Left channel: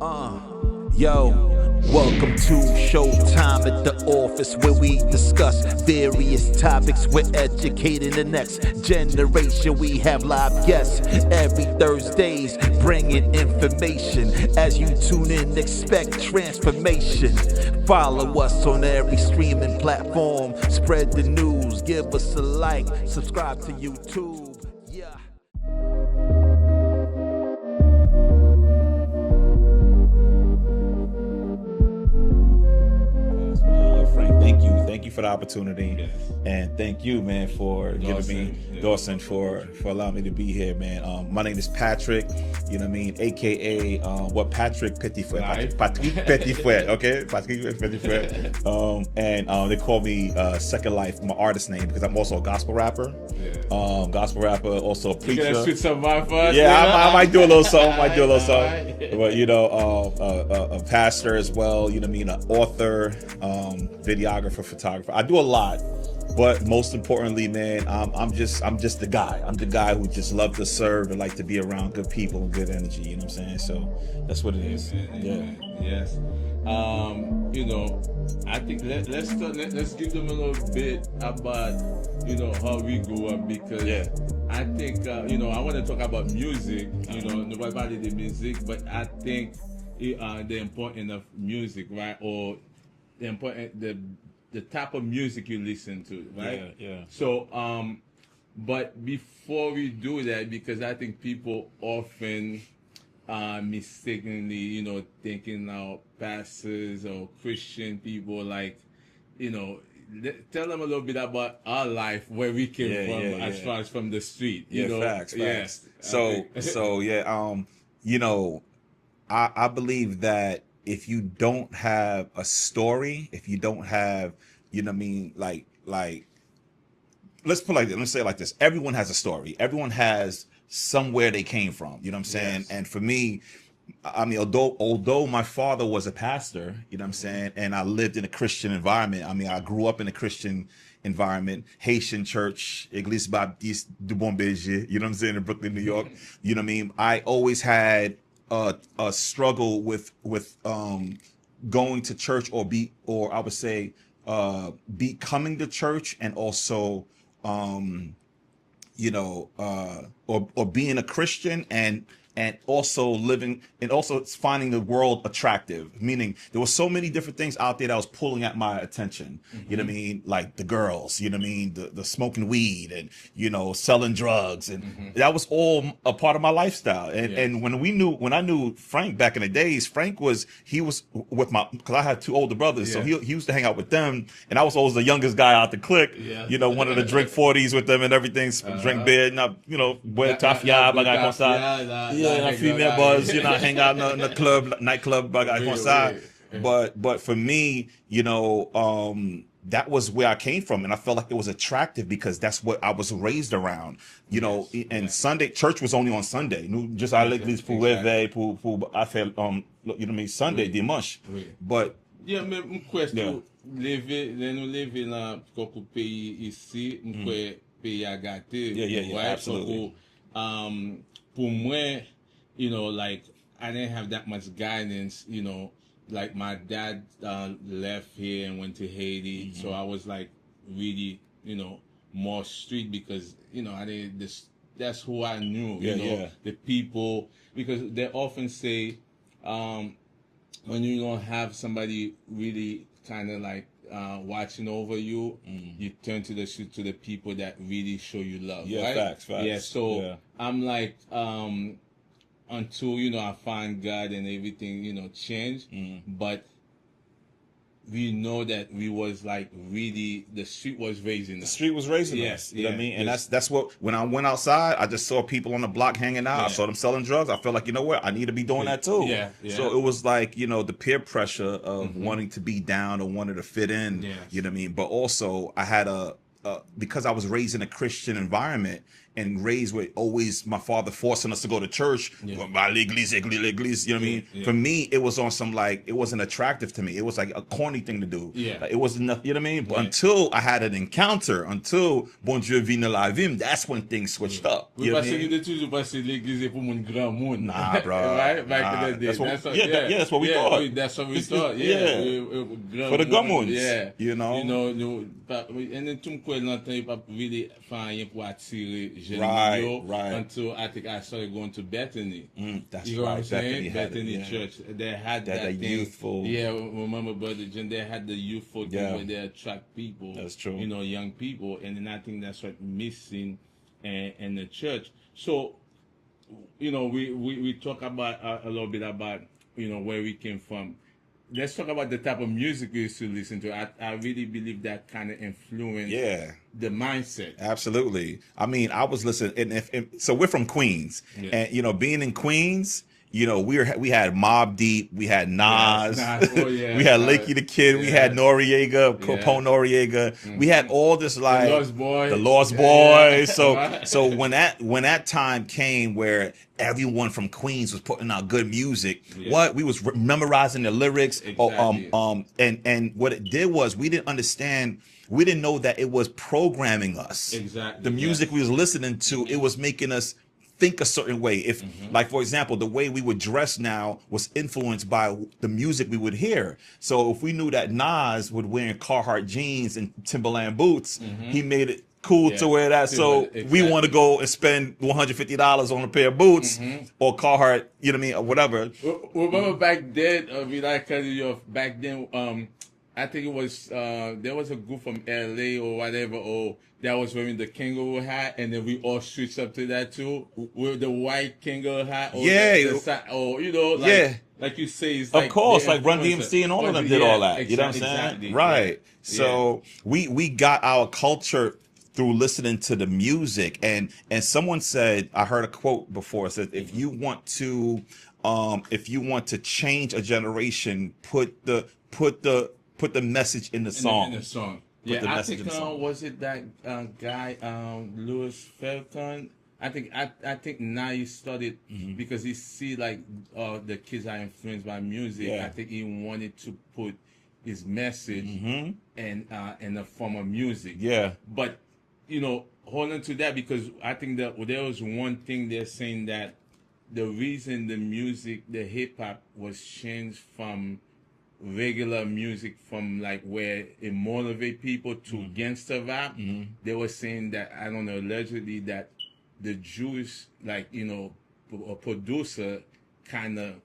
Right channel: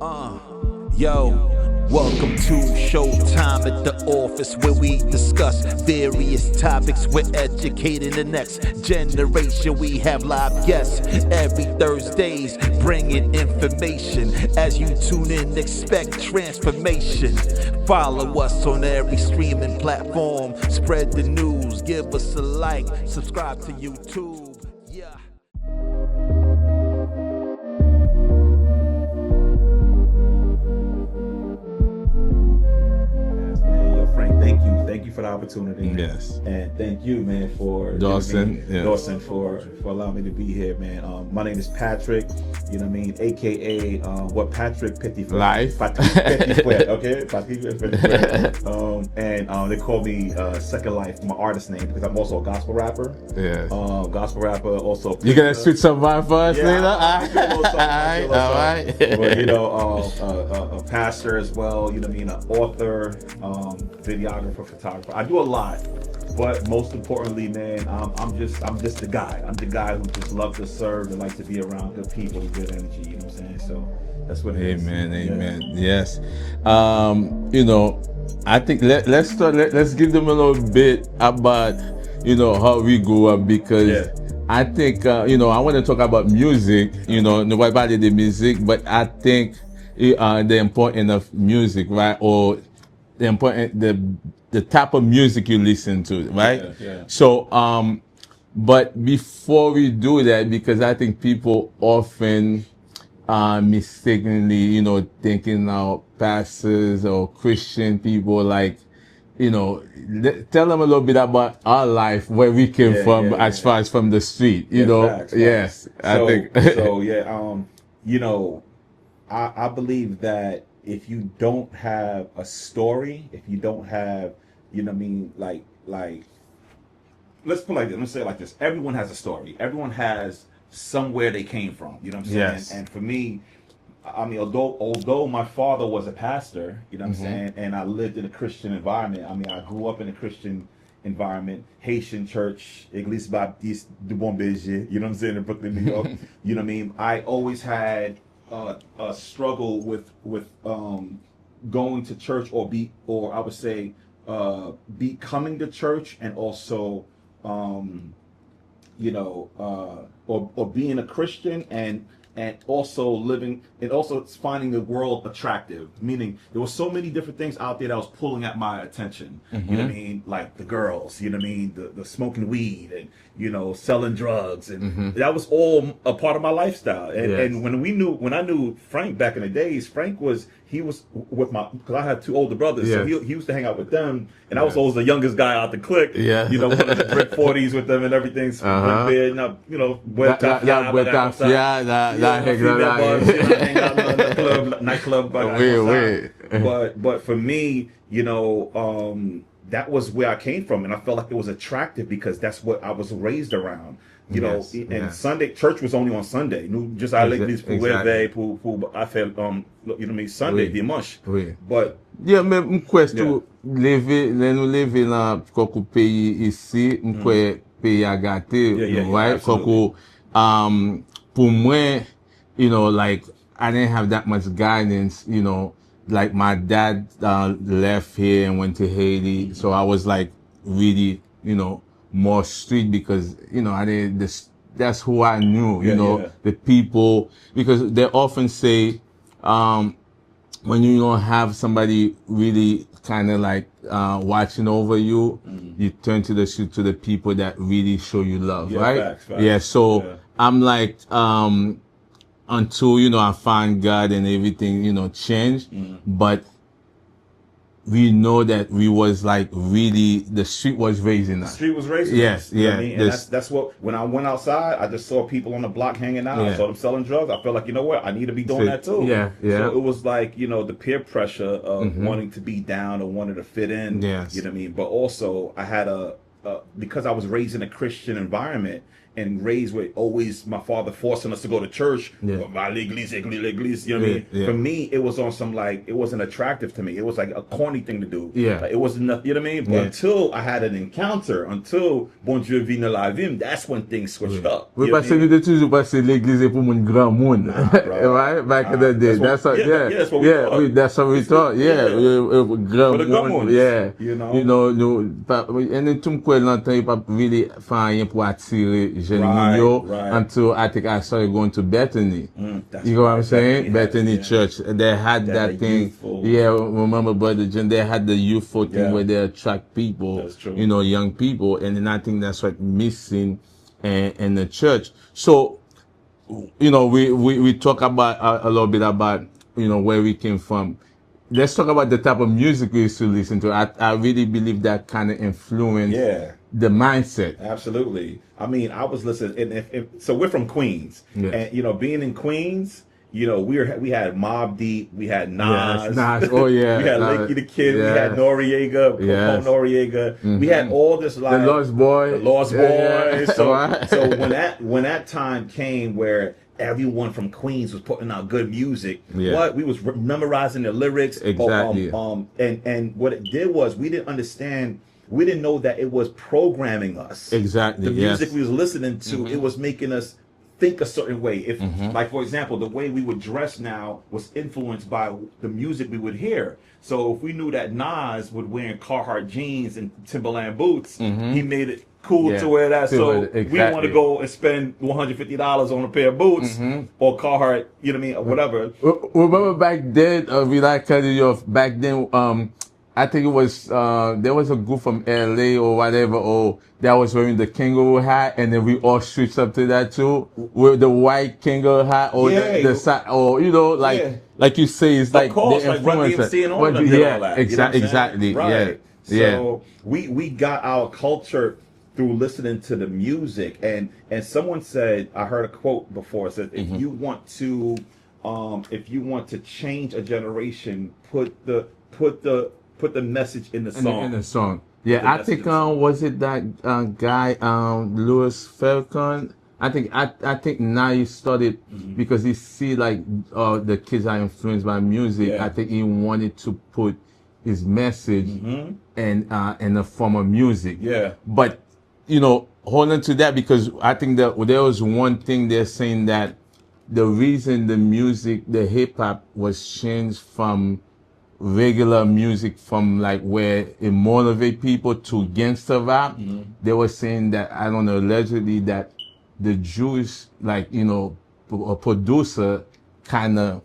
Yo, welcome to Showtime at the office, where we discuss various topics. We're educating the next generation. We have live guests every Thursdays, bringing information. As you tune in, expect transformation. Follow us on every streaming platform. Spread the news, give us a like, subscribe to YouTube. Yeah. Thank you for the opportunity. Yes. And thank you, man, for Dawson, Dawson for allowing me to be here, man. My name is Patrick, you know what I mean, aka what Patrick Petitfouet. Life. Patrick Petitfouet, okay? Patrick Petitfouet. And they call me Second Life, my artist name, because I'm also a gospel rapper. Yeah. Gospel rapper, also a preacher. You gonna spit some vibe for us? Yeah, I might do a little something. Right. But you know, a pastor as well. You know what I mean, an author, videographer, photographer. I do a lot, but most importantly, man, I'm just the guy. I'm the guy who just loves to serve and like to be around good people and good energy. You know what I'm saying? So that's what it is. Amen. Yes. You know, I think let's start. Let's give them a little bit about how we grew up, because I think I want to talk about music. Not about the music, but I think the importance of music, right? Or the important the type of music you listen to, right? Yeah. So but before we do that, because I think people often mistakenly, thinking now pastors or Christian people, like, tell them a little bit about our life, where we came from, as far as from the street, Facts. Yes, So, I think. So I believe that if you don't have a story, if you don't have, like let's put it like this, let's say it like this. Everyone has a story. Everyone has somewhere they came from. You know what I'm saying? Yes. And for me, I mean, although my father was a pastor, you know what I'm saying, and I lived in a Christian environment. I mean, I grew up in a Christian environment, Haitian church, Église Baptiste du Bon Berger, you know what I'm saying, in Brooklyn, New York. You know what I mean? I always had a struggle with going to church, or I would say becoming the church, and also or being a Christian, and also living, and also finding the world attractive. Meaning there were so many different things out there that was pulling at my attention. You know what I mean? Like the girls, you know what I mean? The smoking weed, and selling drugs, and that was all a part of my lifestyle. And when I knew Frank back in the days, he was with because I had two older brothers, so he used to hang out with them, and I was always the youngest guy out the clique. Wanted to drink 40s with them and everything, drink beer, hang out in the club, nightclub, but for me, that was where I came from, and I felt like it was attractive because that's what I was raised around. Sunday church was only on Sunday. Just à l'église pour faire Sunday dimanche. But mais mkwestou nous lever dans quelques pays ici, pays à gâter, right? Pour moi, like, I didn't have that much guidance, like my dad left here and went to Haiti, so I was like really, more street, because, I didn't, that's who I knew, the people, because they often say, when you don't have somebody really kind of like watching over you, you turn to the people that really show you love, right? Facts. Yeah, so I'm like, until, I find God and everything, changed. But we know that we was like really, the street was raising us. The street was raising us. You know what I mean? And that's what, when I went outside, I just saw people on the block hanging out. I saw them selling drugs. I felt like, you know what? I need to be doing that too. So it was like, the peer pressure of wanting to be down or wanting to fit in. Yes. You know what I mean? But also I had because I was raised in a Christian environment, and raised with always my father forcing us to go to church. L'église, l'église, you know what I mean? Yeah. For me, it was on some like, it wasn't attractive to me. It was like a corny thing to do. Yeah. Like, it wasn't nothing, you know what I mean? But until I had an encounter, until Bon Dieu vient dans la vie, that's when things switched up. Oui, You know parce what I que mean? nous toujours passé l'église pour mon grand monde. Nah, bro. Right? Back in the day. That's what, that's what we thought. oui, that's what we thought. Yeah. Grand For the gum monde. ones, Yeah. you know? You know, and tout m'kwe longtemps, il pas really faire rien pour attirer jeunes Right, yo right. until I think I started going to Bethany. That's You know what I'm right. saying? Bethany yeah. Church. They had that thing. youthful- Yeah, remember Brother John, they had the youthful thing Yeah. where they attract people, That's true. you know, young people. And then I think that's what missing in the church. So, you know, we talk about a little bit about, you know, where we came from. Let's talk about the type of music we used to listen to. I really believe that kind of influenced Yeah. the mindset. Absolutely. I mean, I was listening, and so we're from Queens, and you know, being in Queens, you know, we had Mobb Deep, we had Nas, Nas. Oh yeah, we had Nas. Linky the Kid, we Yeah. had Noriega, Yes. Popo Noriega, we had all this like The Lost Boy. the Lost Boys. Yeah. So Right. so when that time came where everyone from Queens was putting out good music, Yeah. we was memorizing the lyrics. Exactly. And what it did was we didn't understand. We didn't know that it was programming us. Exactly, The yes. music we was listening to, it was making us think a certain way. If, like, for example, the way we would dress now was influenced by the music we would hear. So if we knew that Nas would wear Carhartt jeans and Timberland boots, he made it cool Yeah. to wear that. So Exactly. we want to go and spend $150 on a pair of boots or Carhartt, you know what I mean, or whatever. Remember back then, we like cutting you off. Back then, I think it was there was a group from LA or whatever, or that was wearing the kangaroo hat, and then we all switched up to that too, with the white kangaroo hat, or Yeah. the side, or you know, like Yeah. like you say, it's like Of course, the like Run influencer. DMC and all of them did all that. You know what I'm saying? Exactly. Right. Yeah. So we got our culture through listening to the music, and someone said, I heard a quote before, it said, if you want to change a generation, put the message in the song. In the song. Yeah, I think was it that guy Louis Farrakhan? I think now he started because he see like the kids are influenced by music. Yeah. I think he wanted to put his message in the form of music. Yeah. But you know, hold on to that, because I think that there was one thing they're saying, that the reason the music, the hip hop was changed from regular music, from like where it motivate people to gangster rap, they were saying that, I don't know, allegedly that the Jewish, like, you know, a producer kind of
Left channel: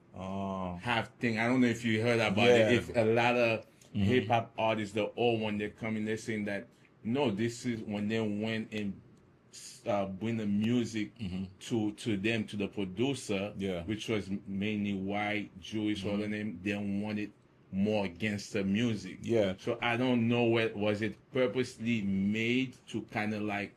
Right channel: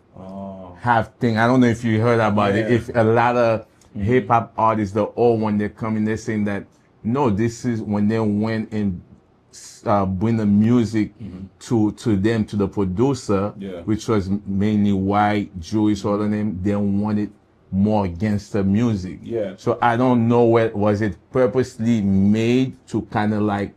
have thing. I don't know if you heard about it. If a lot of hip hop artists, the old one, they're coming, they're saying that, no, this is when they went and bring the music to them, to the producer, which was mainly white, Jewish, all of them. They wanted more gangster music. Yeah. So I don't know was it purposely made to kind of like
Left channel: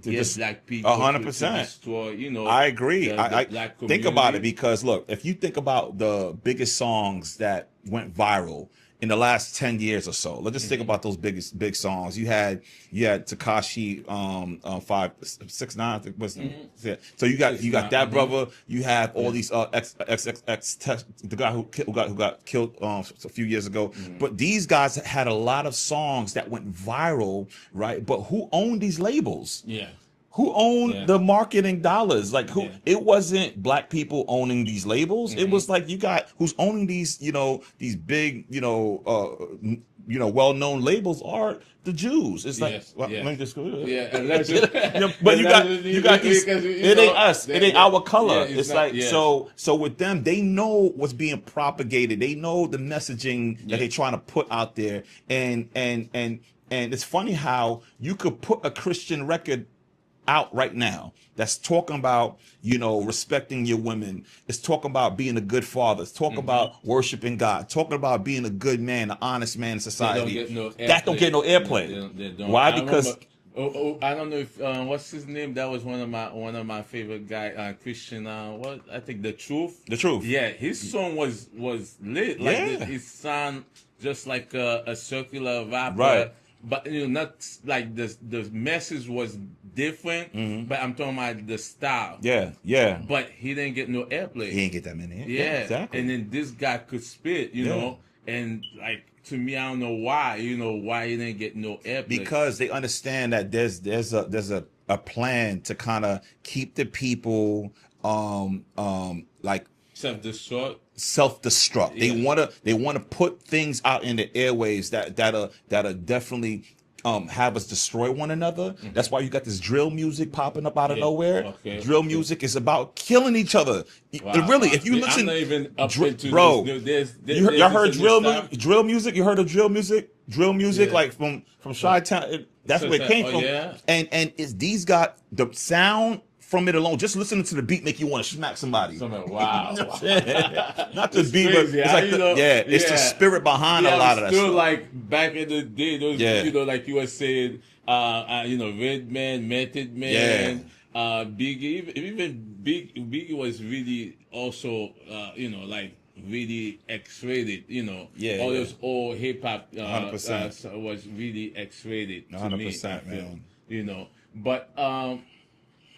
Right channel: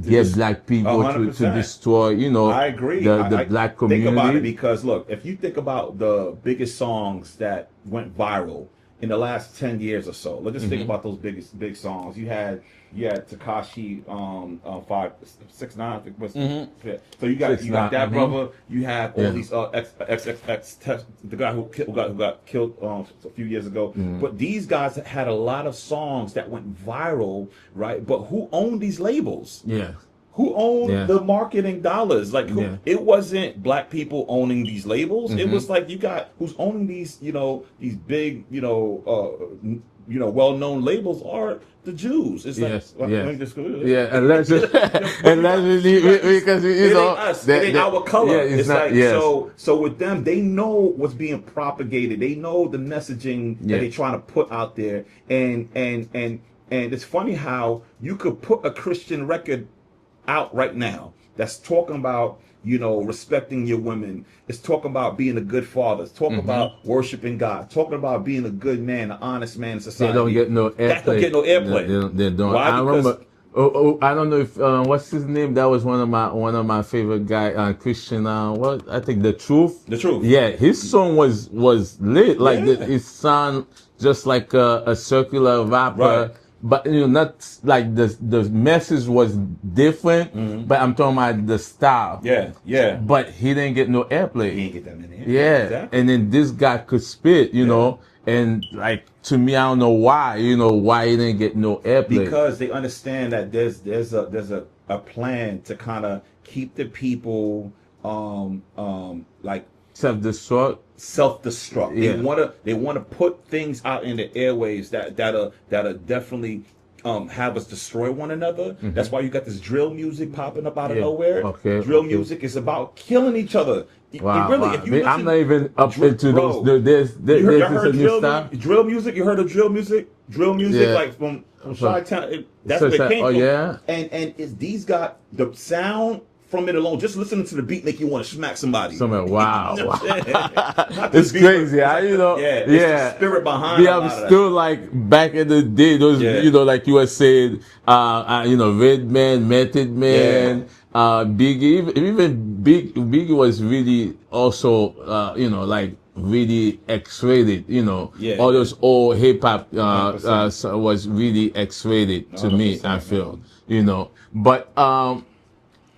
get black people to 100%. destroy, you know, I agree. the black community. Think about it, because look, if you think about the biggest songs that went viral in the last 10 years or so, let's just think about those big songs. You had Tekashi 569, I think was, yeah. So you got that brother. You have all these XXX, the guy who got killed a few years ago. But these guys had a lot of songs that went viral, right? But who owned these labels? Yeah. Who owned the marketing dollars? Like, who? It wasn't black people owning these labels. It was like, you got who's owning these, you know, these big, well-known labels are the Jews. It's like, allegedly, but you got these, because it ain't us, it ain't our color. Yeah, it's not, like so with them, they know what's being propagated. They know the messaging that they're trying to put out there, and it's funny how you could put a Christian record out right now that's talking about, you know, respecting your women. It's talking about being a good father. It's talking about worshiping God. Talking about being a good man, an honest man in society. They don't get no airplay. That don't get no airplay. They don't. Why? I Because remember, I don't know if what's his name. That was one of my favorite guy, Christian. What I think The Truth. The Truth. Yeah, his song was lit. Like Yeah. it sound just like a circular rapper. Right. but not like the message was different, but I'm talking about the style. Yeah. But he didn't get no airplay. He ain't get that many. Yeah. Exactly. And then this guy could spit, you know, and like to me, I don't know why, why he didn't get no airplay. Because they understand that there's a plan to kind of keep the people like self-destruct. Yeah. They wanna put things out in the airwaves that'll definitely have us destroy one another. That's why you got this drill music popping up out of nowhere. Drill music is about killing each other. Wow, really, wow. if you listen, I'm not even up into bro, this. you heard drill music? You heard of drill music? Drill music, like from Chi-Town. That's where it came from. Yeah. And these got the sound from it alone. Just listening to the beat make you want to smack somebody. Wow. It's crazy. It's the spirit behind a lot of that still stuff. like back in the day, those like you were saying, Redman, Method Man, Biggie, even Biggie was really also like really X-rated, all those old hip hop was really X-rated to me, I feel, but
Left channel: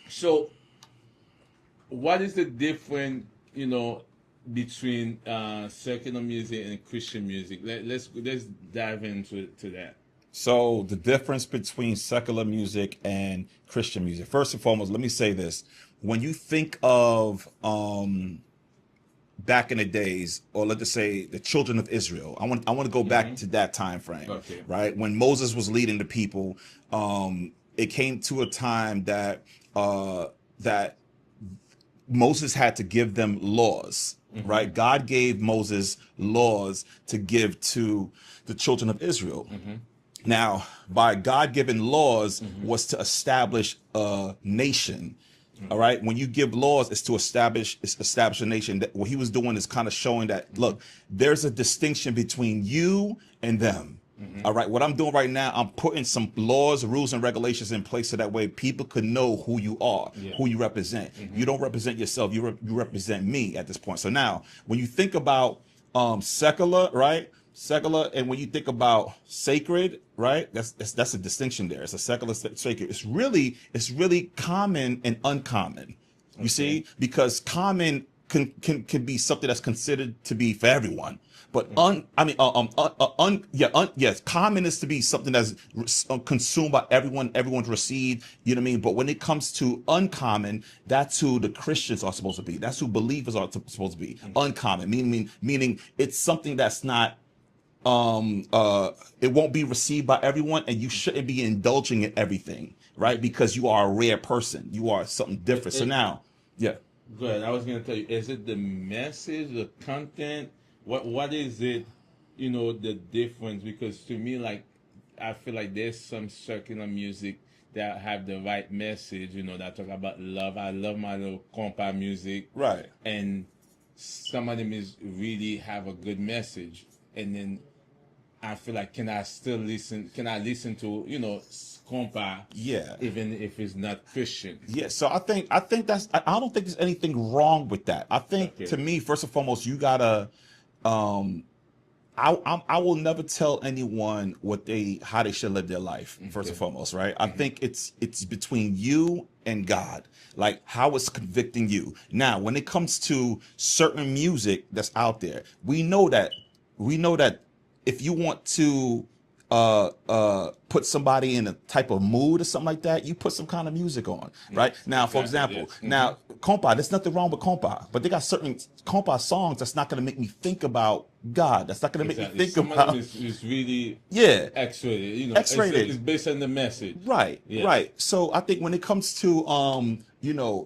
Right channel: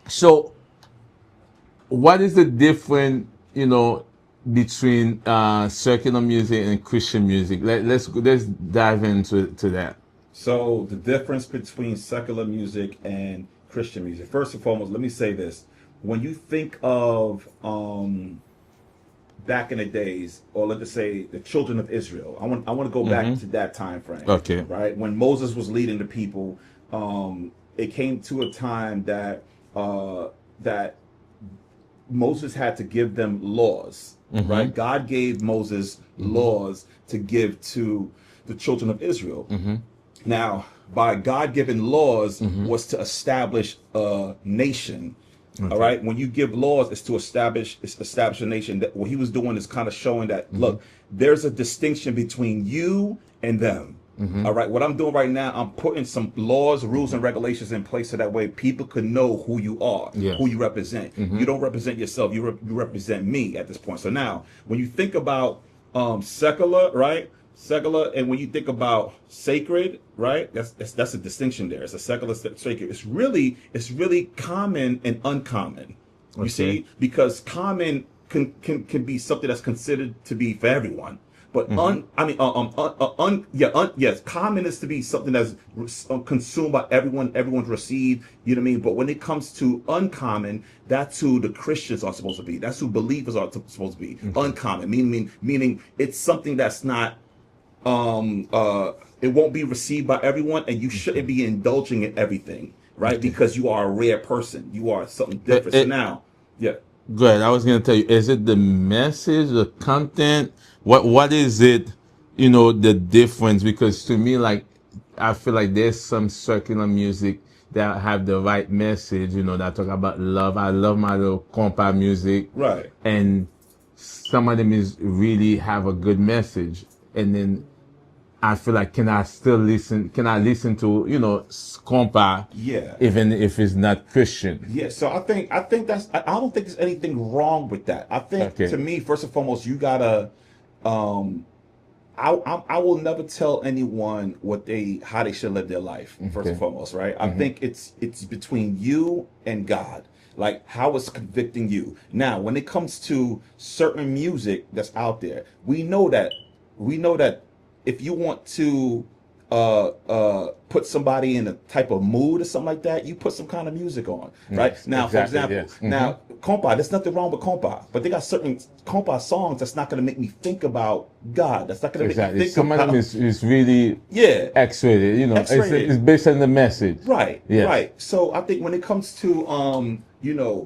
so what is the difference, between secular music and Christian music? Let's dive into that. So the difference between secular music and Christian music. First and foremost, let me say this: when you think of back in the days, or let's just say the children of Israel, I want to go back to that time frame. Okay. Right when Moses was leading the people, it came to a time that Moses had to give them laws. Right? God gave Moses laws to give to the children of Israel. Now, by God-given laws was to establish a nation. All right. When you give laws, it's to establish a nation. That what he was doing is kind of showing that look, there's a distinction between you and them. All right. What I'm doing right now, I'm putting some laws, rules, and regulations in place so that way people could know who you are, who you represent. You don't represent yourself. You represent me at this point. So now, when you think about secular, right? Secular, and when you think about sacred, right? That's a distinction there. It's a secular, sacred. It's really common and uncommon. You see, because common can be something that's considered to be for everyone. But yes, common is to be something that's consumed by everyone, everyone's received, you know what I mean? But when it comes to uncommon, that's who the Christians are supposed to be. That's who believers are supposed to be. Uncommon, meaning it's something that's not, it won't be received by everyone, and you shouldn't be indulging in everything, right? Because you are a rare person. You are something different. So now, Good. I was going to tell you, is it the message, the content? What is it, the difference? Because to me, like, I feel like there's some secular music that have the right message, that talk about love. I love my little compa music. Right. And some of them is really have a good message. And then I feel like, can I listen to, compa? Yeah. Even if it's not Christian. Yeah. So I think that's, I don't think there's anything wrong with that. I think to me, first and foremost, you gotta, I will never tell anyone how they should live their life. First and foremost, right? I think it's between you and God, like how it's convicting you. Now, when it comes to certain music that's out there, we know that if you want to put somebody in a type of mood or something like that, you put some kind of music on, right? Now, for example, now compa, there's nothing wrong with compa, but they got certain compa songs that's not going to make me think about God. That's not going to make me think Some about. of them is really X-rated, X-rated. It's based on the message. Right, Yes. right. So I think when it comes to,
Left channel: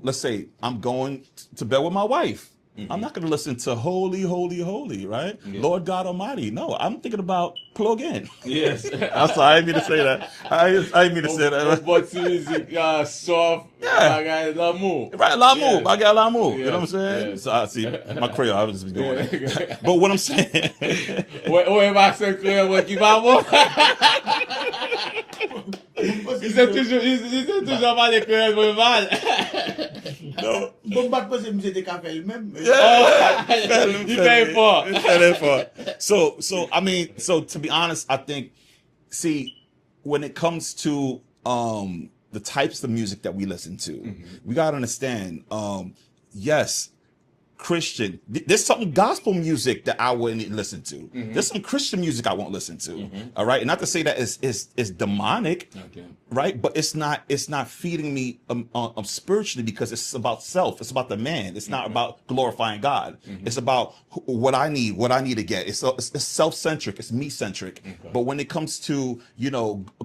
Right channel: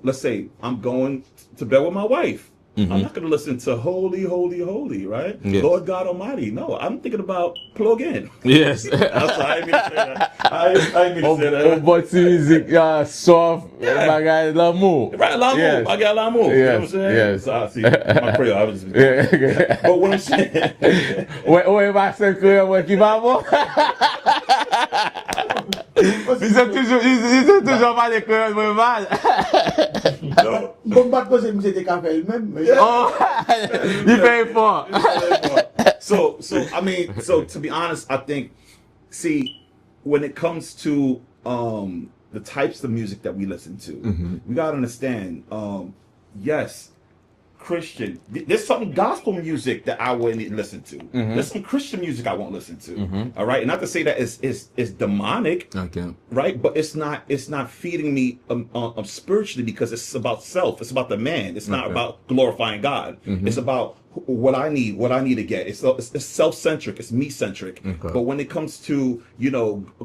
let's say I'm going to bed with my wife. I'm not going to listen to Holy, Holy, Holy, right? Yeah. Lord God Almighty. No, I'm thinking about Plug In. Yes. I'm sorry, I didn't mean to say that. I didn't mean to say that. But music, soft, I got l'amour. Right, l'amour. Yes. I got l'amour. You know what I'm Yes, saying? yes. So, see, my prayer, I was just But what I'm saying... Ouais, ma secret, ouais, qui va avoir. Ils ont toujours pas des créoles mal. Bon, pas poser M. Descafé même. Il fait fort. So to be honest, I think, see, when it comes to the types of music that we listen to, we gotta understand. Yes, Christian. There's some gospel music that I wouldn't listen to. There's some Christian music I won't listen to. All right, and not to say that it's demonic, right? But it's not feeding me spiritually, because it's about self. It's about the man. It's not about glorifying God. It's about what I need to get. It's self-centric. It's me-centric. But when it comes to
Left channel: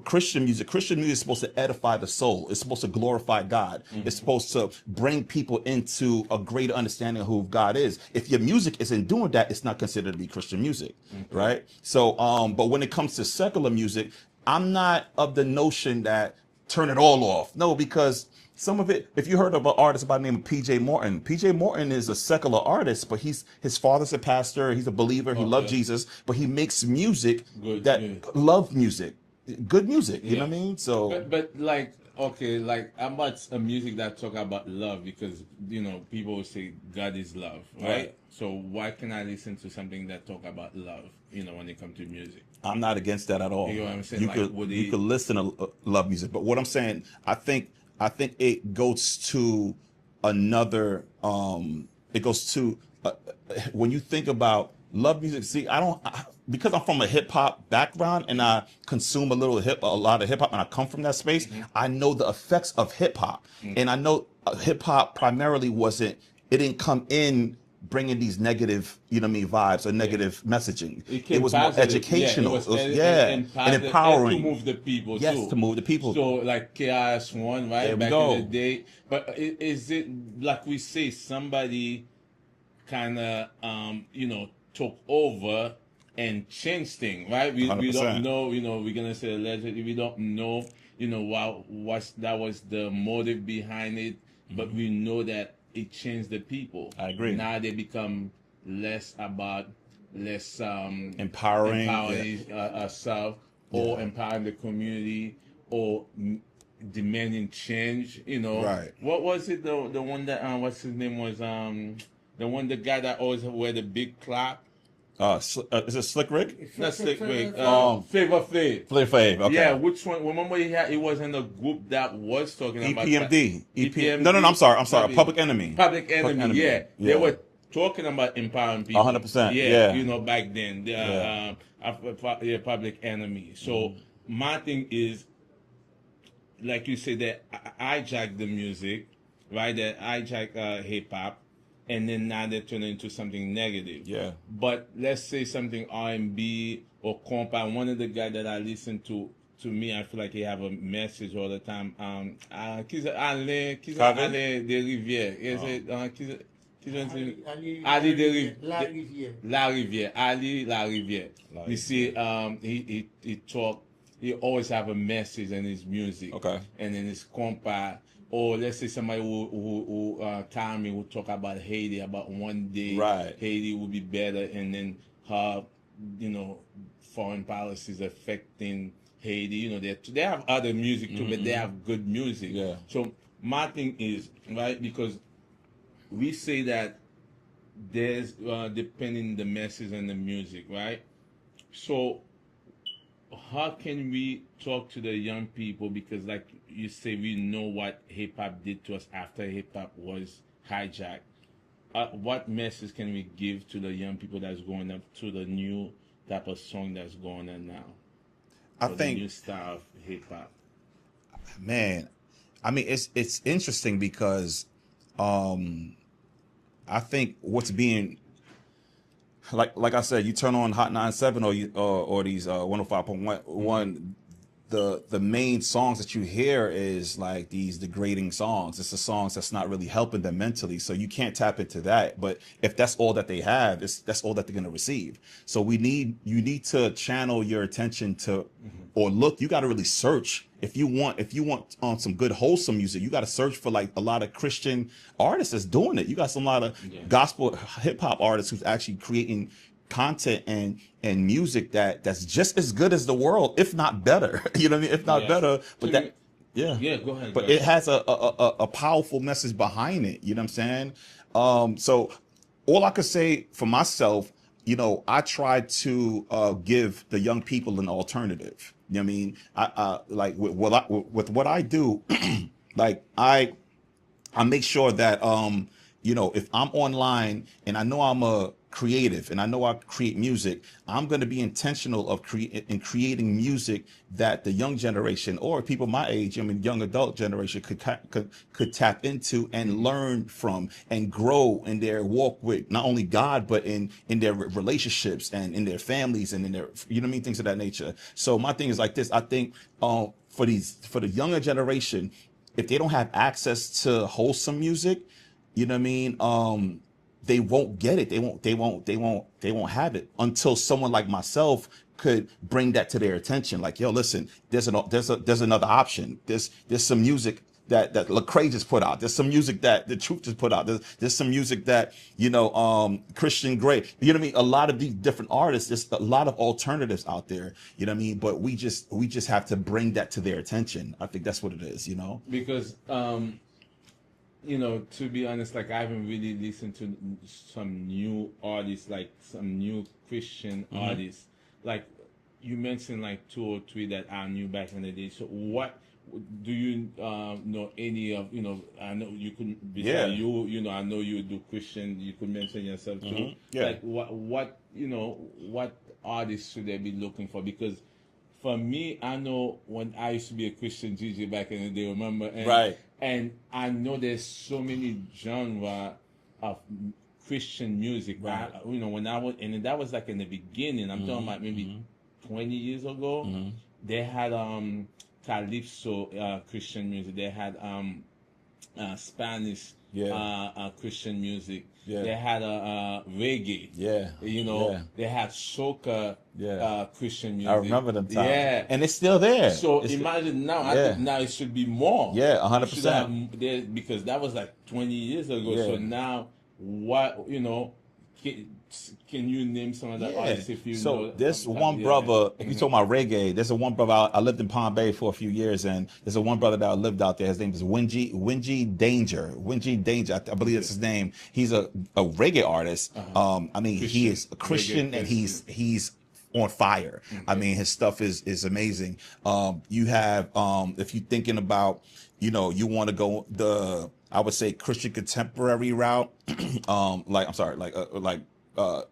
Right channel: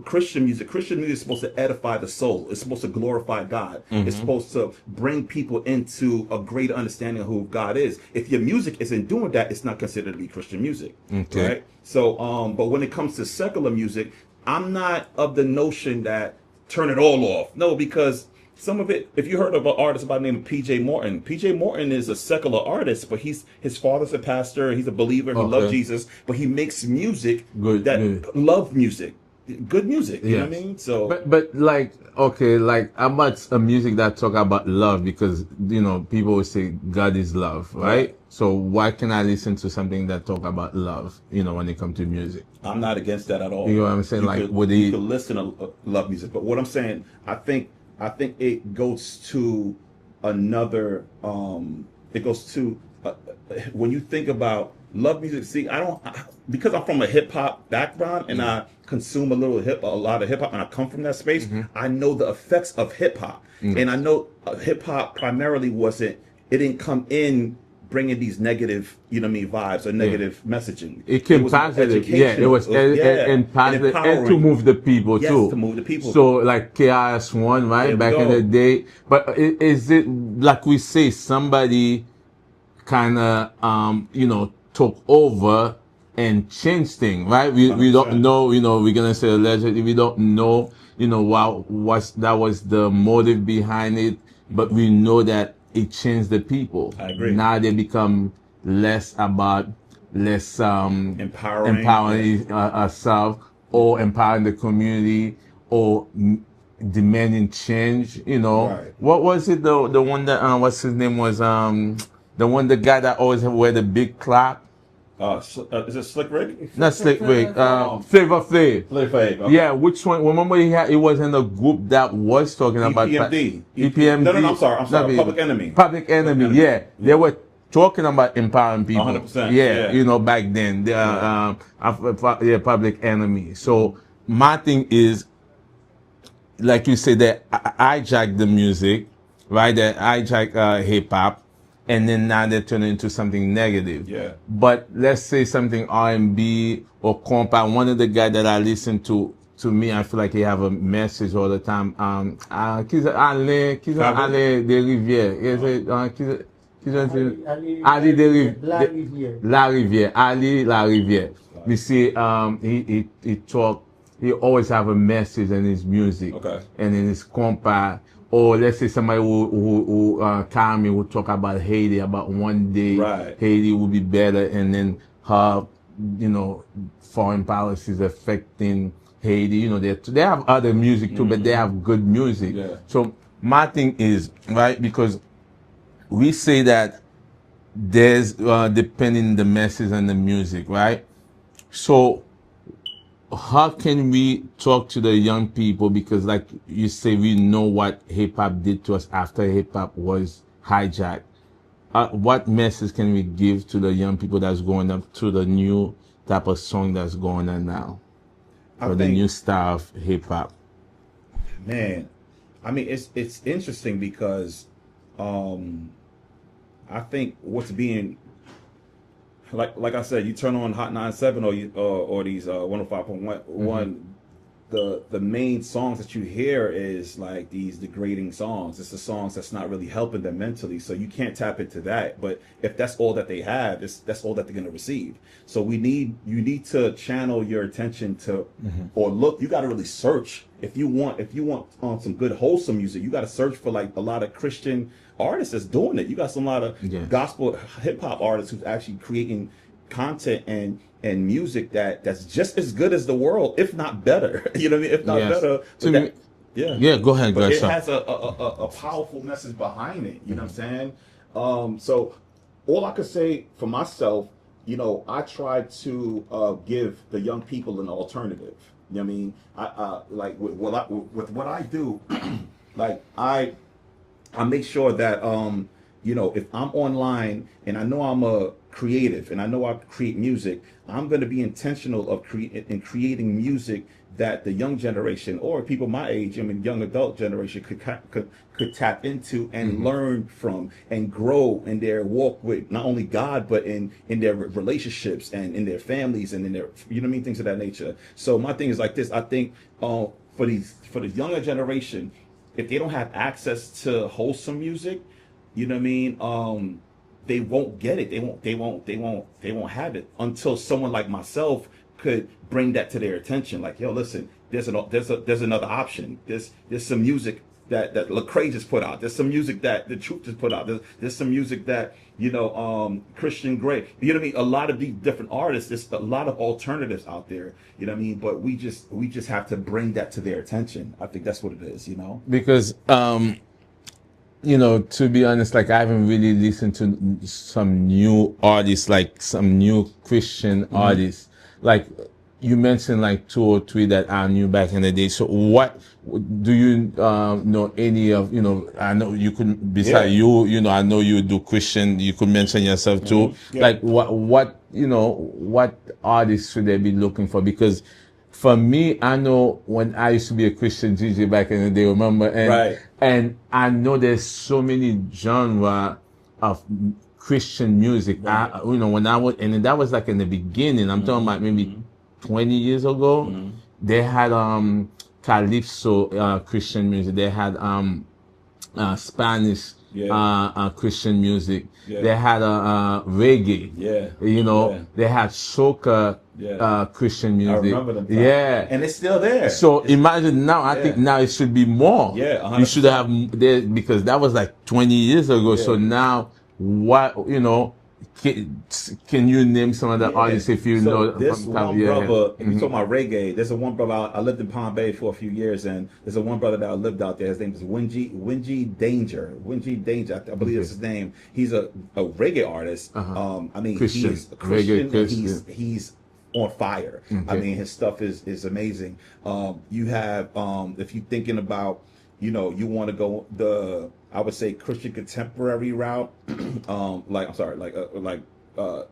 Christian music is supposed to edify the soul. It's supposed to glorify God. It's supposed to bring people into a greater understanding of who God is. If your music isn't doing that, it's not considered to be Christian music, right? So, but when it comes to secular music, I'm not of the notion that turn it all off. No, because some of it, if you heard of an artist by the name of P.J. Morton, P.J. Morton is a secular artist, but his father's a pastor, he's a believer, he loves Jesus, but he makes music love music. Good music, you know what I mean? So, but like, okay, like how about a music that talk about love? Because people will say God is love, right? So why can I listen to something that talk about love? When it comes to music, I'm not against that at all. You know what I'm saying? You could listen to love music, but what I'm saying, I think it goes to another. It goes to when you think about love music. See, because I'm from a hip hop background and I consume a lot of hip hop, and I come from that space. I know the effects of hip hop, and I know hip hop primarily it didn't come in bringing these negative, vibes or negative messaging. It came positive. Educational. It was positive and to move the people too. Yes, to move the people. So like KRS-One, right, back in the day. But is it like we say somebody kind of took over and change things, right? We don't know, we're gonna say allegedly, we don't know, what that was the motive behind it, but we know that it changed the people. I agree. Now they become less empowering ourselves, or empowering the community, or demanding change. Right. What was it? The one that what's his name was the guy that always wear the big clap. Is it Slick Rick? Not Slick Rick. Flavor Flav. Flavor Flav. Okay. Yeah, which one? Remember he was in a group that was talking about EPMD. No, I'm sorry. Public Enemy. Public Enemy. Yeah. They were talking about empowering people. 100%. Yeah. Back then. Public Enemy. So my thing is, like you said, that I hijack the music, right? That hijack hip hop. And then now they turn into something negative. Yeah. But let's say something R&B or compa. One of the guys that I listen to me, I feel like he have a message all the time. Ali de Rivière. Ali de La Rivière. You see, he talk. He always have a message in his music. Okay. And in his compa. Or let's say somebody who Carmi will talk about Haiti, about one day Haiti will be better, and then her, foreign policies affecting Haiti. They have other music too, but they have good music. Yeah. So my thing is, right, because we say that there's depending the message and the music, right? So how can we talk to the young people? Because like you say, we know what hip hop did to us after hip hop was hijacked. What message can we give to the young people that's going up to the new type of song that's going on now? Or the new style of hip hop? Man, I mean, it's interesting because I think what's being like I said, you turn on Hot 97 or these 105.1. The main songs that you hear is like these degrading songs. It's the songs that's not really helping them mentally. So you can't tap into that. But if that's all that they have, that's all that they're gonna receive. So you need to channel your attention to or look. You got to really search if you want on some good wholesome music. You got to search for like a lot of Christian artists that's doing it. You got some lot of gospel hip hop artists who's actually creating content and music that's just as good as the world, if not better. You know what I mean? If not better. Go ahead. But it has a powerful message behind it. You know what I'm saying? So all I could say for myself, I try to give the young people an alternative. You know what I mean? I like with what I do, like I make sure that you know, if I'm online and I know I'm a creative and I know I create music, I'm going to be intentional of creating music that the young generation or people my age, I mean, young adult generation could tap into and learn from and grow in their walk with not only God, but in their relationships and in their families and in their, you know what I mean, things of that nature. So my thing is like this. I think for the younger generation, if they don't have access to wholesome music, you know what I mean? They won't get it. They won't have it until someone like myself could bring that to their attention. Like, yo, listen, there's another option. There's some music that Lecrae just put out. There's some music that The Truth just put out. There's some music that, you know, Christian Grey. You know what I mean? A lot of these different artists. There's a lot of alternatives out there. You know what I mean? But we just have to bring that to their attention. I think that's what it is. You know? Because you know, to be honest, like I haven't really listened to some new artists, like some new Christian artists. Like you mentioned, like 2 or 3 that are new back in the day. So what do you know any of? You know, I know you could beside you know, I know you do Christian. You could mention yourself too. Yeah. Like what you know, what artists should they be looking for? Because for me, I know when I used to be a Christian DJ back in the day, remember? And I know there's so many genre of Christian music. Right. You know, when I was, and that was like in the beginning, I'm talking about maybe 20 years ago, they had Calypso Christian music. They had Spanish Christian music. They had reggae. You know, they had soca Christian music. I remember them times. Yeah. And it's still there. So imagine now, I think now it should be more. Yeah, 100%. You should have there, because that was like 20 years ago. So now, what, you know, can you name some of the artists if you know? This one brother, if you talk about reggae, there's a one brother, I lived in Palm Bay for a few years, and there's a one brother that lived out there. His name is Wingy Danger. I believe that's his name. He's a reggae artist. I mean, Christian. he's a Christian, Reggae and Christian. he's on fire. I mean, his stuff is amazing. You have, if you're thinking about, you know, you want to go I would say Christian contemporary route,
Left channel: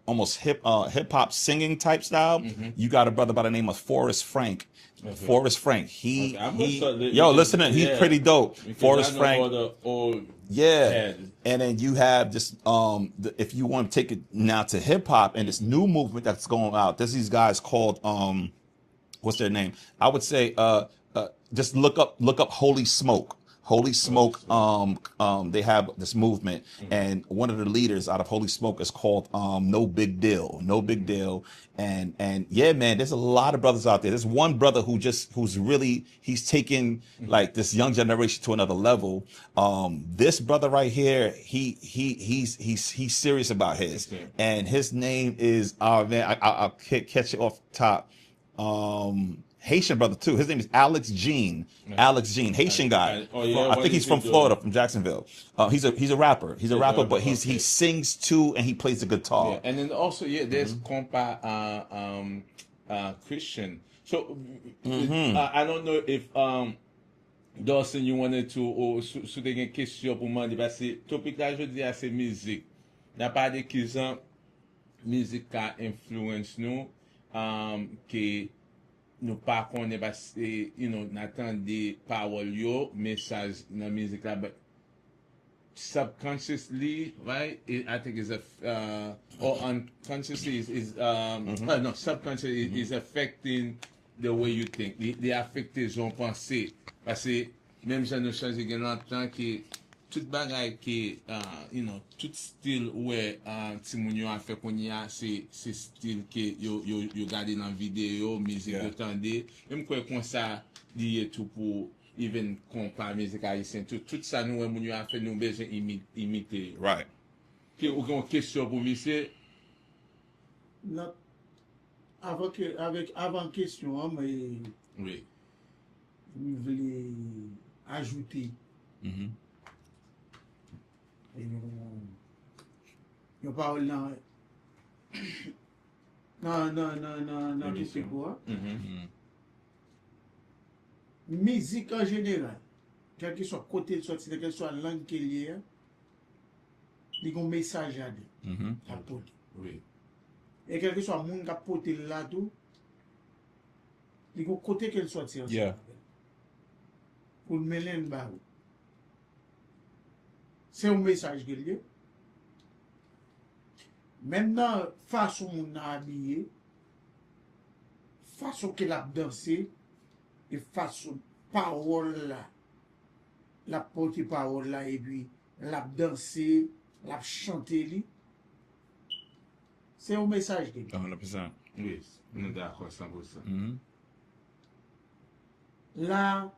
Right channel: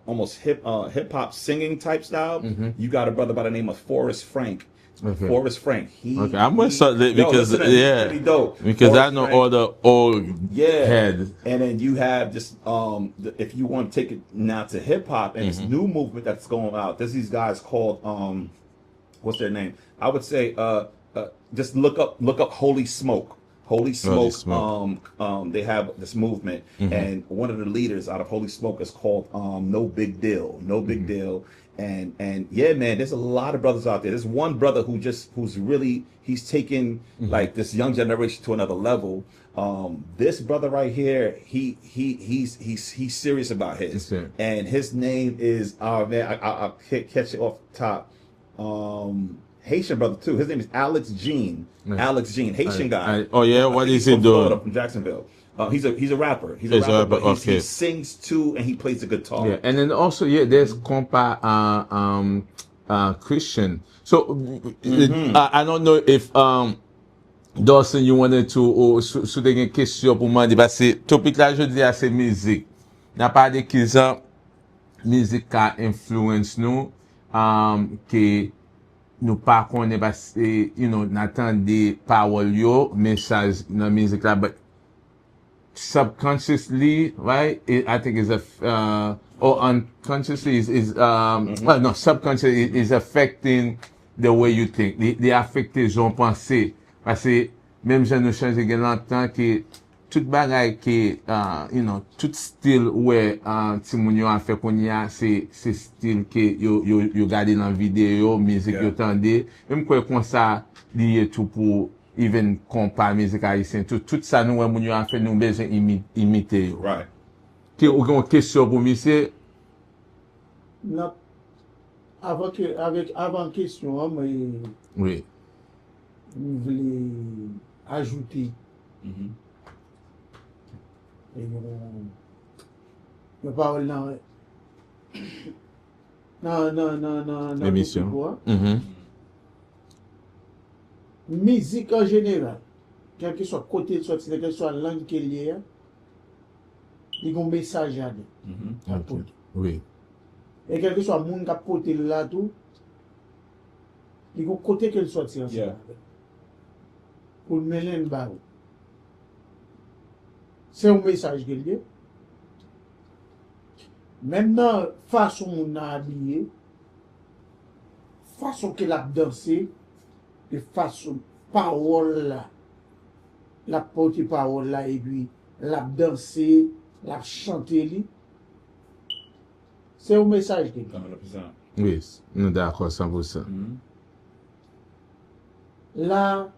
almost hip hop singing type style. You got a brother by the name of Forrest Frank. Forrest Frank. I'm gonna start that because listen, he's pretty dope. Because Forrest I know Frank, all the old heads. And then you have just if you want to take it now to hip hop and this new movement that's going out, there's these guys called what's their name? I would say just look up Holy Smoke. Holy Smoke. They have this movement, and one of the leaders out of Holy Smoke is called No Big Deal. No Big Deal. And yeah, man, there's a lot of brothers out there. There's one brother who's really, he's taken like this young generation to another level. This brother right here, he's serious about his, and his name is man, I'll catch it off the top. Haitian brother too. His name is Alex Jean. Alex Jean, Haitian guy. Oh yeah, what is he's he from doing? Florida, from Jacksonville. He's a rapper. He's a rapper, but he sings too, and he plays the guitar. Yeah, and then also there's compa Christian. So I don't know if Dawson, you wanted to souder une question pour moi parce que topic là je dis c'est musique. N'a pas de qui ça musique qui influence nous que nous pas connaît parce que you know n'attendez parole yo message dans musique là, but subconsciously, right? I think is or unconsciously is well no, subconsciously is affecting the way you think. They affecte jon pensée parce que même si nous change gen longtemps que tout bagay que you know tout style ouais ti moun yo a fait qu'on y a c'est style que yo gade dans vidéo musique yo tande même quoi comme ça lié tout pour even compa musique haïtien tout ça nous moun yo a fait nous besoin imiter yo. Right. Que ou une question pour monsieur? Non. Avant question, mais Oui. je voulais ajouter. Et on parle dans L'émission. musique en général, quel que soit côté de sortie, quelle que soit langue qu'il y a, il y a un message à dire. Oui. Et quel que soit le monde qui a porté là tout, il y a un côté qu'il sortit ensemble. Yeah. Pour le mêler une barre. C'est un message qu'il y a. Maintenant, façon on a habillé, façon qu'il a dansé, et façon parole là, la porte parole là, et puis la dansé, la chanté li, c'est un message qu'il y a. 100%. Oui, nous d'accord 100%. La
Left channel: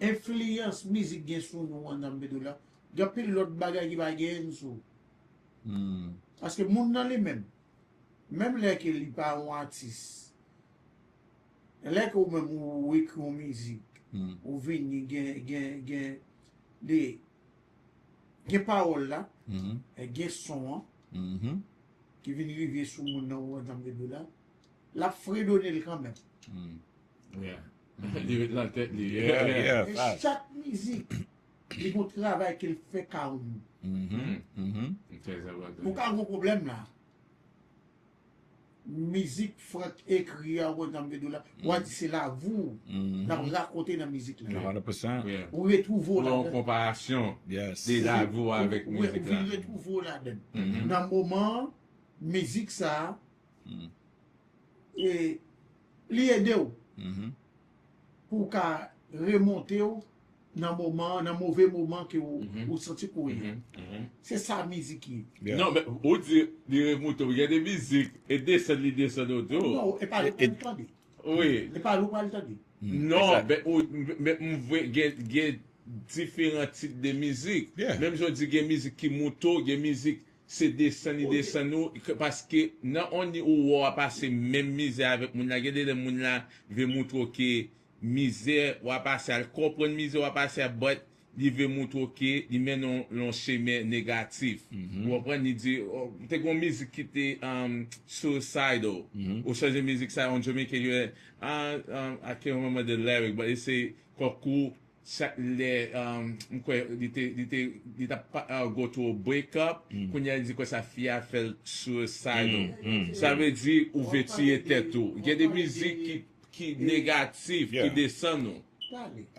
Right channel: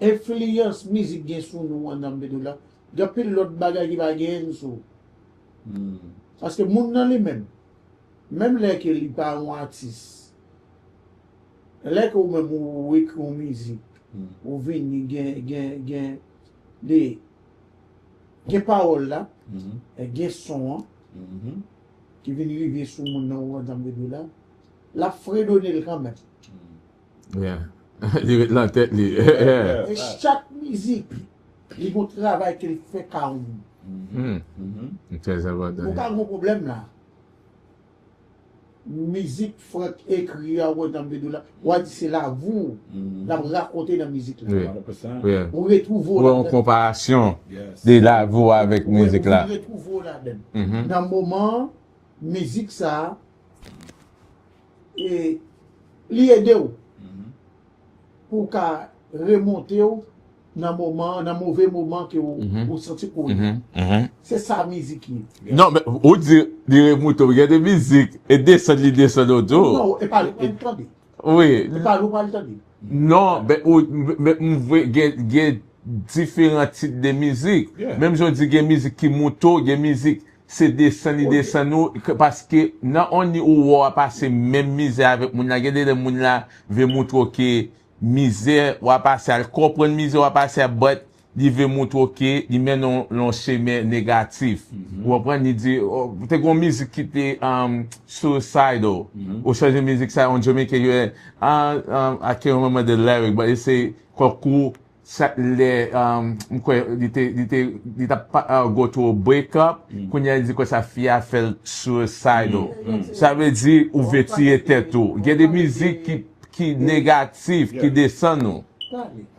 influence musique gen sou nou an dan bedou la, gen pil lot bagay ki va gen sou. Parce que moun nan li même lè ke li pa un artiste, lè ke ou même ou ekri ou musique, ou vini gen parole là, et gen son qui vini rive sou moun nan ou an dan bedou la, la fredonne l quand même. Yeah. Il la tête li. Et chaque musique, il y a un travail qu'il fait quand même. Très important. Vous avez un problème là. Musique, faut écrire à Ouadambedou là. C'est là, vous, la raconter dans la musique là. Oui. 100%. Oui. Vous retrouvez Ou en comparaison Yes. de la voix avec musique là. Vous retrouvez là-dedans. Dans le moment, musique ça, et l'aider pour qu'à remonter dans mauvais moment que vous sentez pour c'est ça musique qui Non, mais ou dire remoto, il y a des musiques et descend autour. non et pas entendre Oui. et pas entendre Non, mais il y a différents types de musique. Yeah. Même je dis qu'il y a musique qui monte, il y a musique c'est descend parce que non on y ou va passer même misère avec moun la, il y a des moun là veut montrer que misère ou passer à comprendre misère ou passer à but il veut montrer que il mène un chemin négatif. Ou comprendre il dit peut-être une musique qui était suicidal ou change de musique ça on Jamaica I can't remember the lyric but it say koku les il t'a go to a breakup quand il dit que sa fille a fait suicidal. Ça veut dire ouverture tête tout. Il y a des musiques qui négatives qui descendent nous.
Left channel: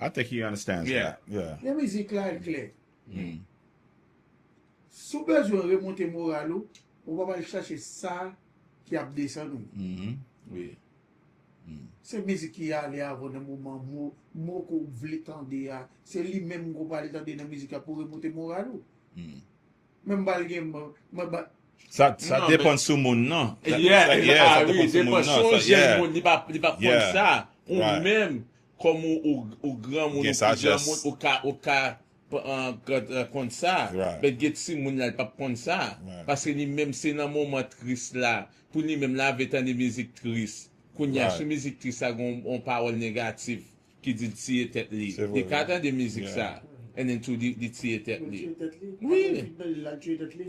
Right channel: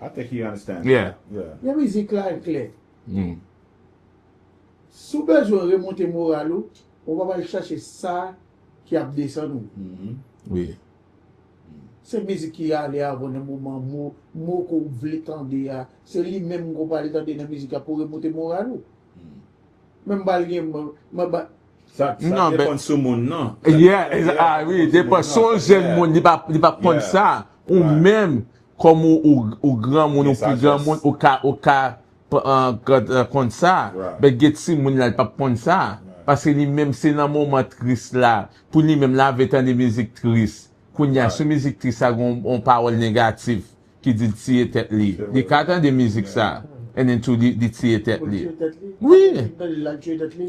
I think he understands. Yeah. That. Yeah. la musique là est claire si besoin remonter moral on va aller chercher ça qui a descendu Oui. c'est musique qui a allé avant un moment mot qu'on voulait tendre c'est lui même qu'on va aller tendre dans musique pour remonter moral même pas Ça Non, dépend ben- sur mon nom. Yeah, Ça oui, sur mon dépend nom, son ça, jeune yeah. monde, il pas prendre Yeah. ça. Ou Right. même, comme au grand monde, Yes, ou plus I grand just- monde, au cas, prendre ça. Right. Mais get si monde là, il pas prendre ça. Parce que lui-même, c'est dans un moment triste là. Pour lui-même, là, avec tant de musique triste. Quand il y a Right. ce musique triste, ça, on parole négative, qui dit tirer tête li. C'est Il vrai. y a de musique ça. Et then tout dit tirer tête li. Oui. Oui.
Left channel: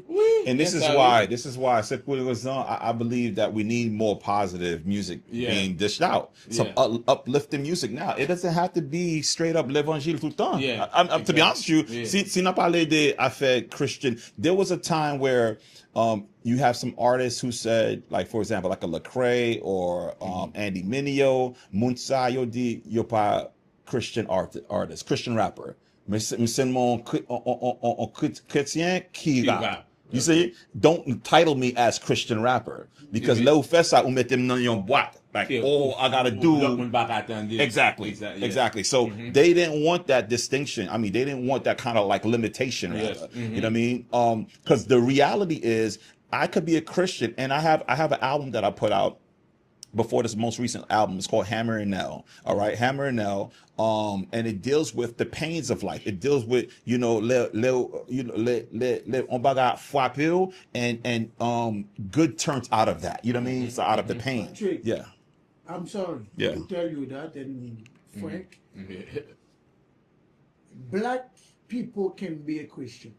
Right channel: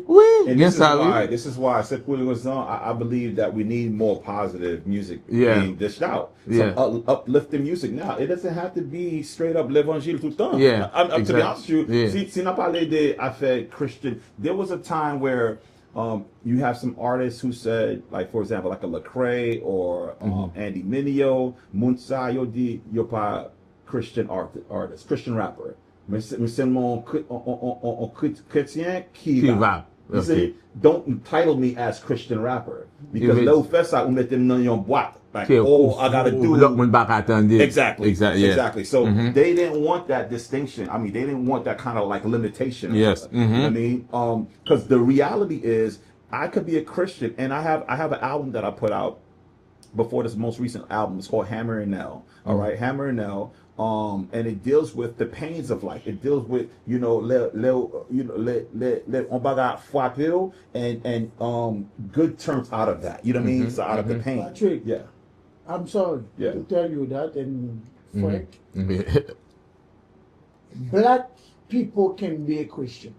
Oui. And bien this is ça, oui. why I believe that we need more positive music Yeah. being dished out. Some Yeah. uplifting music now. It doesn't have to be straight up l'évangile tout le temps. Yeah, To be exactly. honest with you, Yeah. si n'a parlé de affaires Christian, there was a time where you have some artists who said, like for example, like a Lecrae or Andy Mineo, Munsa, yo pas Christian artist, Christian rapper. Mais seulement chrétien qui rappe. rappe. You Okay. see, don't title me as Christian rapper because Yeah, Lil Fessa will met them on your boîte. Like, Okay, I gotta do l'autre monde pas attendre. exactly, Exactly. Yeah. exactly. So they didn't want that distinction. I mean, they didn't want that kind of like limitation. Yes. You know what I mean? Because the reality is, I could be a Christian, and I have an album that I put out before this most recent album. It's called Hammer and Nail. All right, Hammer and Nail. And it deals with the pains of life. It deals with, on baga frappé and good turns out of that. You know what I mean? So out of the pain. Patrick. Yeah. I'm sorry Yeah. to tell you that, and Frank, Mhm. black people can be a Christian.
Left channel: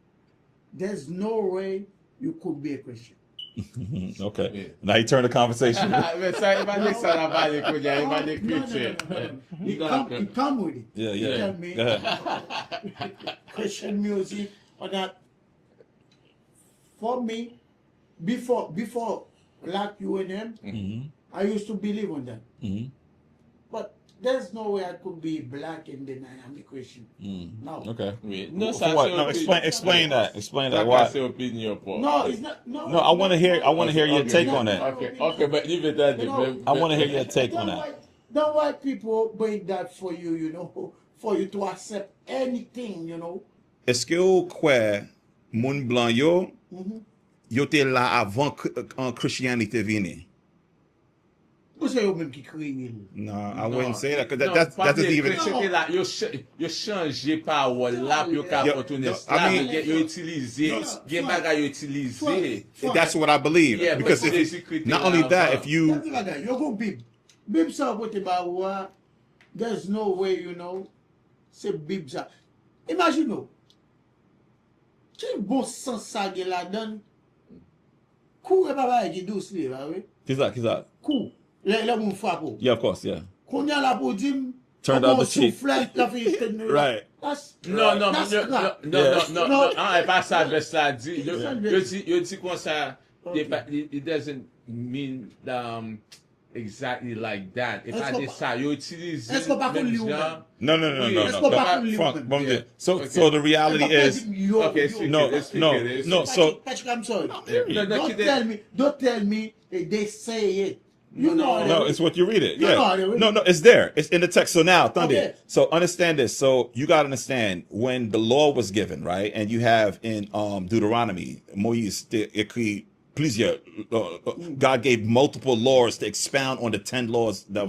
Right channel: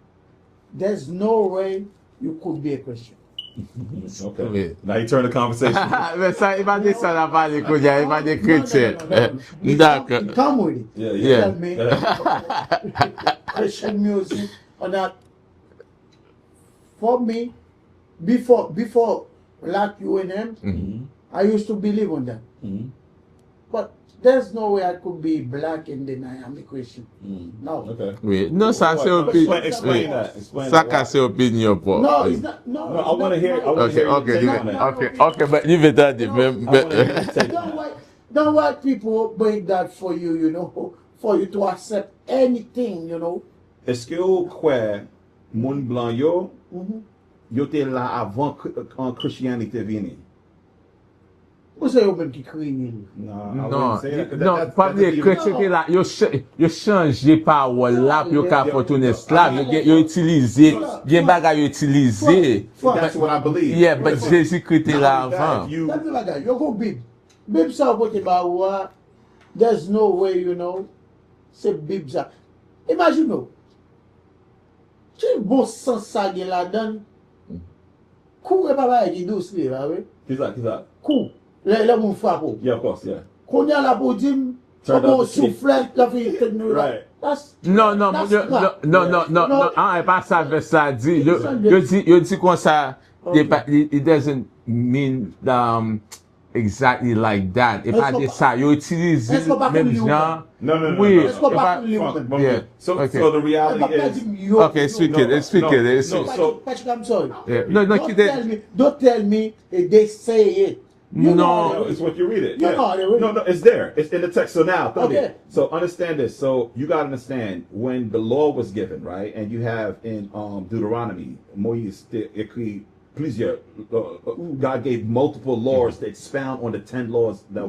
There's no way you could be a Christian. Okay. Oui. Now you turn the conversation. Men sa, i pa de sa la pale konya, i pa de chrétien. D'accord. Come with it. Yeah, yeah. Tell me, Christian music or not. For me, before like you and him, I used to believe on that. But there's no way I could be black and then I am a Christian. No. Okay. Oui. Non, sa se What? opinion. Explain that. Explain Sa that. ka Why? se opinion po. No, it's not. No, No, I want to hear. I want to hear your take on that. Okay, but you veut dire, I want to hear your take on that. Don't want people bring that for you, for you to accept anything, Est-ce que vous croyez moun blanc yo te là avant Christianité vini? Who say you même qui crée nil? No, I Non, wouldn't say that. 'Cause non, that pa doesn't de even. chrétien ki la, yo chanje parol la, pi yo ka fotoun esklav, yo utilize, gen bagay yo utilize. That's what I believe. Yeah, but Because if- Jésus-Christ not là only that, avant. if you That's like that. You go big. Bib sa what about what? There's no way, say bib sa. Imagine no. Ti bon sens sa gen la dan. Kou e pa ba e douce li, la we? He's like. Kou. Le moun fwa kou. Yeah, of course, yeah. Konya la po dim. Turned out the cheek. Soufflet, la fi ten nou la. Right. That's Non, that's crap. non, e pa sa ve sa di. Yo di kon sa, it doesn't mean exactly like that. E pa de sa, yo utilize Est-ce qu'on pa même kouli ou jan. No. Oui. Est-ce qu'on pa kouli ou Frank, men? one Yeah. minute. So Okay. the reality is. Okay, speak it. So- Patrick, I'm sorry. Yeah. No, Don't tell me they say it. You know No, it. it's what you read it. No, Yeah. no, No, it's there. It's in the text. So now, Thunder. Okay. So understand this. So you gotta understand when the law was given, right? And you have in Deuteronomy, Moïse écrit plusieurs. God gave multiple laws to expound on the 10 laws that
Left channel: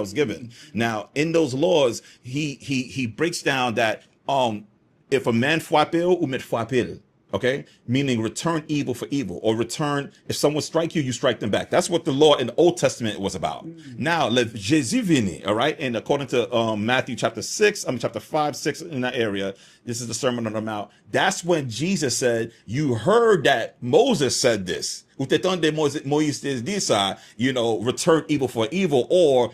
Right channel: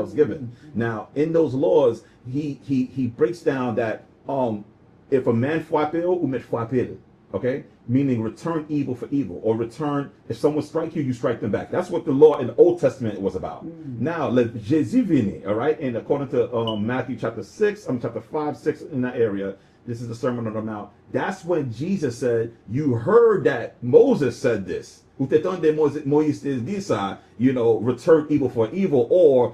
was given. Now, in those laws, he breaks down that if a man fwapel, ou met fwapel. Okay, meaning return evil for evil, or return, if someone strike you, you strike them back. That's what the law in the Old Testament was about. Now, le Jésus vini, all right, and according to Matthew chapter 5, 6 in that area, this is the Sermon on the Mount. That's when Jesus said, you heard that Moses said this. Moïse dit ça, return evil for evil, or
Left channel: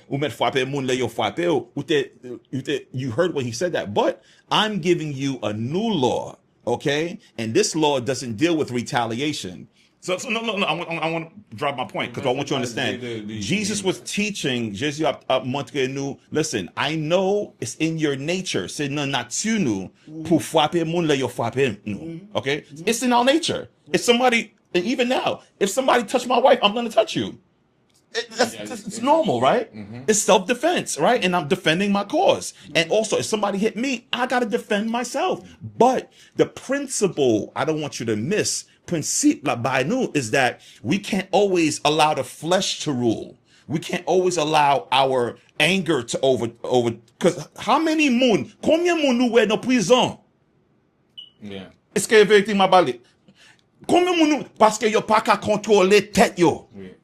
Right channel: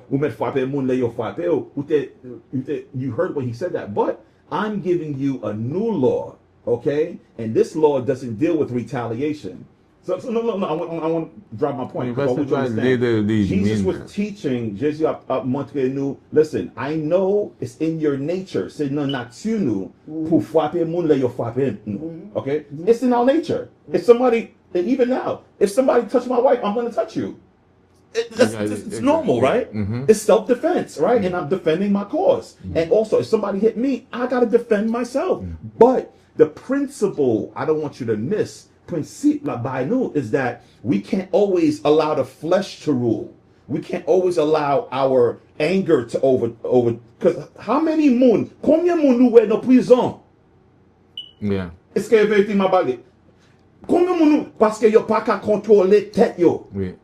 you heard when he said that. But I'm giving you a new law. Okay, and this law doesn't deal with retaliation. So no. I want to drop my point because I want you to understand. Jesus was teaching. Jesus listen, I know it's in your nature. C'est non nature nous pour frapper moun le yo frapper nous. Okay, it's in our nature. If somebody, and even now, if somebody touch my wife, I'm gonna touch you. It's normal, right? It's self-defense, right? And I'm defending my cause. And also, if somebody hit me, I got to defend myself. But the principle I don't want you to miss, principle by nous, is that we can't always allow the flesh to rule. We can't always allow our anger to over. Because how many moun, combien moun nous wè dans prison? Yeah. Est-ce que vérité m'a balé? Combien moun nous, parce que yo pas qu'à contrôler tête yo. Oui.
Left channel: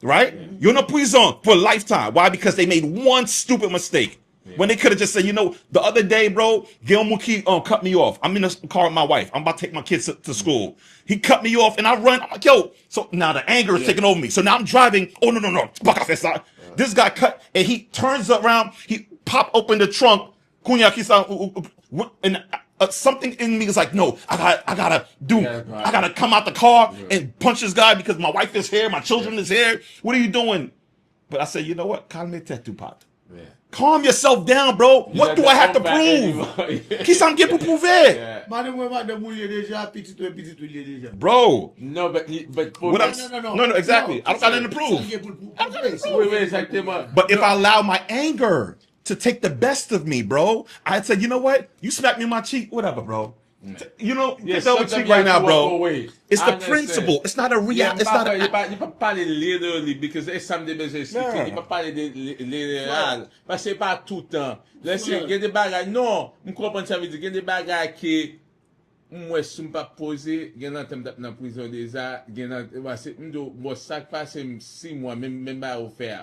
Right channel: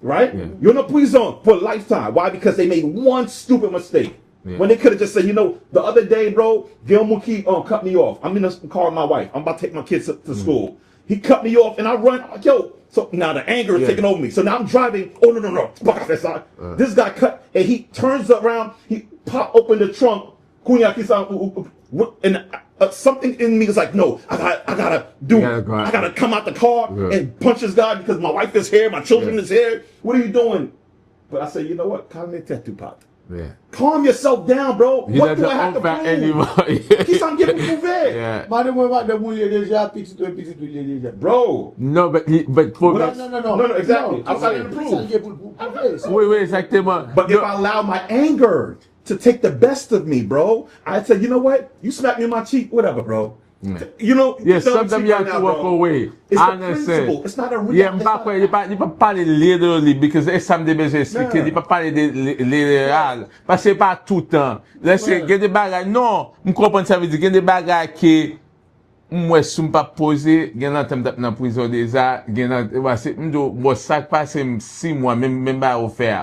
Right? Yeah. You're in a prison for a lifetime. Why? Because they made one stupid mistake. Yeah. When they could have just said, the other day, bro, Gilmore Key cut me off. I'm in the car with my wife. I'm about to take my kids to school. He cut me off and I run. I'm like, yo. So now the anger is taking over me. So now I'm driving. Oh, no. Fuck off that side. This guy cut and he turns around. He pop open the trunk. And something in me is like, no, I gotta come out the car and punch this guy because my wife is here, my children is here. What are you doing? But I said, you know what? Calme tattoo pot. Yeah. Calm yourself down, bro. What do I have to prove? Qui s'en pour prouver? Yeah. Bro. No, but No, exactly. I got nothing to prove. Oui, exactement. But if I allow my anger to take the best of me, bro, I'd say, you know what? You smack me in my cheek, whatever, bro. You know, Yes, feel my sometimes cheek you right have now, to walk bro. away. It's I the understand. principle. It's not a real. Yeah, It's not you pa pale literally because e sam de bezè expliquer, you pa pale de literal. Parce que pas tout temps. Laisse, gen de bagay, non, m'kompren sa vè di, gen de bagay ki mwen sou m'pa pose, gen nan tem tap nan prison deja, gen nan, wase, m'do, sak pase m6 mwa, men ba ou fè.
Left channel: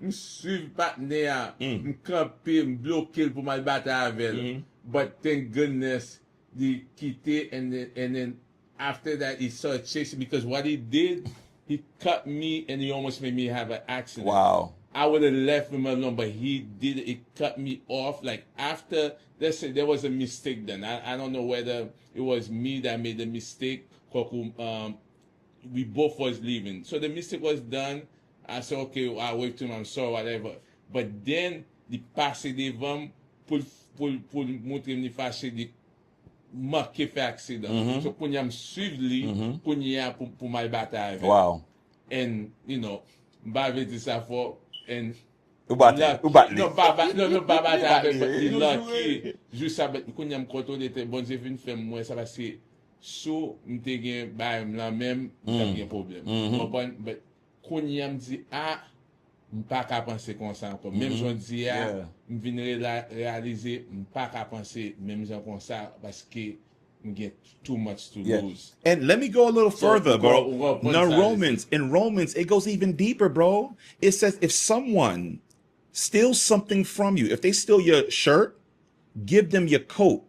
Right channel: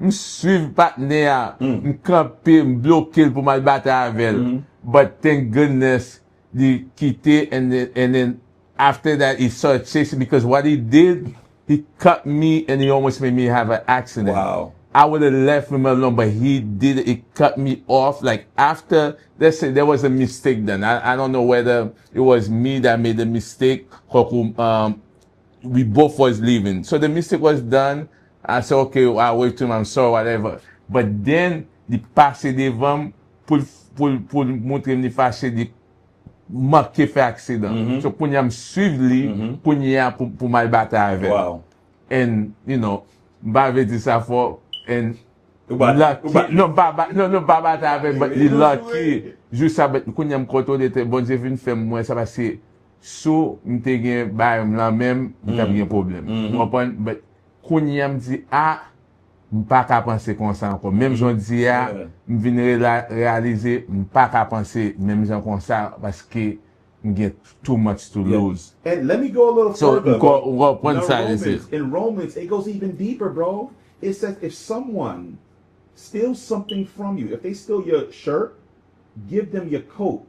M'suiv patne a, m'kampe, m'bloke pou mal bata avel. But thank goodness, di kite and then after that, he started chasing because what he did, he cut me and he almost made me have an accident. Wow. I would have left him alone, but he did it. He cut me off. Like after, let's say there was a mistake done. I don't know whether it was me that made the mistake or we both was leaving. So the mistake was done. I said, okay, I'll wait to him, I'm sorry, whatever. But then, the passé devant pour montrer me fâché de manquer fait accident. So pour me suivre lui, pour mal battre avec. Wow. And, you know, m'avait dit ça fort, and Lucky. non, pas battre avec, but the lucky. Juste ça, quand me contrôle était bon, j'ai vu faire moi, ça va c'est, so, m'te gen, bah, là même, m'ta bien problème. Comprends? But, quand me dit, m'pas qu'à penser comme ça encore. Même j'en dis, m'vin réaliser, m'pas qu'à penser, même j'en comme ça, parce que, get too much to lose. And let me go a little further, bro. In In Romans, it goes even deeper, bro. It says if someone steals something from you, if they steal your shirt, give them your coat.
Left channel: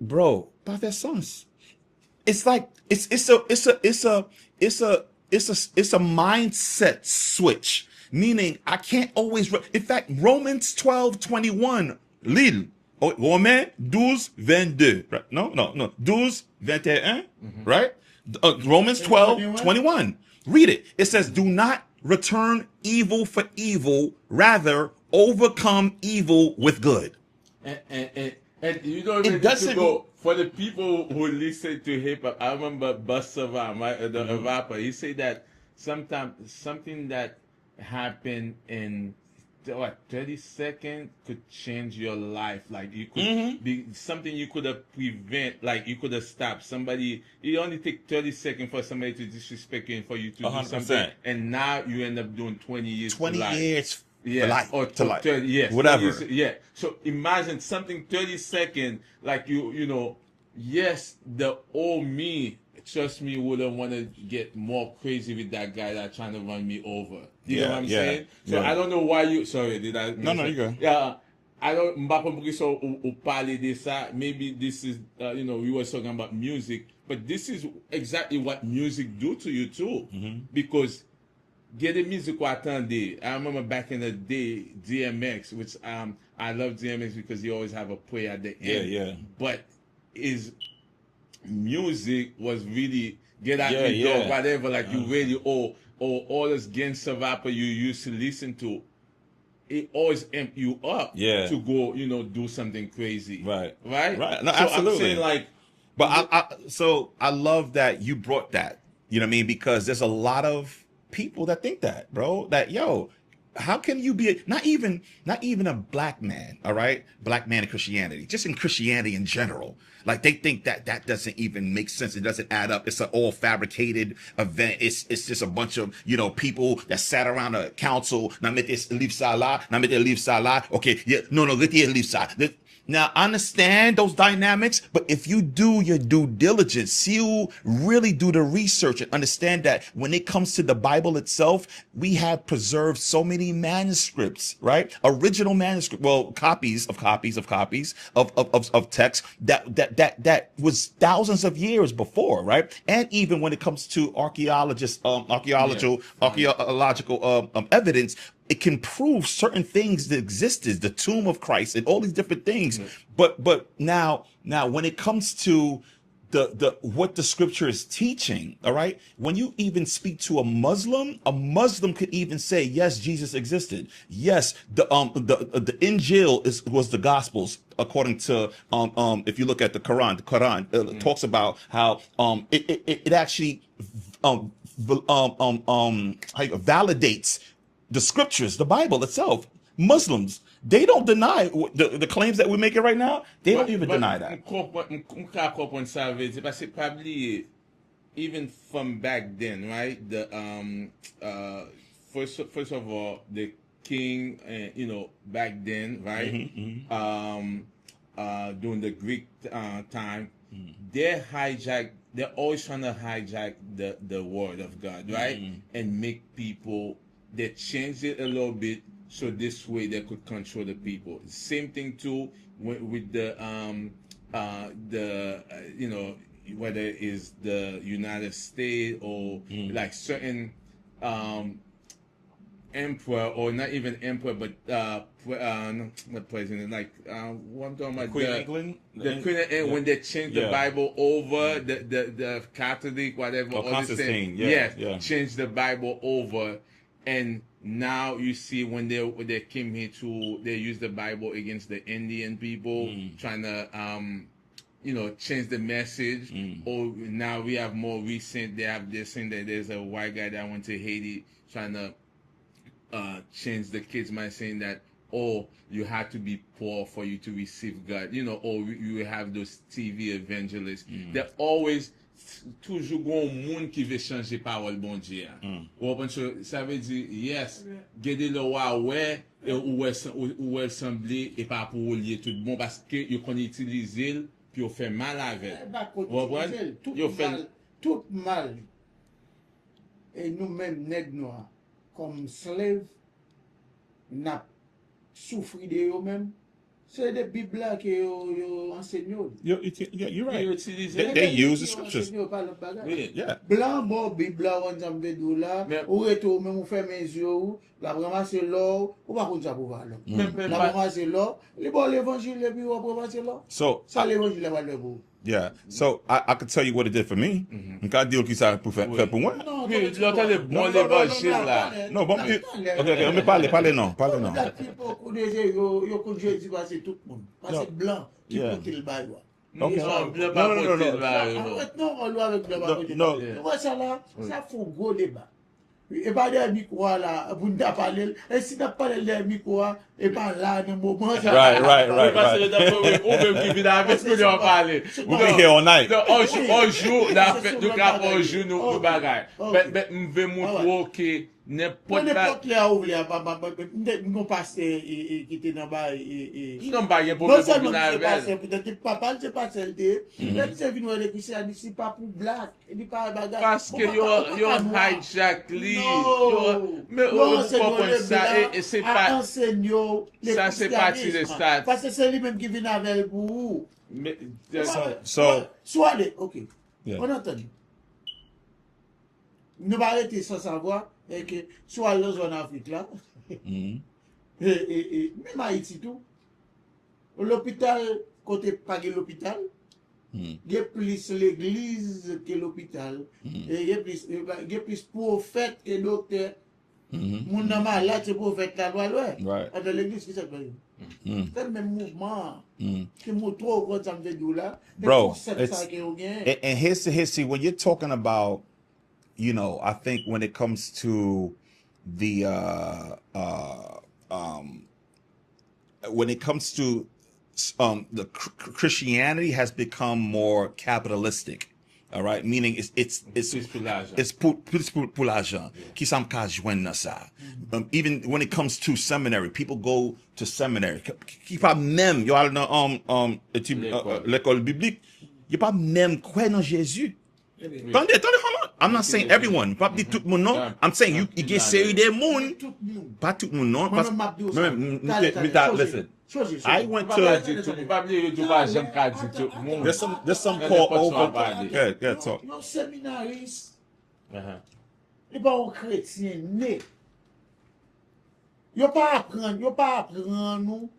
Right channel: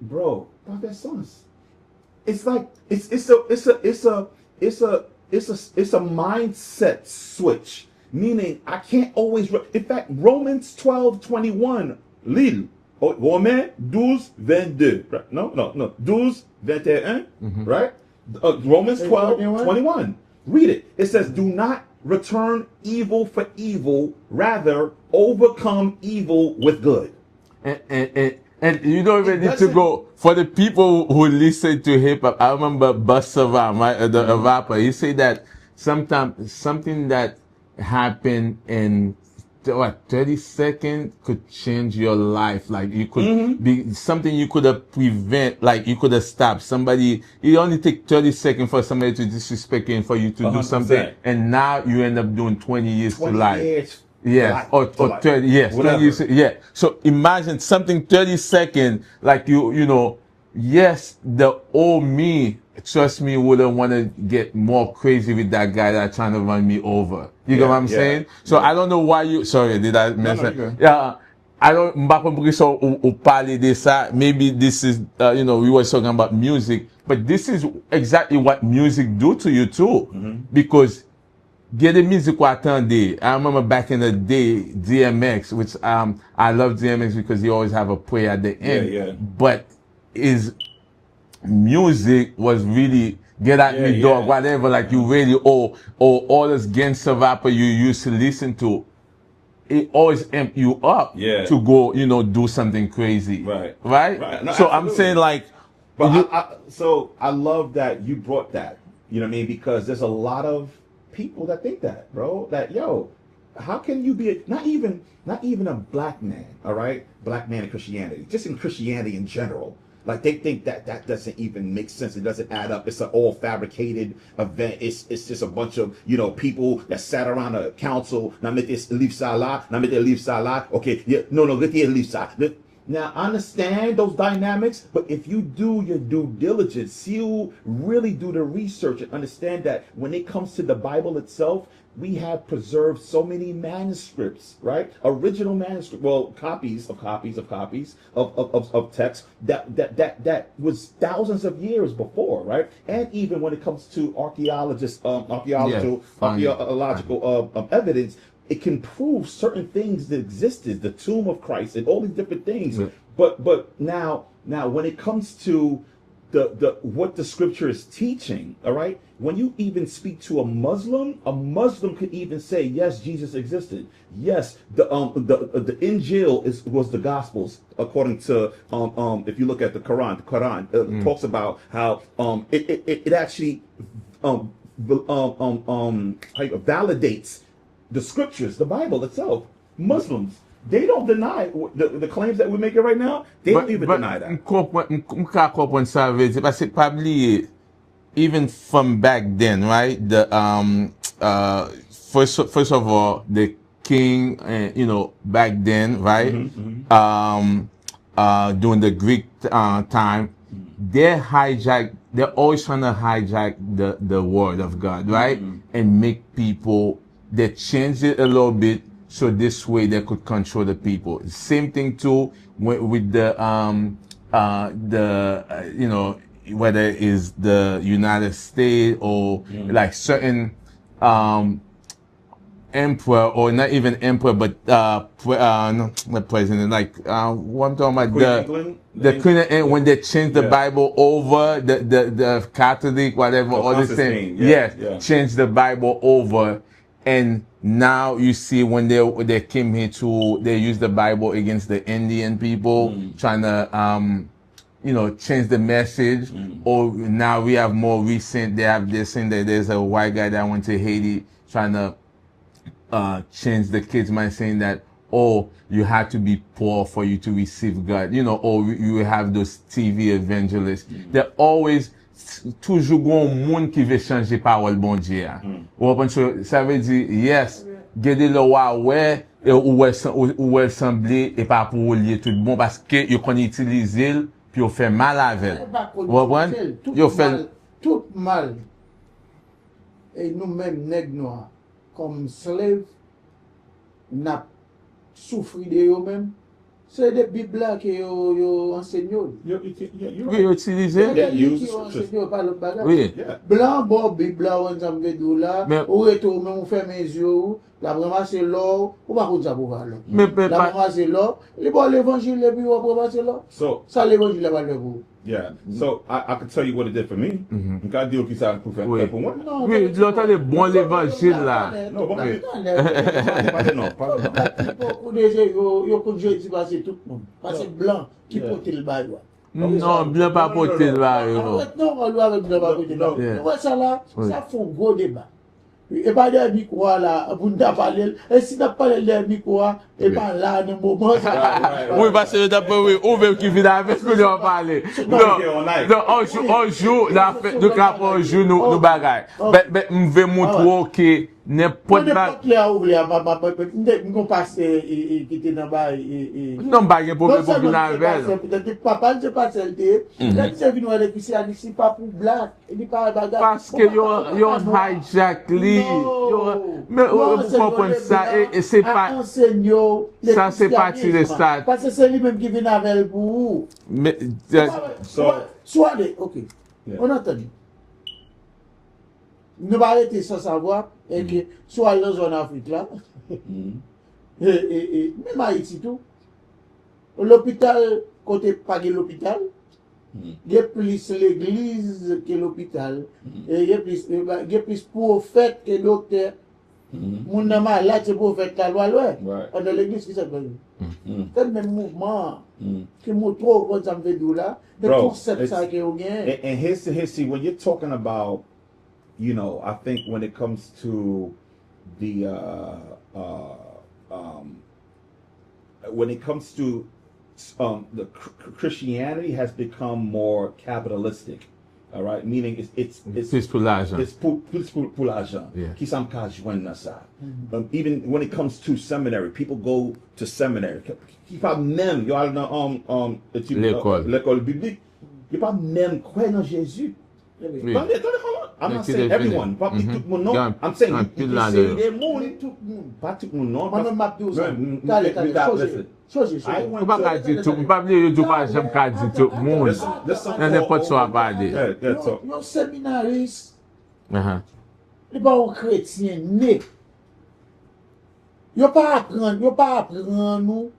Bro, by their sons. It's like it's a mindset switch. Meaning I can't always in fact, Romans 12:21, Lil. Romains 12:22, right? No. 12:21, right? Romans 12:21. Read it. It says, do not return evil for evil, rather overcome evil with good. And you don't even need to go for the people who listen to hip hop. I remember Busta Rhymes, right? The rapper. He said that sometimes something that happened in 30 seconds could change your life. Like you could be something you could have prevent, like you could have stopped somebody. It only take 30 seconds for somebody to disrespect you and for you to 100%. Do something, and now you end up doing 20 years 20 to life. years. Yeah, or 30, yes, whatever. Yeah. So imagine something 30 seconds, like you know, yes, the old me, trust me, wouldn't want to get more crazy with that guy that's trying to run me over. You know what I'm saying? So I don't know why you, sorry, did I mention? No, yeah. I don't, maybe this is, you know, we were talking about music, but this is exactly what music do to you too. Because get the music I remember back in the day, DMX, which I love DMX because he always have a prayer at the end. But his music was really get out the door, whatever, like you really, or all this gangster rapper you used to listen to, it always amp you up to go, you know, do something crazy. Right? No, so absolutely. I'm saying like, but I love that you brought that, you know what I mean? Because there's a lot of people that think that, bro, that, yo, how can you be not even a black man, all right? Black man in Christianity, just in Christianity in general. Like they think that doesn't even make sense. It doesn't add up. It's an all fabricated event. It's just a bunch of, you know, people that sat around a council. Okay, yeah, no, leave ça. Now, understand those dynamics, but if you do your due diligence, you really do the research and understand that when it comes to the Bible itself, we have preserved so many manuscripts, right? Original manuscript, well, copies of text that was thousands of years before, right? And even when it comes to archaeological evidence, it can prove certain things that existed, the tomb of Christ and all these different things. But now when it comes to the what the scripture is teaching, all right, when you even speak to a Muslim could even say, yes, Jesus existed. Yes, the Injil was the Gospels according to if you look at the Quran talks about how it actually validates the scriptures, the Bible itself. Muslims, they don't deny the claims that we're making right now. They don't even deny that. Probably even from back then, right? The first of all, the king, you know, back then, right? During the Greek time, they're always trying to hijack the word of God, right? And make people. They changed it a little bit so this way they could control the people. Same thing too with the you know, whether it's the United States or like certain emperor, or not even emperor, but not president, like what I'm talking about, Queen of England? the Queen of England, when they changed the Bible over, the Catholic, whatever, all this thing, changed the Bible over, and now you see when they came here they used the Bible against the Indian people, trying to change the message. Or now we have more recent, they're saying that there's a white guy that went to Haiti trying to change the kids' mind, saying that, oh, you had to be poor for you to receive God, or you have those TV evangelists. They're always toujours gon moun qui veut changer parole bon Dieu. Ça veut dire, yes, gade le wa ouais, ou elle semblé et pas pour lier tout bon parce que yo kon utiliser puis yo fait mal avec. Yo fait tout mal. Et nous-mêmes nèg noirs comme slave n'a souffri de eux-mêmes. C'est des Bibles là que yo enseignent. You're right. Oui, utiliser. They use the scriptures. Oui. Blanc, bon, Bible là, on s'en fait là. Ou retourne, on fait mes yeux, la ramasser l'or, ou pas qu'on pour voir l'or. La ramasser l'or, les bon l'évangile, et puis on va ramasser l'or. Ça l'évangile là, va le vous. Yeah, so I can tell you what it did for me. Quand dire qui ça pour faire pour moi. Oui, l'autre est bon l'évangile là. Non, bon, pas de non. Beaucoup de gens, yo connaissent Jésus parce que tout le monde, parce que blanc qui porte le bail. Non, blanc pas porter le bail. Non, on doit avec blanc pas porter le bail. Ouais, ça là, ça fait un gros débat. Et pas des micros là, pour nous parler. Et si nous parlons des micros, et pas là, dans le moment. Right. Oui, parce que d'après, ou même qui vient avec ce que nous en parler. Non, on joue, nous capons, on joue nos bagailles. Mais, je vais montrer que n'importe quoi. Nous passons qui était dans le non, pas de problème pour venir avec. Peut-être papa ne sait pas celle-là. Là, c'est venu avec lui, c'est pas pour blague. Il pas bagarre. Parce que yo hijack lui. Mais vous comprenez ça, et c'est pas. Ça, c'est parti de ça. Parce que c'est lui-même qui vient avec vous. Mais, soit, ok. On a entendu. Nous va arrêter sans savoir, et que soit dans zone Afrique là, et même Haïti tout, l'hôpital, côté pas de l'hôpital, il y a plus l'église que l'hôpital, et il y a plus prophète que docteur. Mon nom là, c'est prophète la loi, dans l'église qui s'appelle. C'est le même mouvement qui me trouve quand ça me fait d'où là, bro, and here's the history, when you're talking about, I think when it comes to the Christianity has become more capitalistic. All right, meaning it's pour l'argent. It's pour l'argent. Qui s'en cache joindre ça. Even when it comes to seminary, people go to seminary. Qui pas même yo al dans l'école biblique, qui pas même croire dans Jésus. Attendez, I'm not saying everyone. Pas tout le monde non. I'm saying you can say des monde. Pas tout le monde non. Listen. I went to Your seminaries, les bons chrétiens nés. Yo pas apprendre nous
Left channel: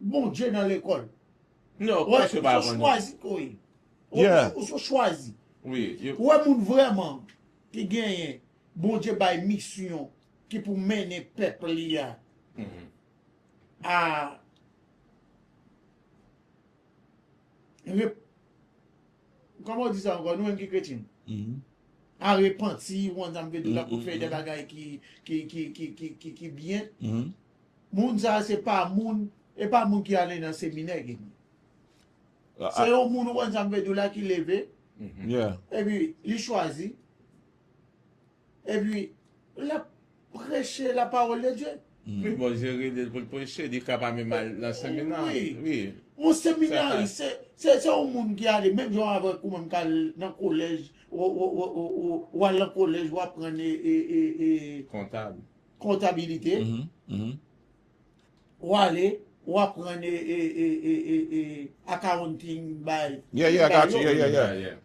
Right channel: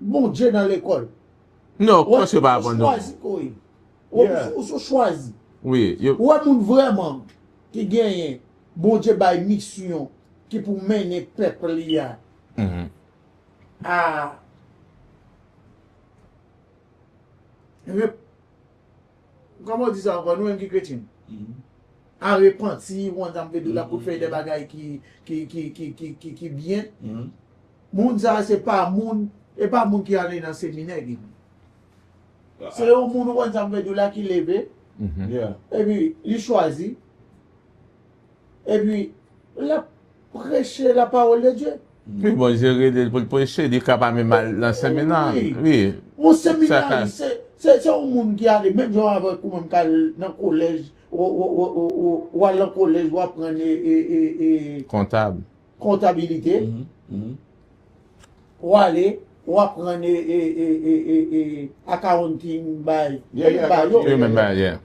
bon Dieu dans l'école. Non, quoi c'est pas apprendre. On choisit. Oui. Ouais, moun vraiment qui gagne bon Dieu by mission qui pour mener peuple là. Comment on dit ça encore, nous qui chrétiens? À repentir, on a envie de la pour faire des bagailles qui bien. Moun ça c'est pas moun, et pas moun qui allait dans le séminaire. C'est un moun on a envie de la qui levé. Et puis il choisit. Et puis il a prêché la parole de Dieu. Puis bon, j'ai pour prêcher, il est capable même dans le séminaire. Oui. Mon séminaire, c'est un monde qui a les mêmes gens avec même dans le collège, ou à le collège, ou apprendre comptabilité. Ou aller ou apprendre accounting by. Yeah, I got you. Remember, yeah.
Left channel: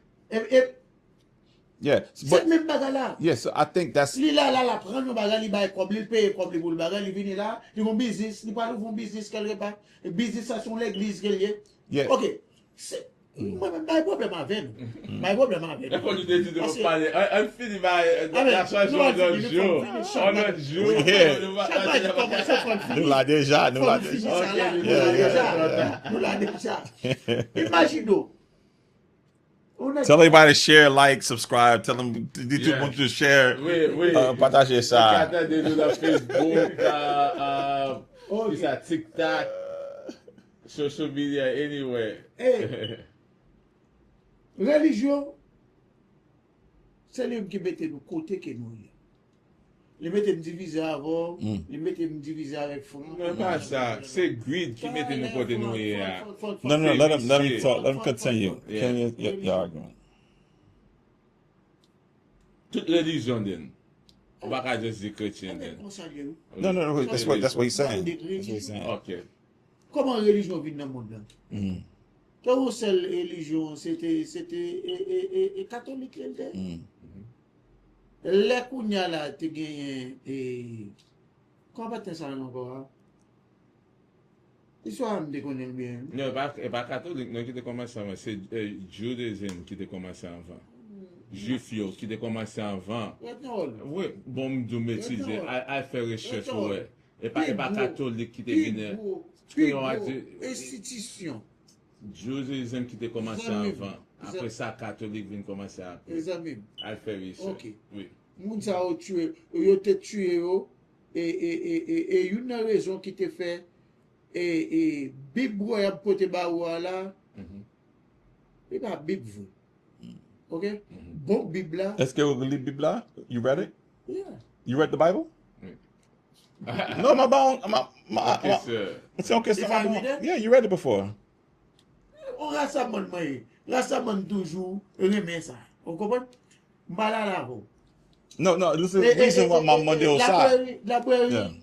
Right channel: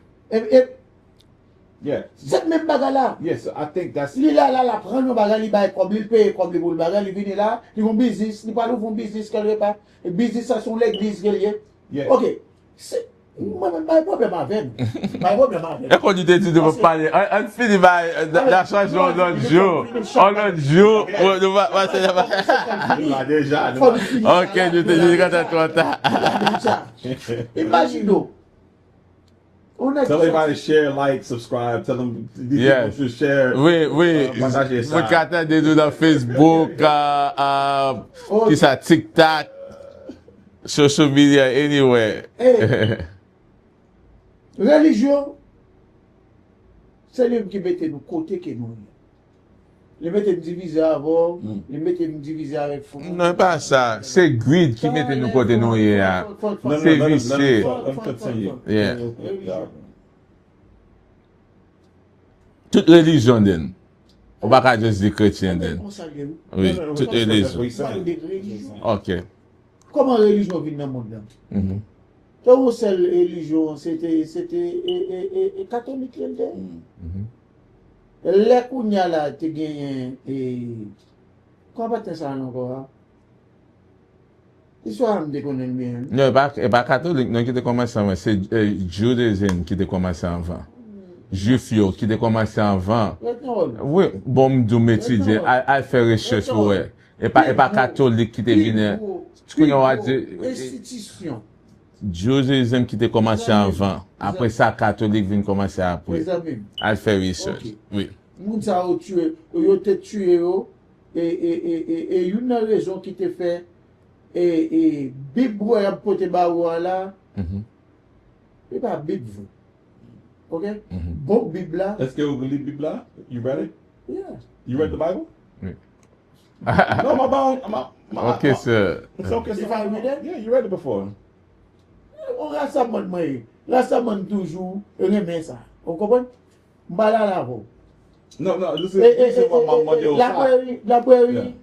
Yeah. Cette même bagarre là. Yes, I think that's Lui là, la prend nos bagages, il bail comme il paye comme pour le bagage, il vient là, il font business, il parle font business quelque part. Et business ça sont l'église quelque. Yeah. OK. C'est moi même pas problème avec. Pas problème avec. Et quand tu t'es dit de me parler, on finit par la chanson en autre jour. En autre jour, on va passer là-bas. nous là déjà. Ok, je te dis quand t'es content. Imagine-nous. Tell everybody to share, like, subscribe. Tell them to share. Oui. Partager ça. Vous attendez nous dans Facebook, qui ça, TikTok, social media, anywhere. Hey. Religion, c'est lui qui mettait nous côté que nous. Il mettait nous diviser avant, il mettait nous diviser avec fond. Non, pas ça. C'est greed qui mettait nous côté nous hier. No, let him continue. Yeah. Yeah. Toute religion, then. On va pas juste dire chrétien, then. Oui, No, toute that's religion. what he's saying. Ok. Comment la religion vient dans le monde là? Toi, seule religion, c'était catholique. Les kounya là, tu gagnes comment tu ça encore? L'histoire me déconne bien. Non, pas catholique, non, qui te commencé avant. C'est judaïsme qui te commencé avant. Juif yo, qui te commencé avant. Oui, bon, m'dou m'étudier, à faire recherche, ouais. Et pas catholique qui te venu. Tu connais, on va dire. Institution. Judaïsme qui te commencé avant. Après ça, catholique vient commencer après. Les amis. À faire recherche. Oui. Moun sa yo tué, yo te tué yo, et une raison qui te fait, et Bible ou a pote ba ou là, et pas Bible vous. OK? Bon Bible là. Est-ce que vous lisez la Bible là? You read it? Yeah. You read the Bible? Oui. No, Ok, sir. It's okay. If I read it? Yeah, you read it before. On rassemble moi. Rassemble toujours remet ça. Vous comprenez? Mbala la vo. No, listen what my Monday on side. La prairie,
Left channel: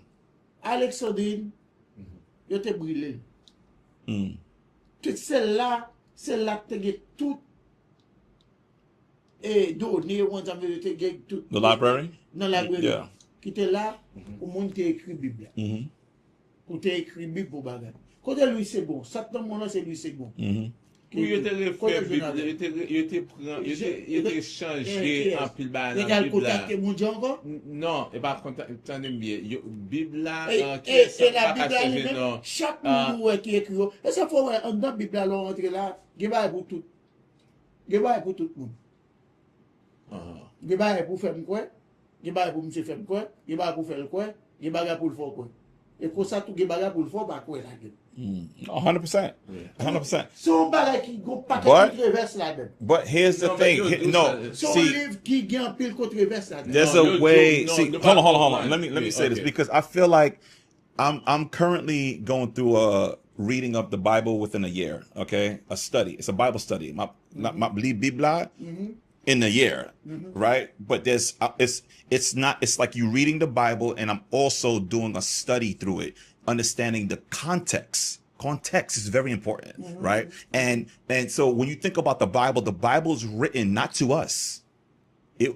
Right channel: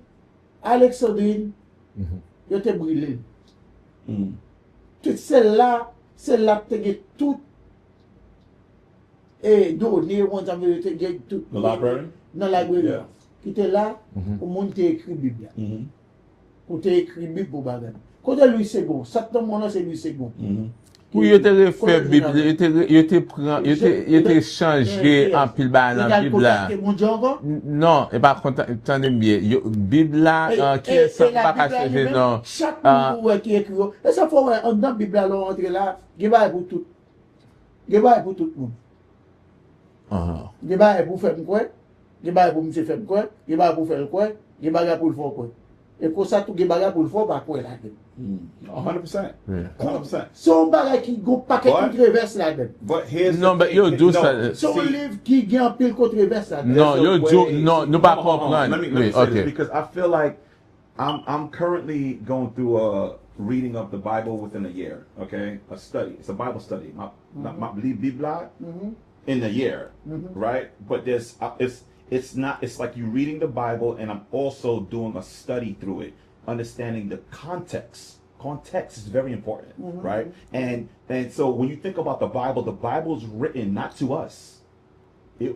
Alexandrine, yo te brûlé. Toute celle-là te get tout et donné, on t'a vu te get tout. The library? Dans la librairie. Yeah. Qui était là, pour monter écrit Bible. Pour te écrit Bible pour bagarre. Quand lui c'est bon, ça ton nom c'est lui c'est bon. Pour yo te refait Bible, yo te changé en pile ba dans Bible là. Non, et par contre, attendez bien, Bible là qui est ça pas qu'à changer non. Chaque mot qui écrit. Et ça faut dans Bible là rentrer là, débat pour tout. Débat pour tout le monde. Débat pour faire quoi? Débat pour monsieur faire quoi? Débat pour faire quoi? Débat pour le faire quoi? Et pour ça tout débat pour le faire pas quoi là. 100%. 100%. Son bagay qui go paquet controverse là-dedans. But here's Non, the mais thing. yo, do ça. Son livre qui gagne un pile controverse là-dedans. There's No, a you're way. no, See, no, hold on. Let me say okay. this because I feel like I'm currently going through a reading of the Bible within a year. Okay, a study. It's a Bible study. My Biblia in a year, right? But there's it's not. It's like you reading the Bible, and I'm also doing a study through it, understanding the context. Context is very important, right? And so when you think about the Bible is written not to us.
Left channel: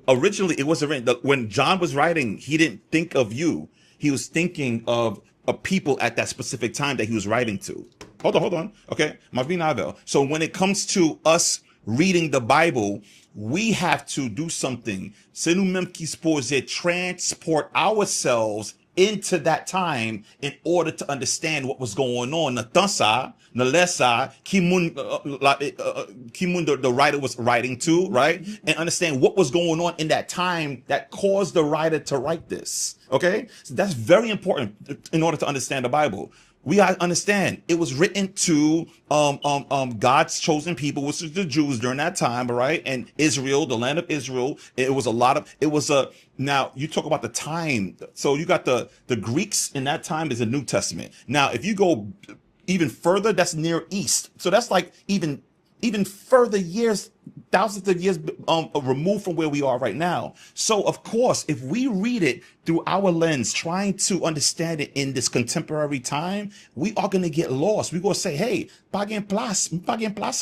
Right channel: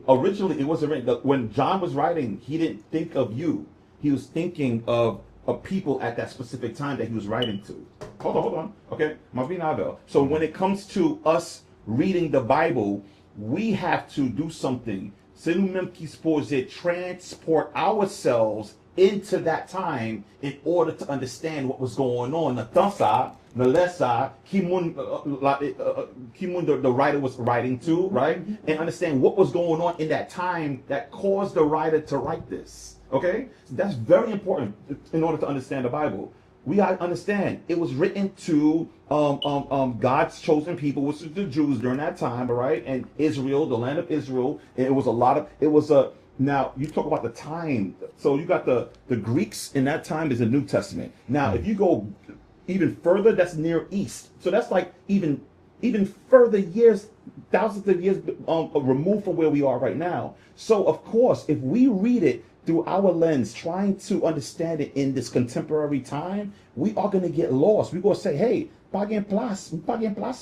Originally, it wasn't written. When John was writing, he didn't think of you. He was thinking of a people at that specific time that he was writing to. Hold on. Okay, Mavinavel. So when it comes to us reading the Bible, we have to do something. C'est nous-mêmes qui supposé transport ourselves into that time in order to understand what was going on. The writer was writing to, right? And understand what was going on in that time that caused the writer to write this. Okay? So that's very important in order to understand the Bible. We gotta understand it was written to God's chosen people, which is the Jews during that time, right? And Israel, the land of Israel. And now you talk about the time. So you got the Greeks in that time is the New Testament. Now, if you go even further, that's Near East. So that's like even further years thousands of years removed from where we are right now. So, of course, if we read it through our lens, trying to understand it in this contemporary time, we are going to get lost. We're going to say, hey, pas gen place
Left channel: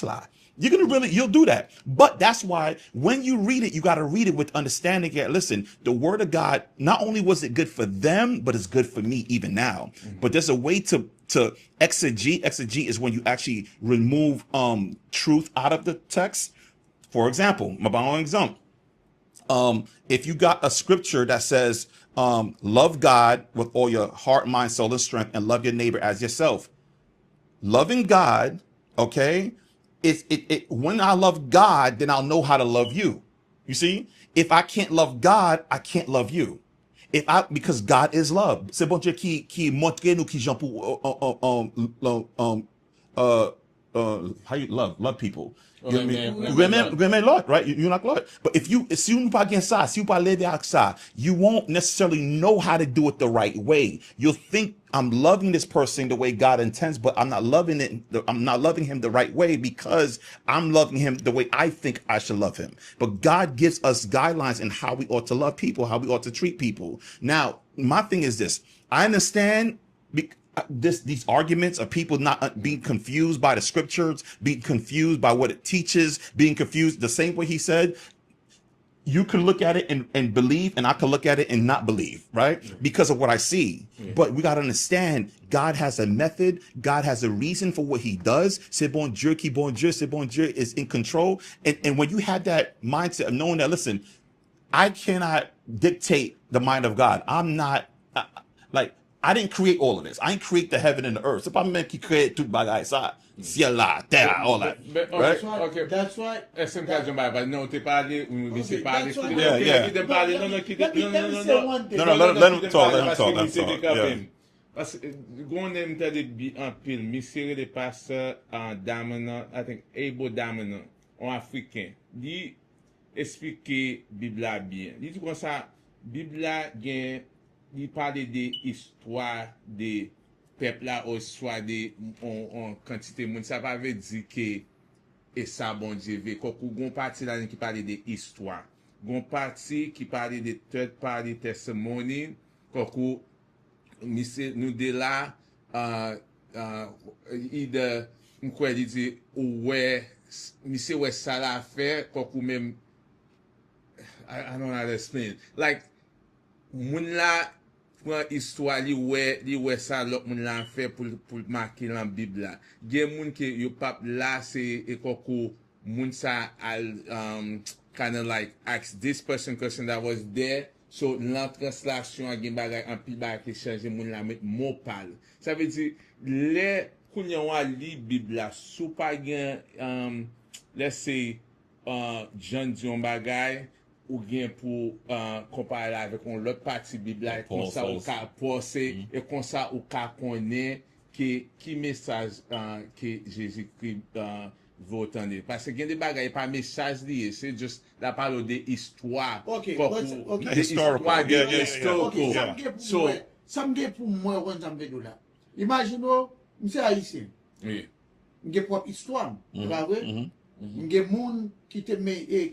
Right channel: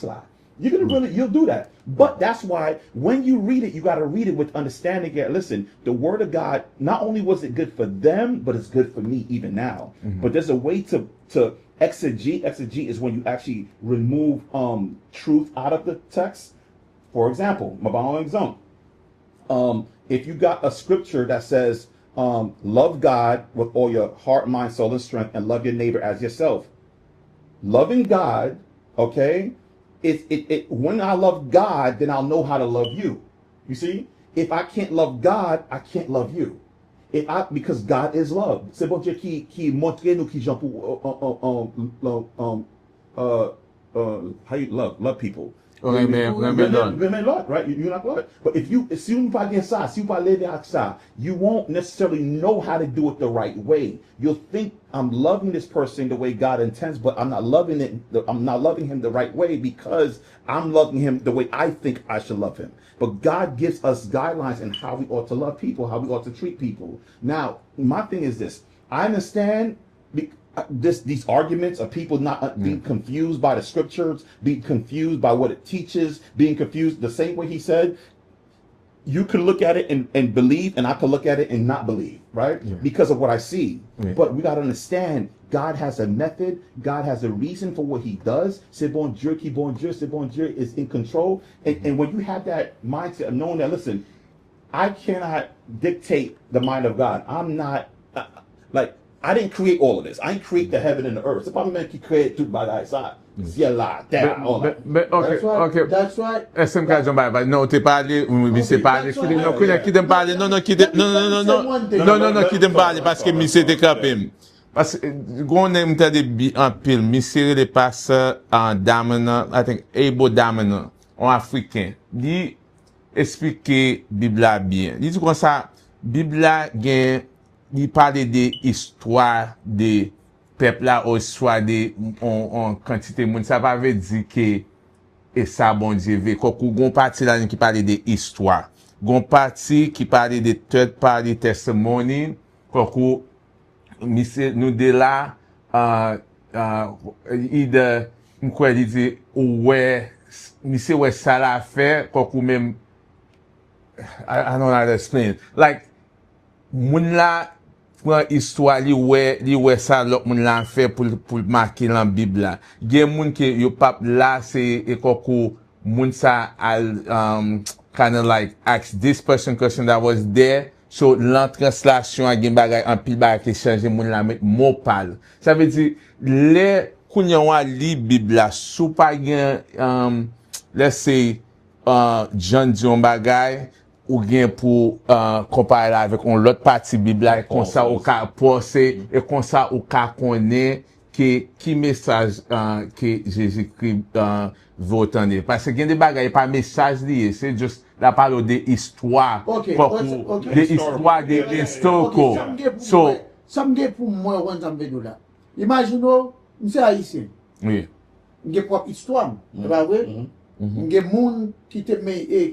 la. You're going to you'll do that. But that's why when you read it, you got to read it with understanding. Yeah, listen, the word of God, not only was it good for them, but it's good for me even now. But there's a way to exegete. Exegete is when you actually remove truth out of the text. For example, if you got a scripture that says, love God with all your heart, mind, soul, and strength, and love your neighbor as yourself. Loving God, okay? When I love God, then I'll know how to love you. You see? If I can't love God, I can't love you. Because God is love. C'est bon Dieu qui montre nous qui j'en pour how you love people. Lord, right? You're not Lord. But if you you won't necessarily know how to do it the right way. You'll think I'm loving this person the way God intends, but I'm not loving him the right way because I'm loving him the way I think I should love him. But God gives us guidelines in how we ought to love people, how we ought to treat people. Now, my thing is this. I understand these arguments of people not being confused by the scriptures, being confused by what it teaches, being confused the same way he said. You can look at it and believe, and I can look at it and not believe, right? Because of what I see. But we got to understand, God has a method. God has a reason for what he does. C'est bon Dieu qui bon Dieu, c'est bon Dieu is in control. And when you have that mindset of knowing that, listen, I cannot dictate the mind of God. I'm not, I didn't create all of this. I didn't create the heaven and the earth. C'est pas même qui crée tout bagay ça. Ciel là, terre, all that. Ok. That's right. Est-ce que je vais non, t'es parlé, oui, c'est parlé. Qui t'aime parler? Non, quitte me parler parce que mi c'était capé. Parce que, qu'on aime t'as des en pile, mi serré les passes en damena, I think, Ebo damena, en africain. Dit, expliquer Bibla bien. Dit comme ça, Bibla gen, il parle de histoire de peuple là ou histoire de en quantité monde ça pas veut dire que et ça bon Dieu veut qu'on gon partie là qui parle de histoire gon partie qui parle de third party testimony qu'on nous de là il de quoi dit ouais monsieur ouais ça l'a fait qu'on même I don't know how to explain like moun la prend histoire li ouais ça l'autre moun la fait pour marquer dans Bible là gen moun qui yo pas là c'est et koko moun ça kind of like ask this person question that was there so l'entranslation a gen bagay en pile bagay qui changer moun la met mot parle ça veut dire les kounya wa li Bible là sou pas gen let's say John John bagay ou bien pour comparer avec l'autre partie Bible là comme ça au cas penser et comme ça au cas connaît qui message que Jésus-Christ veut entendre parce que il y a des bagages pas message lié c'est juste la parole de histoire de histoire de historical so ça me pour moi on t'embête là imaginons monsieur haïtien oui il y a propre histoire pas vrai il y a moun qui te mené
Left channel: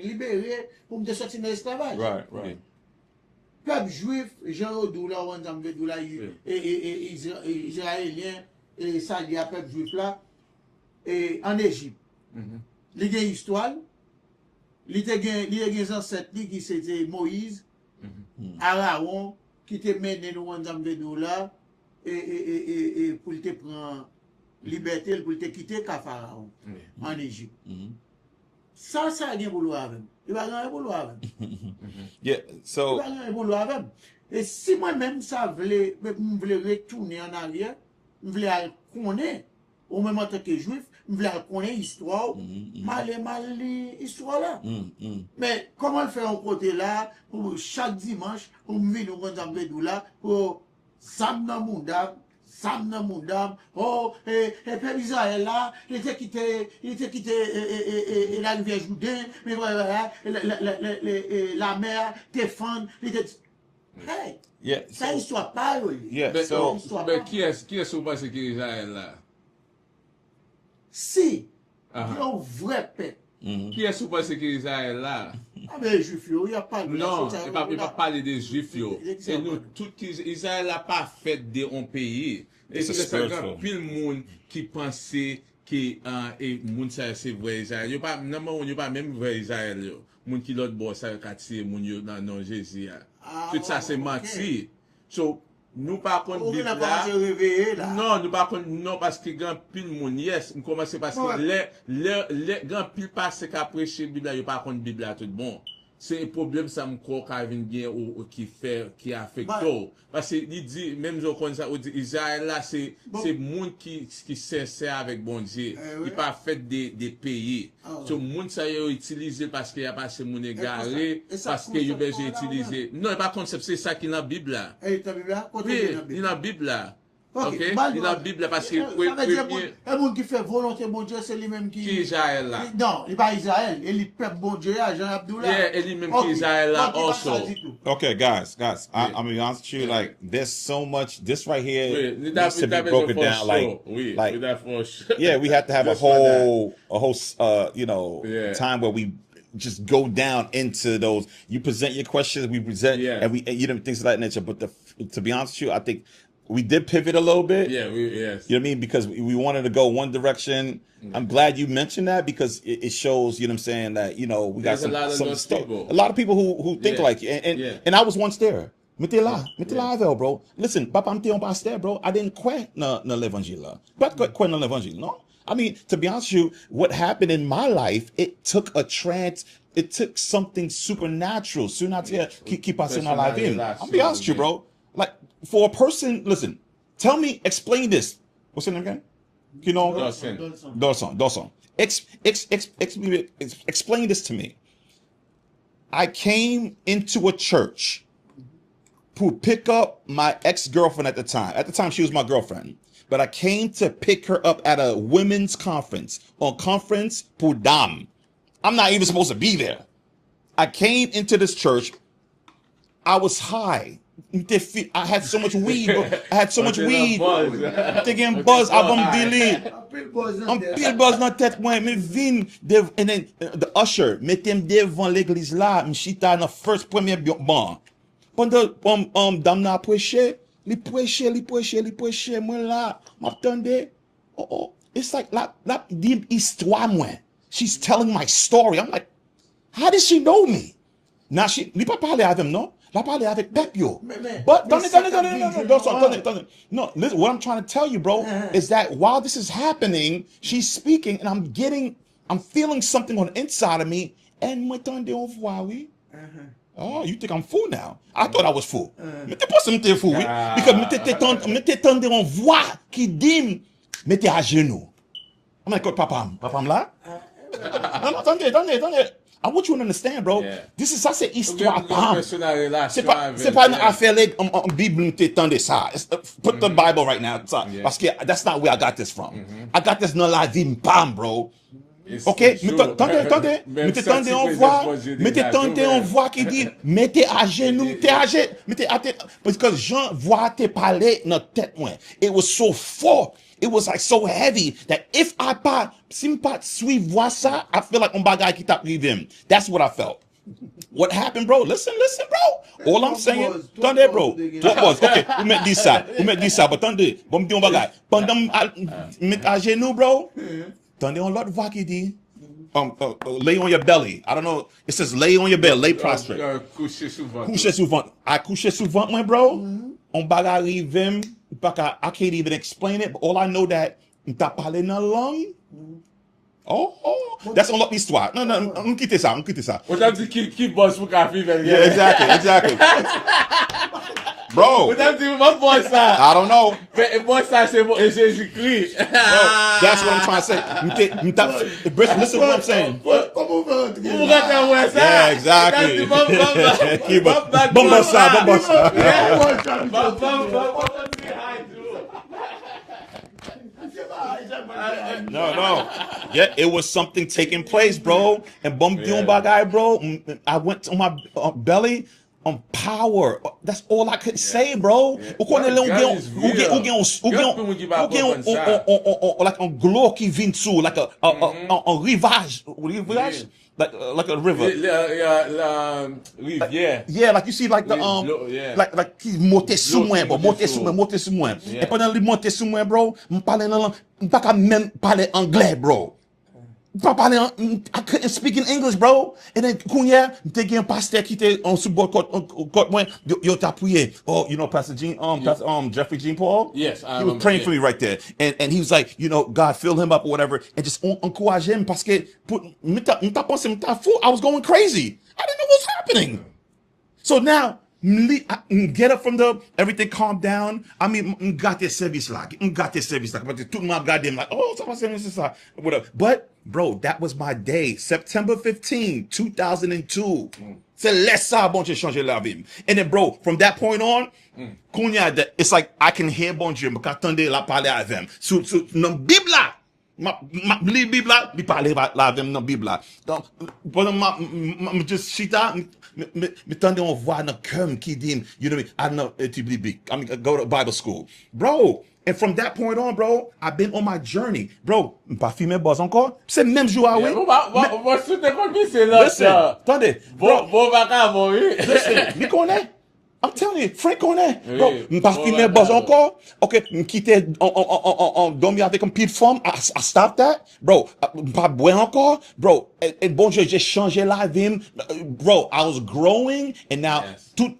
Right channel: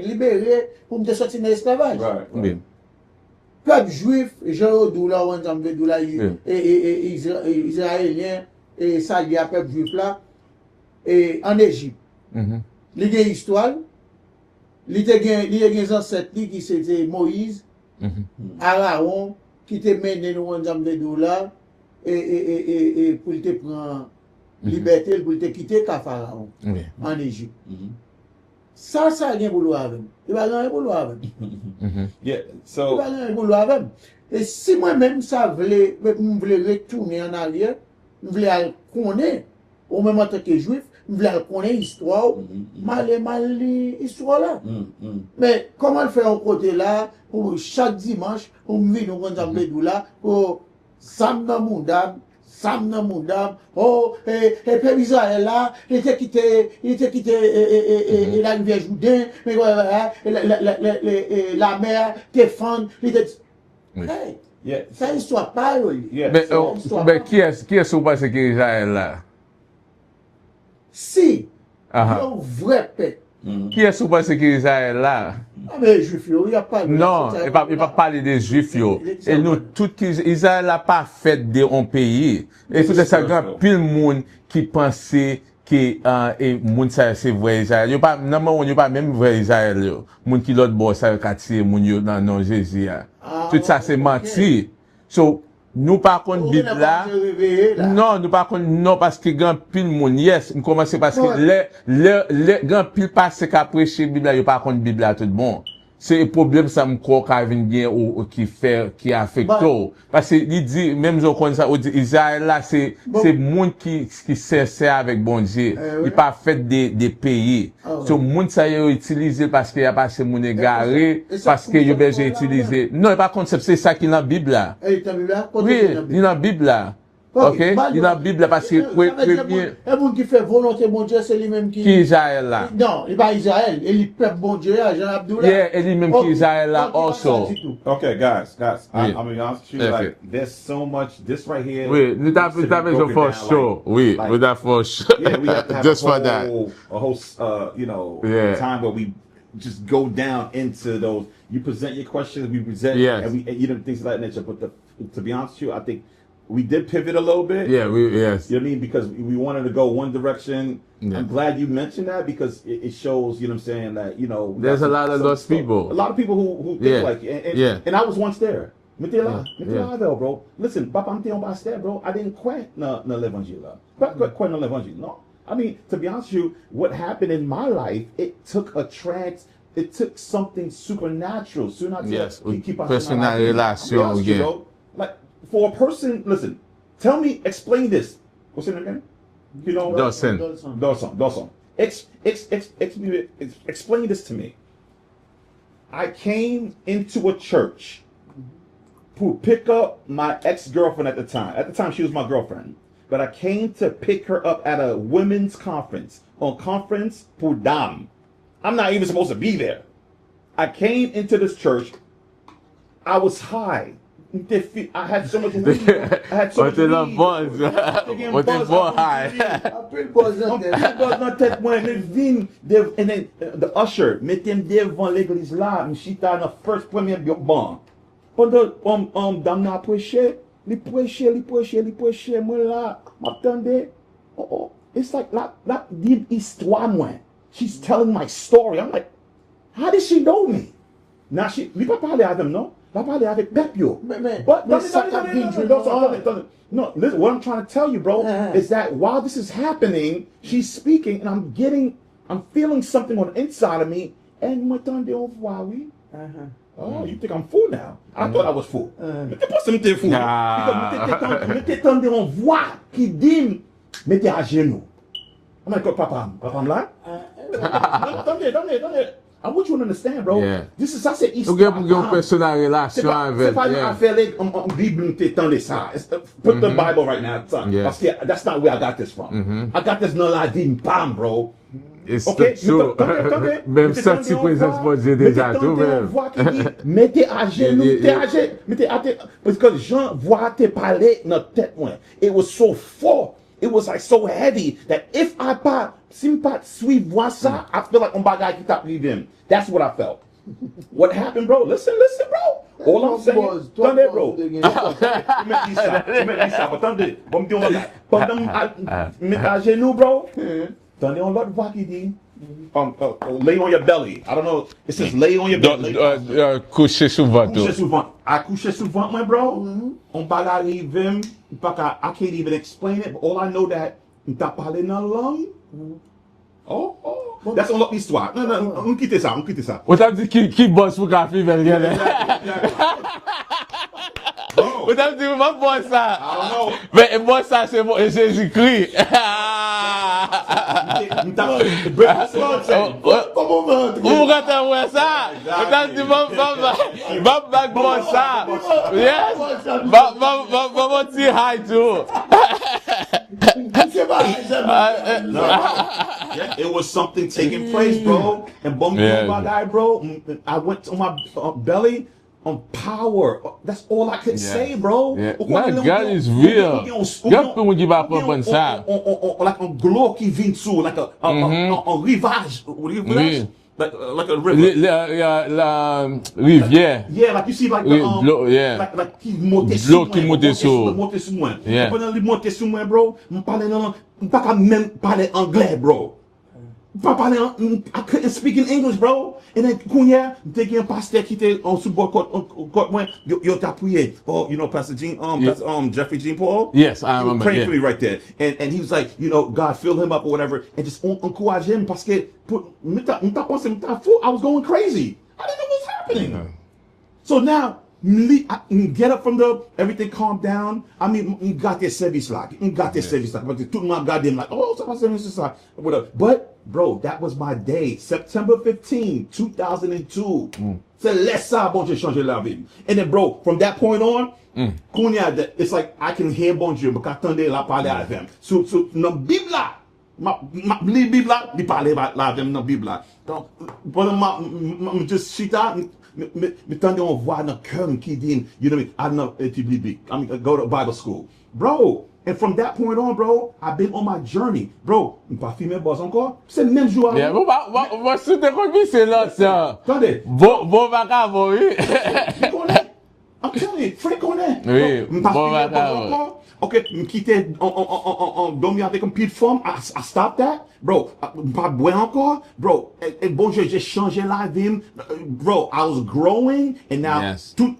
libéré pour me sortir de l'esclavage. Oui. Peuple juif, Jean Doula, on t'embête Doula, et israélien, et ça il y a peuple juif là, et en Égypte. Il y a une histoire, il y a des ancêtres qui c'était Moïse, Aaron, qui te mené nous on t'embête Doula, et pour te prendre liberté pour te quitter Pharaon en Égypte. Ça a rien boulot avec. Il va rien boulot avec. Yeah, so Il va rien boulot avec. Et si moi-même ça voulait retourner en arrière, je voulais connaître au même temps que juif, je voulais connaître l'histoire, mal l'histoire là. Mais comment le faire au côté là pour chaque dimanche pour me venir au Zambédou là pour Sam dans mon dame Sam nan moun dam, peuple Israël là, il était quitté la rivière Jourdain, la mer, défendre, il était. yeah. Ça histoire pas, oui. Yeah. Mais qui est-ce que vous pensez que Israël là? Si Yon vre pep. Qui est-ce que pense que Israël là? Ah mais juif yo, y a pas de... Non, il va parler des juifs yo. Et nous, tout Israël n'a pas fait de un pays. Et c'est ça, il y a pile monde qui pensait que et moun ça c'est vrai Israël. Yo pas non yo pas même vrai Israël yo. Moun qui l'autre bord ça quartier moun yo dans Jésus. Tout ça c'est menti. So nous par contre Bible là. Non, nous par contre non parce que grand pile moun yes, on commence parce que les grand pile passe qu'a prêcher Bible là, yo par contre Bible là tout bon. C'est un problème ça me croit qu'a vient bien ou qui affecte parce que il dit même je connais ça Israël là c'est monde qui sincère avec bon Dieu il pas fait des pays so monde ça yo utilisé parce qu'il y a passé mon égaré parce que yo besoin utiliser non pas concept c'est ça qui dans la Bible là oui il dans la Bible là. Ok, il dans la Bible parce que premier. Le monde qui fait volonté bon Dieu, c'est lui-même qui. Qui Israël là? Non, il va Israël. Il est peuple bon Dieu, Jean Abdullah. Yeah, et lui-même qui Israël là also. Okay, guys, I'm gonna be honest with you. Yeah. Like, there's so much. This right here. Oui, nous needs to be broken for down, sure. Oui, like- with that for sure. Yeah, we have to have Just for that. a whole, Yeah. time where we just go down into those. You present your questions, we present, Yes. and we, things of that nature. But to be honest with you, I think we did pivot a little bit. Yeah, yes. You know what I mean? Because we wanted to go one direction. Yeah. I'm glad you mentioned that because it shows, you know what I'm saying, that, we got There's a lot of those people. A lot of people who think Yeah. like you. And I was once there. Bro. Listen, Papa, I'm telling you, bro. I didn't quit na l'Evangile. But quit na l'Evangile, no? I mean, to be honest with you, what happened in my life, it took something supernatural. Yes. Keep us in my life. Personal I'll be honest with you, relation, bro. Like, for a person, listen, explain this. What's your name again? You know? Dawson. Explain this to me. I came into a church to pick up my ex-girlfriend at the time. At the time, she was my girlfriend. But I came to pick her up at a women's conference on Conference pour Dames. I'm not even supposed to be there. I came into this church. I was high. I had so much weed. I'm taking buzz avant délire. Buzz dans tête moi, me vin and then the usher mettem devant l'église là, m'chita dans first premier banc. Pendant dame n'a prêché, li prêché moi là, m'attendais. Oh, it's like la dim histoire moi. She's telling my story. I'm like, how does she know me? Now li pas parler avec non? La parler avec Pepio. But no, listen, what I'm trying to tell you, bro, is that while this is happening, she's speaking, and I'm feeling something on the inside of me. And m'attendais au voir, oui. Oh, you think I'm fool now? I thought I was fool. Mais t'es pas si m'étais fool, oui. Because m'étais tendé en voix qui dit, mettez à genoux. I'm like, papa là? Non, attendez. I want you to understand, bro. Yeah. This is, ça c'est Ou histoire. gen personal relation avec. C'est pas une affaire like Bible nous t'étendait ça. Put the Bible right now, son. Yeah. Parce que that's not where I got this from. I got this dans la vie, pam, bro. It's Ok, true. attendez, Même mettez ça, tendez si en présence voix, moi j'ai mettez déjà tendez en tout. voix qui dit, mettez à genoux, mettez à tête, parce que Jean voit te parler dans tête, moi. It was so full. It was like so heavy that if I pas, si m'pas suivre voix ça, I feel like on bagay qui t'a with him. That's what I felt. What happened, bro? Listen, bro. All I'm saying, attendez, bro. Ok, vous mettez ça, but attendez, bon, m'dit on bagay. Pendant mettez à genoux, bro, attendez, on l'autre voix qui dit, lay on your belly. I don't know. It says lay on your belly. Lay prostrate. Coucher souvent. Coucher souvent. I coucher souvent, my bro. On baga arrive, I can't even explain it, but all I know that m'ta parlé dans langue. Oh, that's on l'autre histoire. Non, on quitte ça. Ou t'as dit qui bosse pour qu'à faire Yeah, exactly. Bro, Ou t'as dit moi bosse ça. I don't know. Mais moi ça c'est Jésus-Christ. That's what I'm trying to say. Listen to what I'm saying. Ou regarde ouais ça. Yeah, exactly. Bon ça. Bon petit high too. No. Yeah, it was something taking place, bro. And bum Yeah. bagay, bro. I went on my belly. on power. That's all I could say, bro. Yeah. Ou konen That God is real. God peut nous dire pas comme ça. Like un glow qui vient sous, like un rivage. Like a river. La rivière. Yeah, like you see, like the yeah. like he's monté sous moi, Monté monté sous moi. Yeah. Et pendant lui monté sous moi, bro, m'pas qu'à même parler anglais, bro. I couldn't speak in English, bro. And then Kounya, t'es un pasteur qui était en sous bord côte moi, yo t'a prié. Oh, you know Pastor Jean, Jeffrey Jean Paul? Yes, I He was remember. praying for me right there. And he was like, you know, God fill him up or whatever, and just encourage him parce que I was going crazy. I didn't know what was happening. So now, I get up from everything calmed down. I mean, got their service like, but tout le monde regardait like, oh, ça va service like, whatever. But, bro, that was my day. September 15, 2002. C'est laisse ça, bon Dieu, changer la vie. And then, bro, from that point on, it's like I can hear bon Dieu, mais qu'attendez la parler avec them. Sur dans Bible là. Ma Bible là, il parlait là avec dans Bible là. Donc, pendant ma just chita, me tendez on voit dans cœur qui dit, you know me, I know tu biblique. I mean, go to Bible school. Bro, and from that point on, bro, I've been on my journey. Bro, pas filmé boss encore. C'est même jour Yeah, on va se déconner là ça. Attendez. Bon baka bon. Listen, you connais? I'm telling you, Frank on that. Oui, M'pas filmé boss encore. OK, m'quitter dormir avec un pied de forme. I stopped that. Bro, m'pas boire encore. Bro, et bon Dieu, j'ai changé la vie. Bro, I was growing and now Yes. tout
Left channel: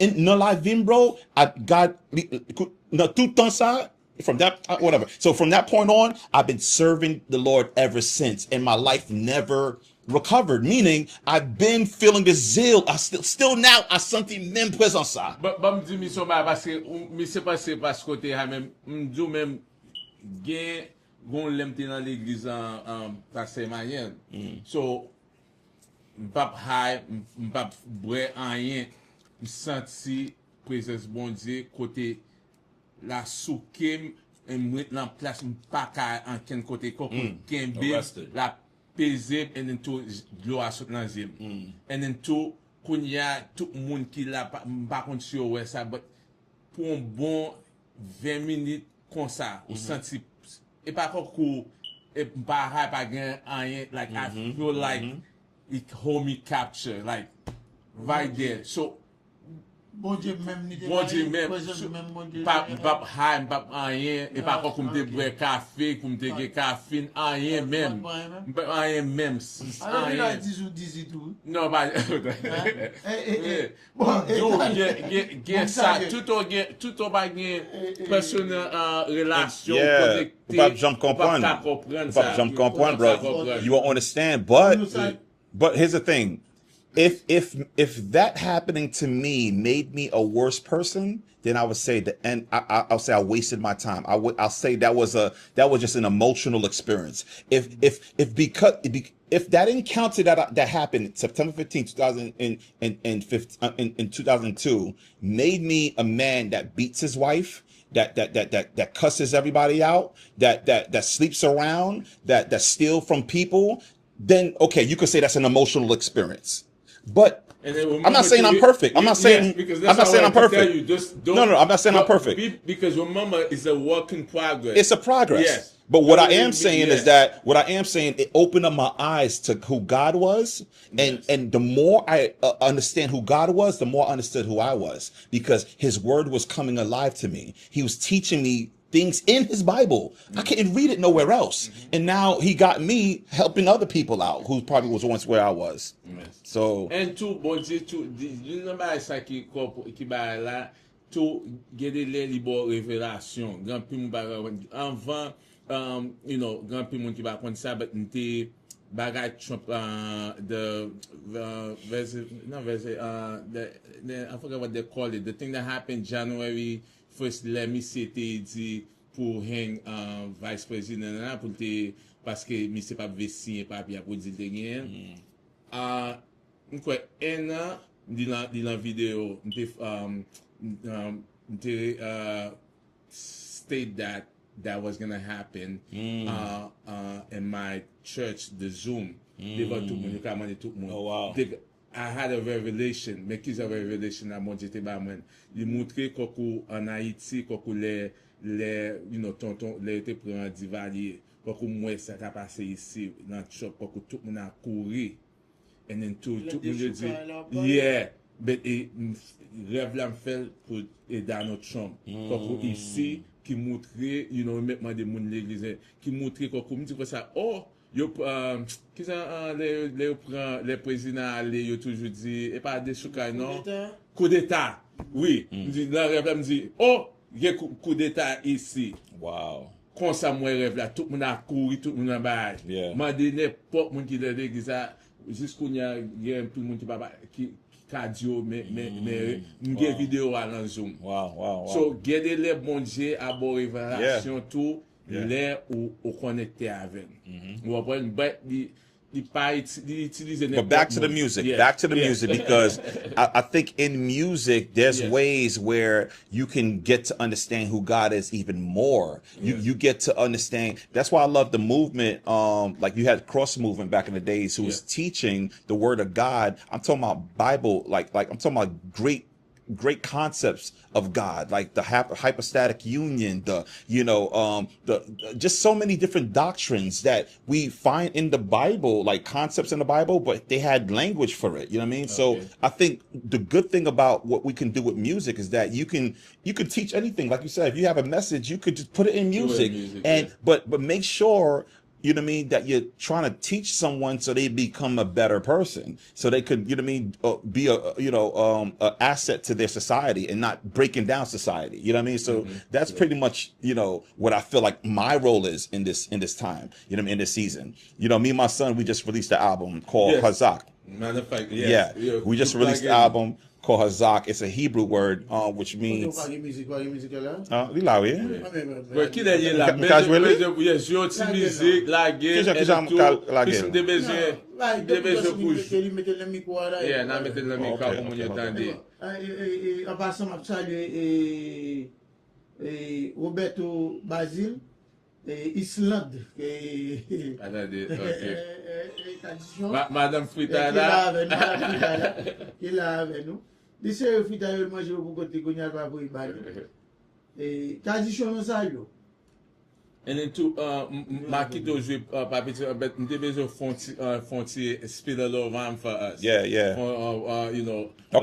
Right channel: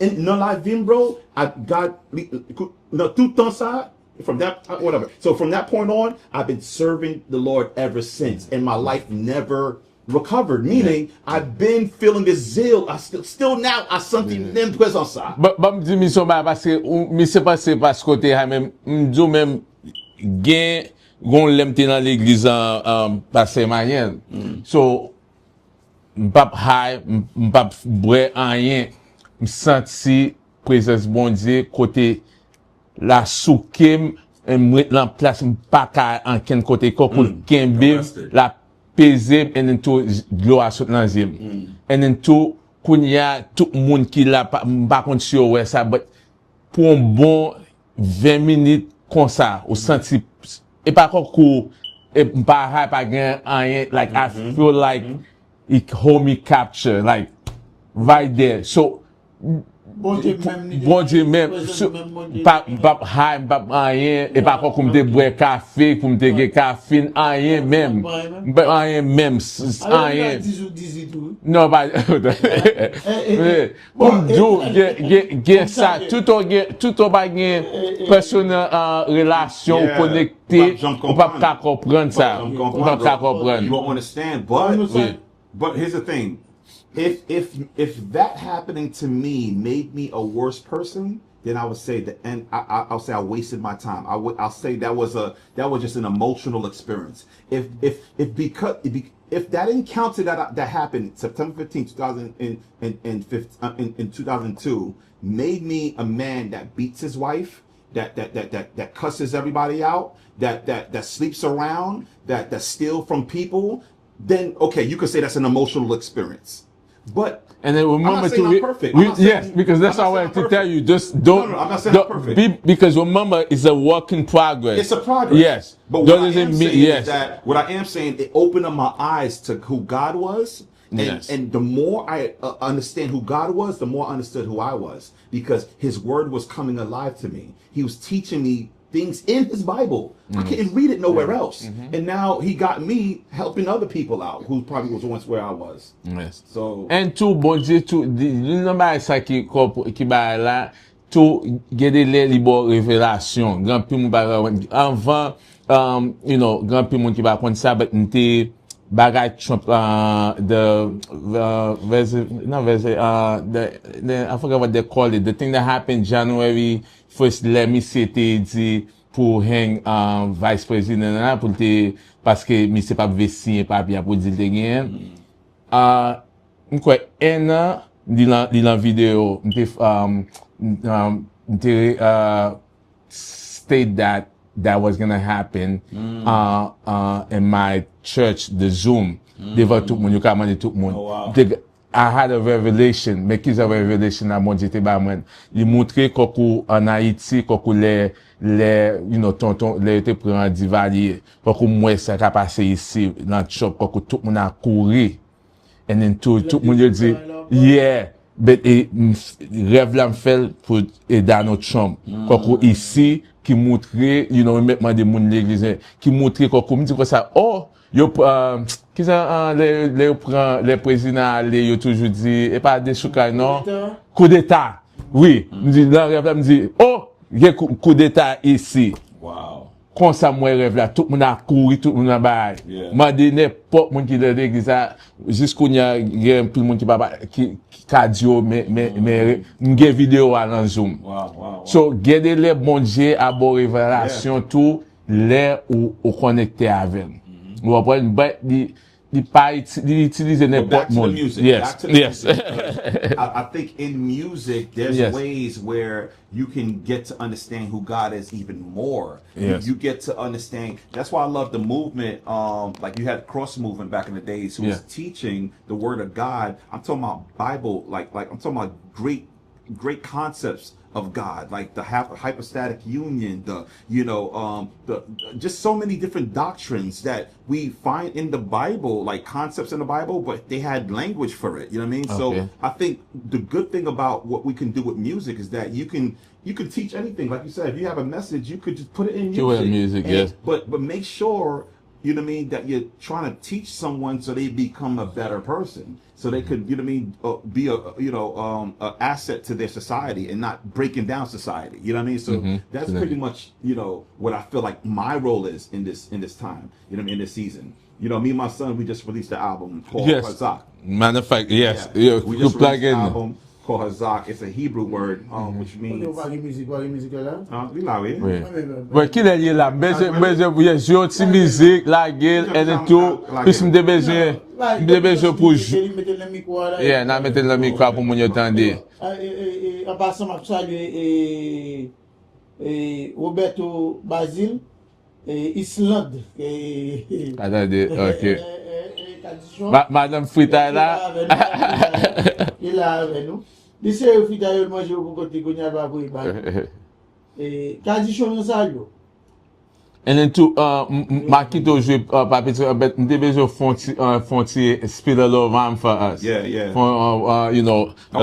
dans la vie, bro, I got no tout temps ça. From that, whatever. So from that point on, I've been serving the Lord ever since, and my life never recovered. Meaning, I've been feeling a zeal. I still now, I senti même présence ça. Ba me di mission ba parce que mi se passe parce côté ha même m'dou même gen gon lemte dans l'église en passé moyen. So m'pap high, m'pap boire rien, m'senti présence bon Dieu côté la soukem m'met en place m'pa ka en ken côté kokul kembe la peze and then to glow a sot nan zim. And then to kounya tout moun ki la pa kont si yo wè sa but pour un bon 20 minutes comme ça ou senti et pas kou et pas high pas gen rien like I feel like it hold me capture like right there. So bon Dieu même pas high pas rien et pas comme te boire café pour me te gen café rien même rien même rien non pas comme do gen ça tout on pas gen personnel relation connecté on pas comprendre ça You won't understand, but here's the thing. If that happening to me made me a worse person, then I would say that, and I'll say I wasted my time. I'll say that was just an emotional experience. If that encounter that happened September 15, 2002 made me a man that beats his wife, that cusses everybody out, that sleeps around, that steals from people, then okay, you could say that's an emotional experience. But and then I'm not saying I'm perfect. I'm not saying because that's how I can tell you. Just don't. No, I'm not saying I'm perfect. Because remember, it's a work in progress. It's a progress. Yes. But what I am saying is that it opened up my eyes to who God was. And the more I understand who God was, the more I understood who I was, because his word was coming alive to me. He was teaching me things in his Bible. I couldn't read it nowhere else. And now he got me helping other people out who probably was once where I was. Yes. So and tout bon Dieu tout number ça qui ba là tout gade les bon révélation grand pi moun ba avant you know grand pi moun qui ba connait ça but n'était bagay Trump the I forgot what they call it, the thing that happened January 1st, let me say te dit pour hang vice president là pour te parce que mi c'est pas vessi pas bien pour dire te gain m'kwa un an di la vidéo state that was going to happen in my church, the Zoom. Devant tout le monde, you can tout le monde. I had a revelation, mais qui a revelation à mon Dieu te ba moi. Il montrait qu'au en Haïti qu'au les you know tonton les te prend divalier. Qu'au moi ça qui passé ici dans le shop qu'au tout le monde a couru. And then tout le monde dit yeah, but rêve là me fait pour dans notre chambre. Qu'au ici qui montrait you know maintenant des monde l'église qui montrait qu'au me dit comme ça oh yo qui ça les présidents les yo toujours dit et pas des chouka non coup d'état oui me dit dans rêve me dit oh il y a coup d'état ici Wow. comme ça moi rêve là tout le monde a couru tout le monde a bail m'a dit n'importe monde qui dans l'église jusqu'au y a tout le monde qui cardio mais une vidéo à dans zoom Wow. so garder les bon Dieu à bonne révélation tout les ou connecté avec ou après il pas utiliser But back n'importe to the monde. music. Yes. Back to the Yes. music because I think in music there's Yes. ways where you can get to understand who God is even more. Yes. You get to understand. That's why I love the movement. Like you had cross movement back in the days who was teaching the word of God. I'm talking about Bible, like I'm talking about great concepts of God, like the hypostatic union, the just so many different doctrines that we find in the Bible, like concepts in the Bible, but they had language for it. You know what I mean? Okay. So I think the good thing about what we can do with music is that you can teach anything. Like you said, if you have a message, you could just put it in music. Put it in music, yes. But make sure, you know what I mean, that you're trying to teach someone so they become a better person, so they could, you know what I mean, be a asset to their society and not breaking down society. You know what I mean? So that's pretty much, what I feel like my role is in this time. You know what I mean? In this season. Me and my son, we just released an album called Hazak. Matter of fact, yes. Yeah. We just released an album called Hazak. It's a Hebrew word, which means. Ouais, qui est là, j'ai une petite musique, la gueule, et tout, puis me besoin pour jouer. Yeah, n'a mettre le micro pour mon entendre. En passant, je salue Roberto Basile, Islande. Attendez, ok. Madame Frita là. Il est là avec nous. Il sait que Frita il mange au côté qu'on y a pas pour y bailler. Tradition ça yo. And then to ma kito jouer papi but me besoin fonti spill a little rhyme for us. Yeah. For a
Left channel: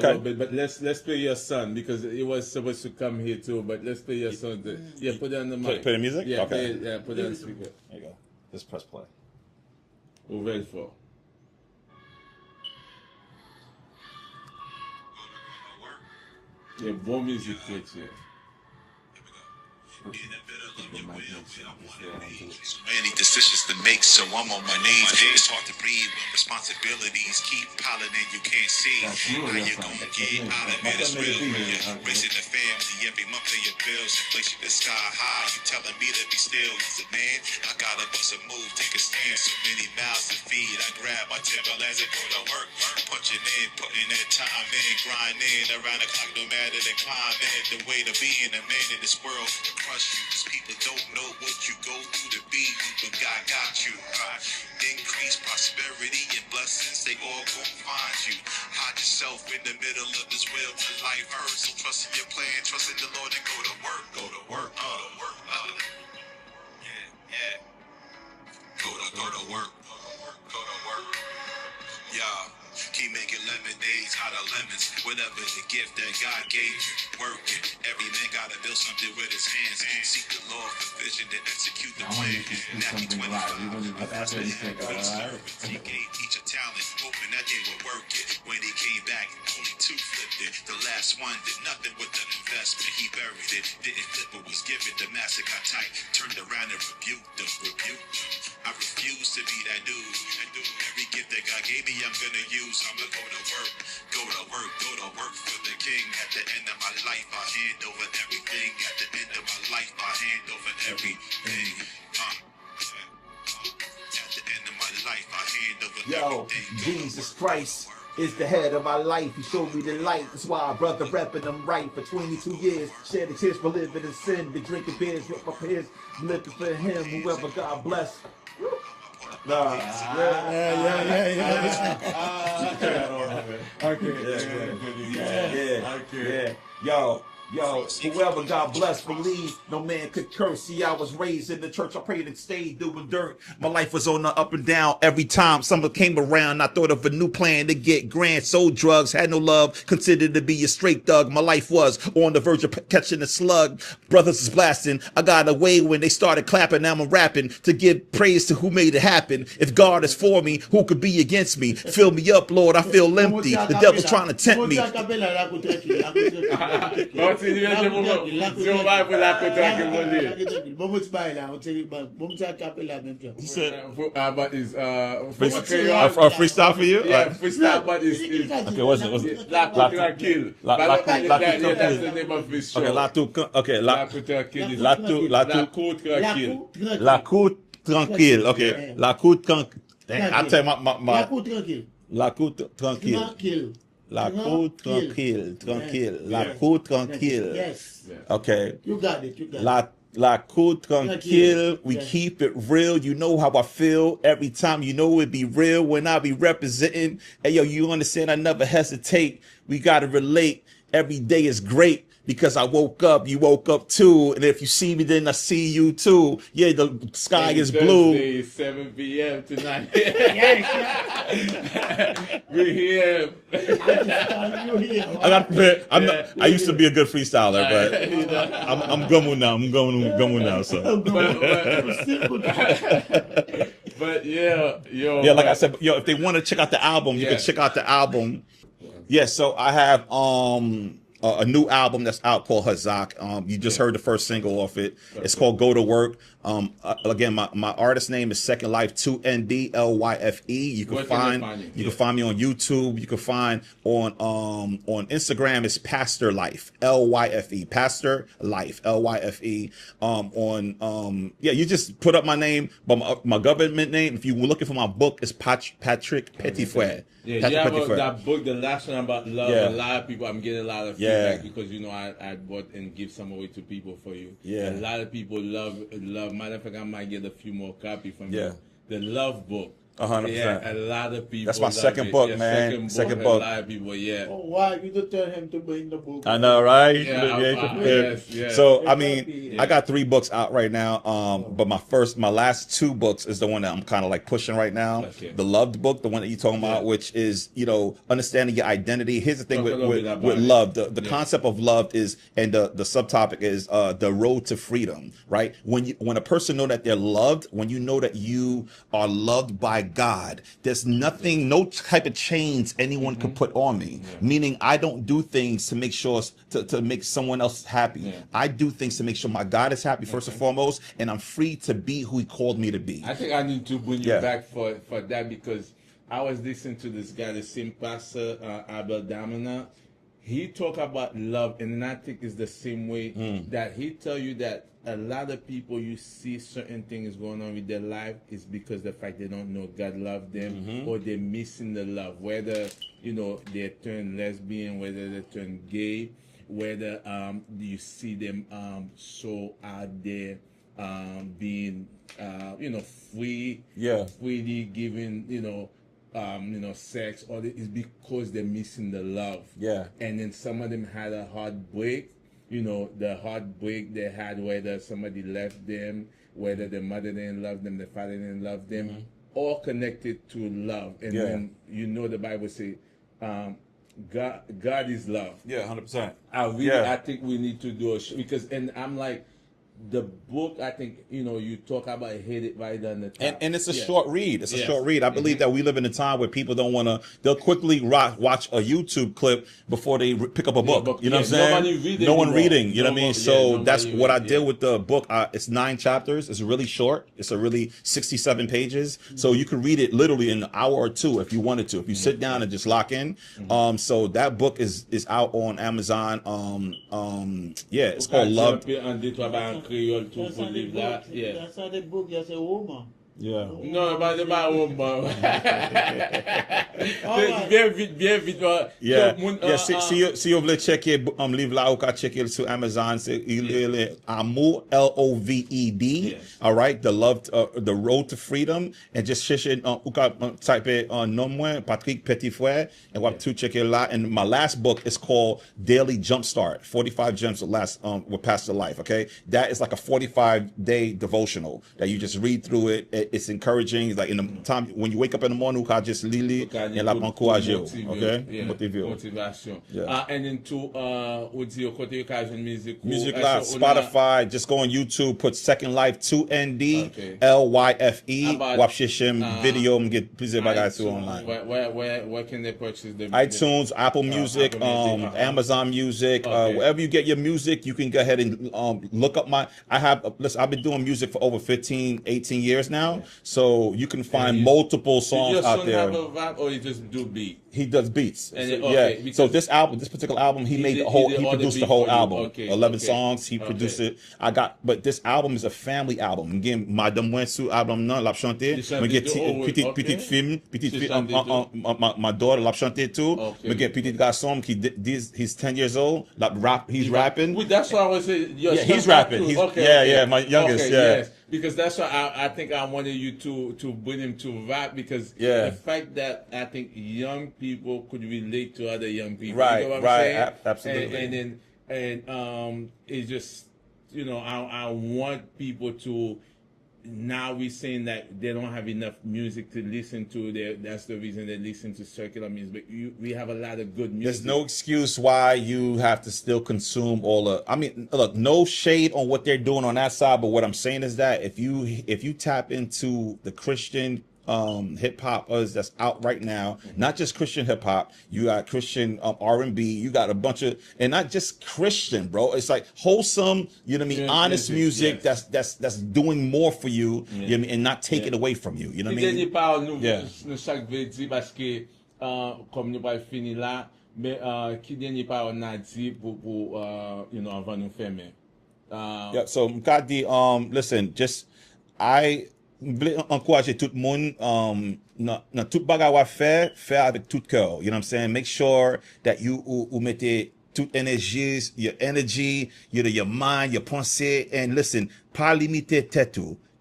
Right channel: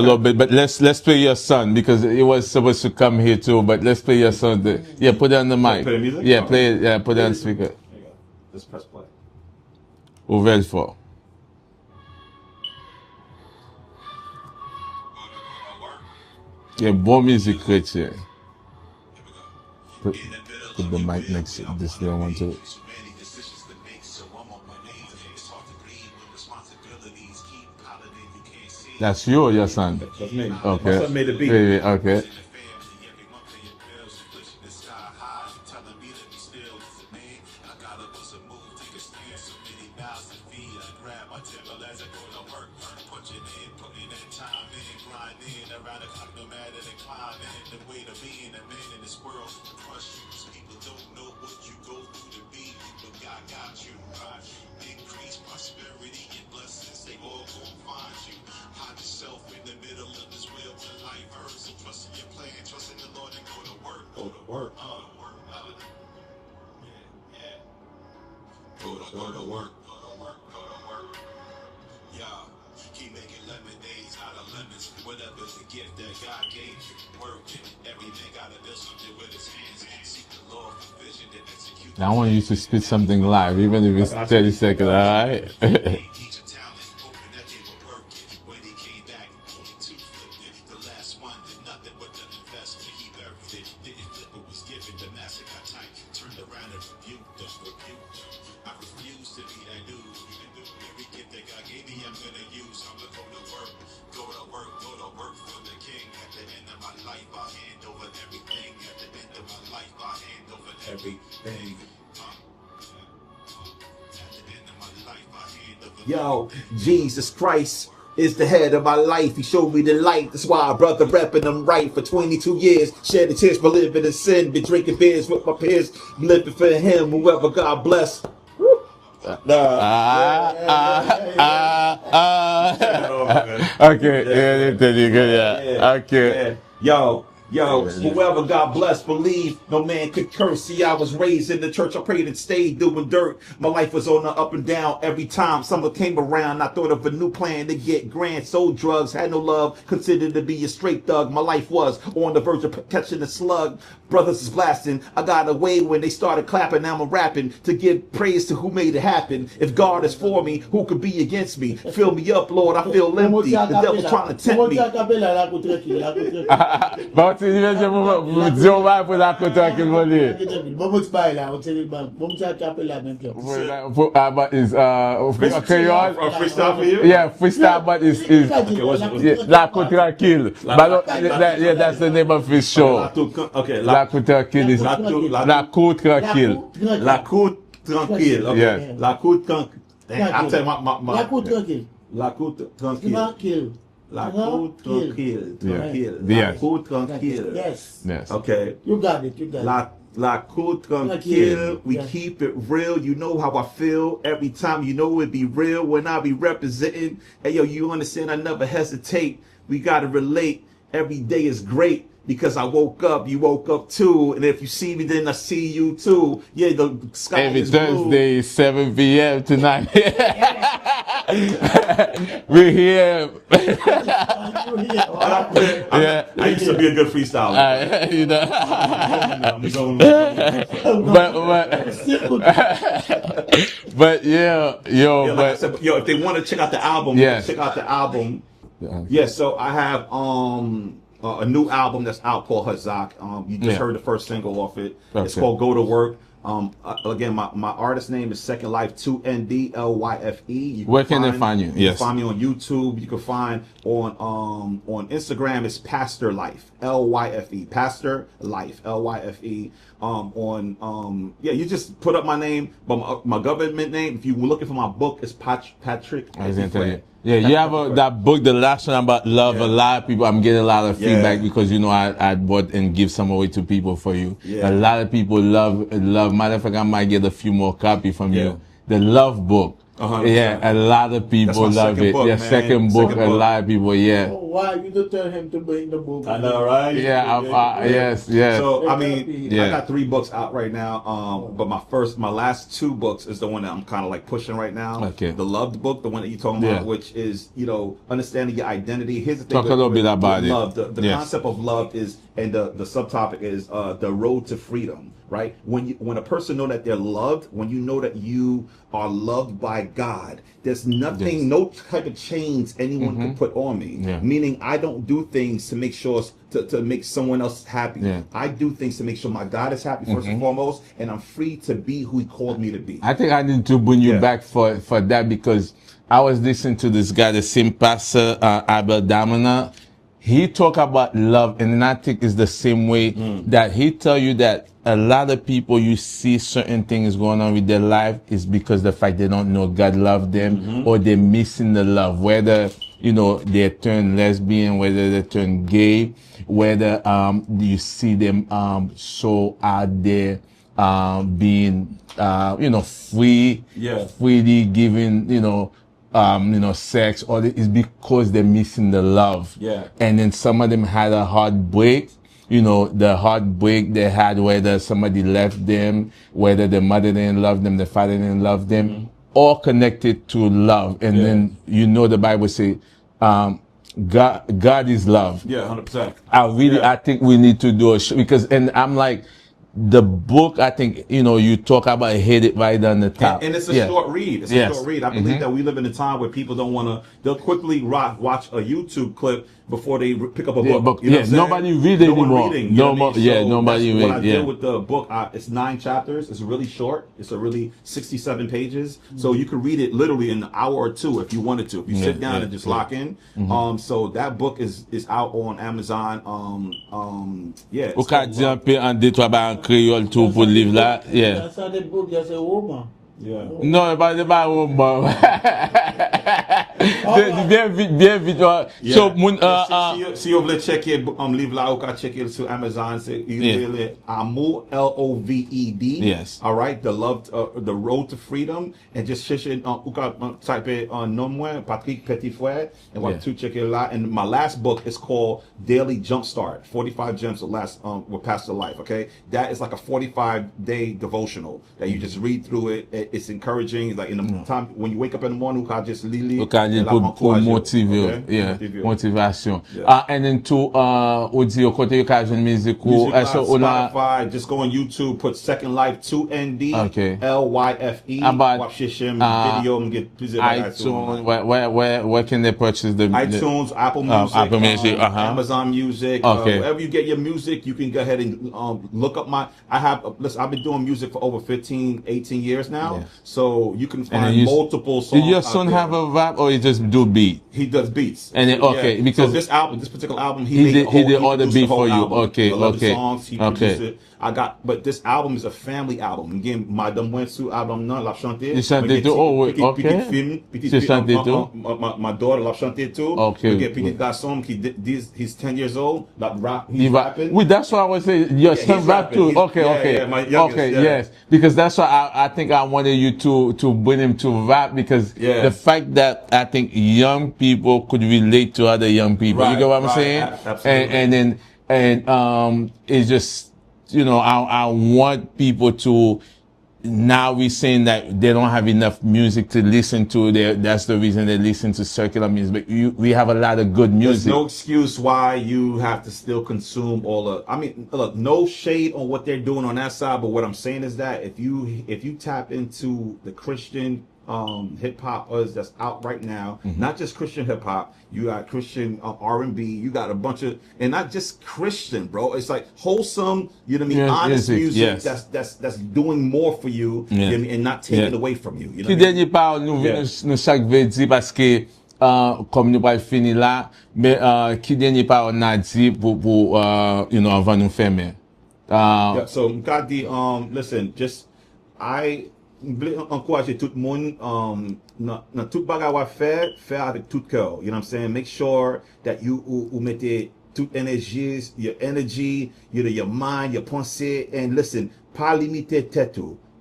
little bit, but let's play your son because it was supposed to come here too, but let's play your son. Yeah, put it on the mic. Play the music? Yeah, Okay. play it. Yeah, put it on speaker. There you go. Let's press play. Ouvert fort. Yeah, bon musique chrétienne. Put the mic next to this little one too. Many decisions to make, so I'm on my knees. It's hard to breathe when responsibilities keep piling in. You can't see. That's you or your son? Okay. Okay. made the beat. Really? Okay. Raising the family, every month of your bills, inflation is sky high. You telling me to be still, as a man, I gotta bust a move, take a stand. So many mouths to feed. I grab my Timberlands and go to work, punching in, putting that time in, grinding around the clock, no matter the climate. The way to being a man in this world, to crush you. 'Cause people don't know what you go through to be, but God got you. Increase prosperity and blessings, they all gon' find you. Hide yourself in the middle of this wheel till life hurts. So trust in your plan, trust in the Lord, and go to work. Go to work. Yeah. Go to work. Yeah. Keep making lemonades out of lemons. Whatever the gift that God gave you, work it. Every man gotta build something with his hands. Seek the Lord for vision and execute. I want you to spit something live, even if it's 30 seconds, alright? Teach a talent, hoping that they would work it. When he came back, only two flipped it. The last one did nothing with an investment. He buried it, didn't flip it, was given. The master got tight, turned around and rebuked them. I refuse to be that dude. Every gift that God gave me, I'm gonna use. I'm gonna go to work for the King. At the end of my life, I hand over everything. At the end of my life, I hand over everything. At the end of my life, I hand over Yo, everything. Jesus Christ is the head of my life. He showed me the light. That's why, brother, repping I'm right for 22 years. Shed the tears for living in sin. Been drinking beers with my peers. Living for him, whoever God bless. Woo. Okay, yeah. Okay. Yo, whoever God bless, believe no man could curse. See, I was raised in the church. I prayed and stayed doing dirt. My life was on the up and down every time summer came around. I thought of a new plan to get grand. Sold drugs, had no love, considered to be a straight thug. My life was on the verge of catching a slug. Brothers is blasting. I got away when they started clapping. Now I'm rapping to give praise to who made it happen. If God is for me, who could be against me? Fill me up, Lord. I feel empty. The devil's trying to tempt me. But c'est diverse pour dire va pour la côte qu'il va dire. But is freestyle for you? Yeah, freestyle, but is what's La Côte Tranquille. But yeah, that's the name of his show. Okay, La Côte Tranquille is La Côte Tranquille. La Côte Tranquille. Okay. Yeah. La Côte Tranquille. I tell you my La Côte Tranquille. La Côte Tranquille. Tranquille. La Côte Tranquille. Tranquille. Yeah. La Côte Tranquille. Yes. Yes. Okay. You got it. La Côte Tranquille. We keep it real. You know how I feel every time. You know it be real when I be representing. Hey yo, you understand? I never hesitate. We gotta relate. Every day is great because I woke up. You woke up too, and if you see me, then I see you too. Yeah, the sky Every is blue. Thursday, 7 p.m. tonight. We're here. I used to be a good freestyler, but You know. I'm going now. I'm going now. So. But yeah, yo. Yeah, like I said, yo, if they want to check out the album, you can check out the album. Yeah, so I have a new album that's out called Hazak. You just heard the first single off it. It's called Go to Work. Again, my artist name is Second Life, 2NDLYFE. Where can they find you? You can find me on YouTube. You can find on Instagram it's Pastor Life, LYFE, Pastor Life, LYFE. You just put up my name, but my government name. If you're looking for my book, it's Patrick Petitfrere. Yeah, you have that book, the last one about love. A lot of people, I'm getting a lot of feedback because I bought and give some away to people for you. A lot of people love. Matter of fact, I might get a few more copies from you. The love book. 100%. Yeah, a lot of people love it. Book, yeah, man. second book, a lot of people, Oh, why? You don't tell him to bring the book. I know, right? Yes. So, I mean, I got 3 books out right now, but my last 2 books is the one that I'm kind of like pushing right now. Okay. The Loved book, the one that you're talking about, which is, understanding your identity. Here's the thing with love. The concept of love is, and the subtopic is the road to freedom, right? When a person know that they're loved, when you know that you are loved by God, there's nothing, no type of chains anyone can put on me. Meaning I don't do things to make sure to make someone else happy. I do things to make sure my God is happy first and foremost, and I'm free to be who He called me to be. I think I need to bring you back for that because I was listening to this guy, the same pastor, Abel Damina. He talk about love, and I think it's the same way that he tell you that a lot of people, you see certain things going on with their life is because the fact they don't know God love them or they're missing the love, whether, they turn lesbian, whether they turn gay, whether you see them so out there being, freely giving, sex, or it's because they're missing the love. And then some of them had a heartbreak. The heartbreak they had, whether somebody left them, whether the mother didn't love them, the father didn't love them, all connected to love. And then, the Bible say, God is love. 100%. I think we need to do a show because, and I'm like, the book, I think, you talk about hit it right on the top. And it's a short read. It's a short read. I believe that we live in a time where people don't want to, they'll quickly watch a YouTube clip before they pick up a book. You know what I'm saying? Nobody reading. No one reading. You know what I mean? So that's what I did Yeah. with the book. It's 9 chapters. It's really short. It's a really 67 pages. So you can read it literally in an hour or 2 if you wanted to. If you sit down and just lock in. So that book is out on Amazon. Ou ka jump en 2-3 ba en créole tout pour livre là. That's how the book just a woman. Yeah. Non, pas de baron, bon. Bien vite. So, moun, si vous voulez checker livre là, vous pouvez checker sur Amazon. C'est Amour, Loved. Yes. All right, the Road to Freedom, and just chercher, vous pouvez typer nom moi Patrick Petitfrère, and what to check it out. And my last book is called Daily Jumpstart: 45 Gems that last will pass the life. Okay, that is like a 45-day devotional that you just read through it. It's encouraging. Like in the time when you wake up in the morning, you can just lili. Pour motiver, motivation. And then to audio côté occasion music Spotify, just go on YouTube, put Second Life 2ND LYFE. Watch video and get iTunes. Where can they purchase the iTunes, Apple Music, Amazon Music, wherever you get your music, you can go ahead and look up I've been doing music for over 15, 18 years now, so you can find multiple songs. Did your son have a rap or he just do beat? He does beats. And then, because so this particular album, he did all the beat for you. Album. 11 songs, he produced it. But this album is a family album. Again, Madame Wensu album non l'a chanté. Petite fille, my daughter l'a chanté too. Petit garçon he's 10 years old. He's rapping. Well, that's why I want to say your son rap too. Okay, my youngest. Yes, because that's why I think I wanted you to bring him to rap, because the fact that I think young people could relate to other young people. You know what I'm saying? Absolutely. And it's just, I want people to. Now we're saying that they don't have enough music to listen to. That's the reason they listen to secular music. But we have a lot of good music. There's no excuse why you have to still consume look, no shade on what they're doing on that side, but what I'm saying is that if you tap into the Christian hip hop that's out right now, not just Christian hip hop, you got Christian R&B, you got a bunch of, and not just Christian, bro. It's like wholesome, you know what I mean, honest music that's doing more for you, you know what I mean, and not taking away from you. You know what I mean? Part nous chaque vendredi parce que comme nous pas fini là, mais qui dernier part on a dit pour avant nous fermer. So got the listen, just I encourager tout le monde dans tout bagage à faire avec tout cœur, you know what I'm saying? Make sure that you mettez toute énergie, your energy, your mind, your pensée, and listen, pas limiter tête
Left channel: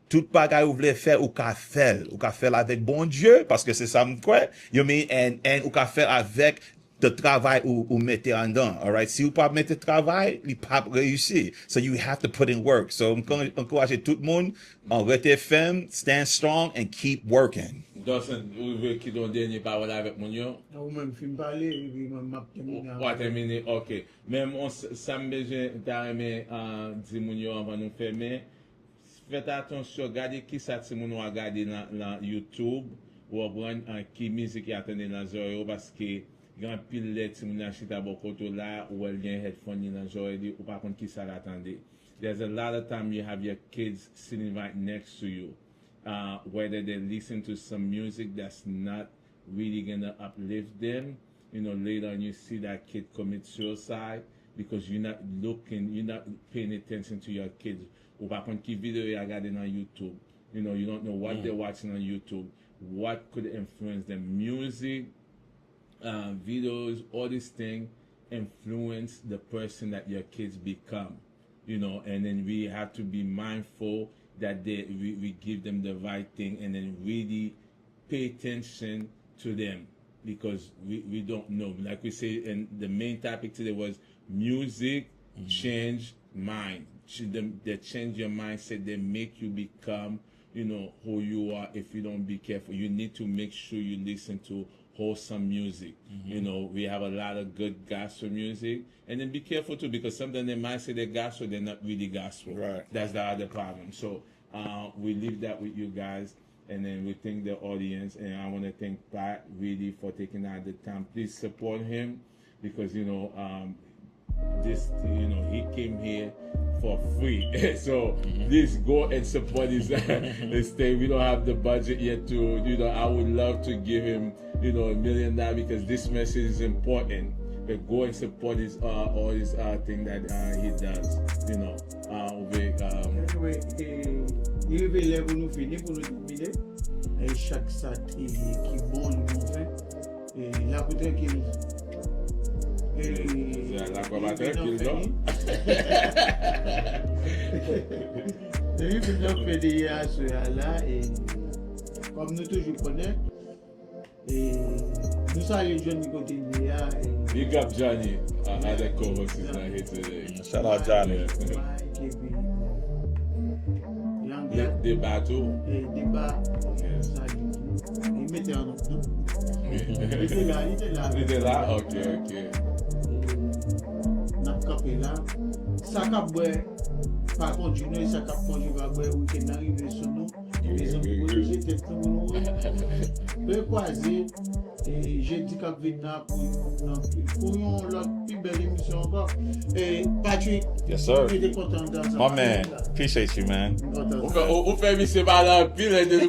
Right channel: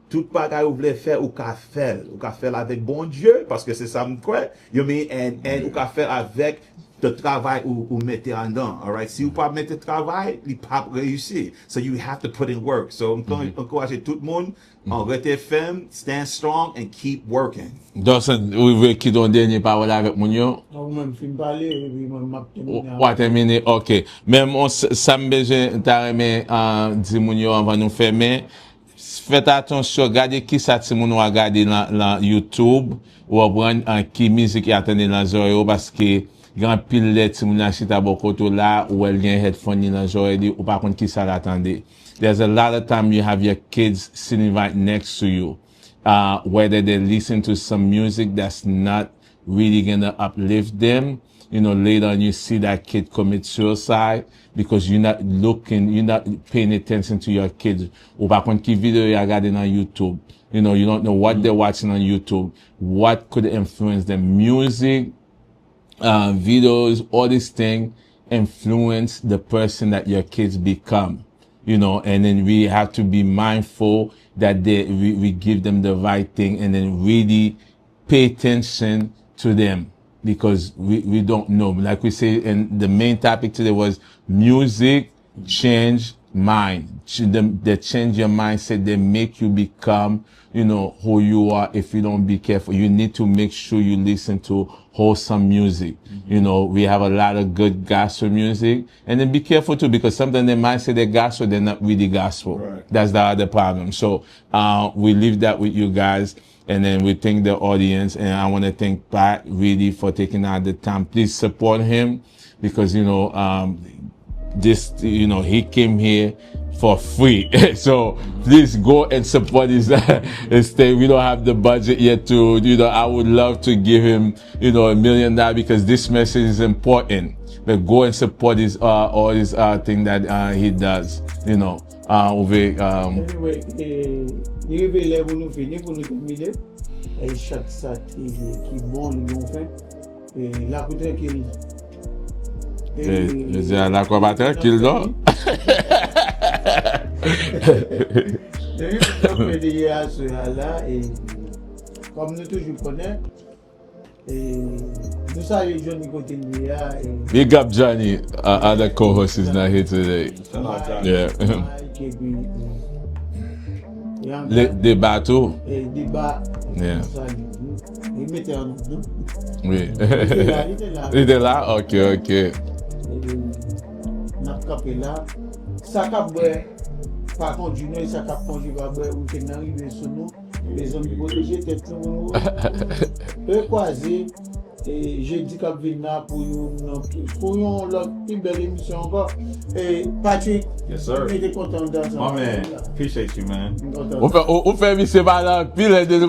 tout bagage vous voulez faire ou qu'à faire avec bon Dieu, parce que c'est ça me croit, you know what I mean? And ou qu'à faire avec le travail ou mettez en dedans, all right? Si vous pas mettre travail, il pas réussir. So you have to put in work. So encourager tout le monde, rester ferme, stand strong, and keep working. Donc, vous voulez qu'il donne dernier parole avec mon yo? Même fin parler, et puis m'a terminé. Ouais, terminé, ok. Même ça me besoin d'arriver dire mon yo avant nous fermer. Faites attention, regardez qui ça ti moun a regarder dans YouTube ou prendre qui musique attendez dans zoyo, parce que grand pile let ti moun achita bokoto là ou elle gen headphone dans zoyo ou par contre qui ça l'attendait. There's a lot of time you have your kids sitting right next to you, whether they listen to some music that's not really gonna uplift them. Later on you see that kid commit suicide because you're not paying attention to your kids. Ou par contre, qui vidéo you regarding on YouTube. You don't know what they're watching on YouTube. What could influence them? Music, videos, all these things influence the person that your kids become. And then we have to be mindful that we give them the right thing, and then really pay attention to them, because we don't know. Like we say, and the main topic today was music change mind. They change your mindset. They make you become, who you are. If you don't be careful, you need to make sure you listen to wholesome music. We have a lot of good gospel music, and then be careful too, because sometimes they might say they're gospel, they're not really gospel. Right. That's the other problem. So we leave that with you guys, and then we thank the audience, and I want to thank Pat really for taking out the time. Please support him, because he came here for free. So please go and support his thing. We don't have the budget yet to, I would love to give him, $1 million, because this message is important. But go and support his all thing that he does, Anyway, Il révélait pour nous finir, pour nous terminer. Et chaque sac qui monte, nous fait. Et la peut-être qu'il je dis à l'aquabateur qu'il dort. Et nous fait des à ce là et comme nous toujours connaissons, et nous ça les gens du côté de l'IA. Big up Johnny, other co-host is not here today. Shout out Johnny. Yeah. Les bateaux. Les débats. Yeah. Il mettait en nous. Oui. Il Il est là? Ok. Dans le capé là, ça cap pas continuer, ça cap continuer, ou qu'il n'arrive sur nous, les hommes protégés, tête nous. Eux croiser, et j'ai dit qu'on vient là pour l'autre plus belle émission encore. Et Patrick, Yes, sir. il est content de ça. My man, appreciate you, man. On fait mi se balan pile de nous.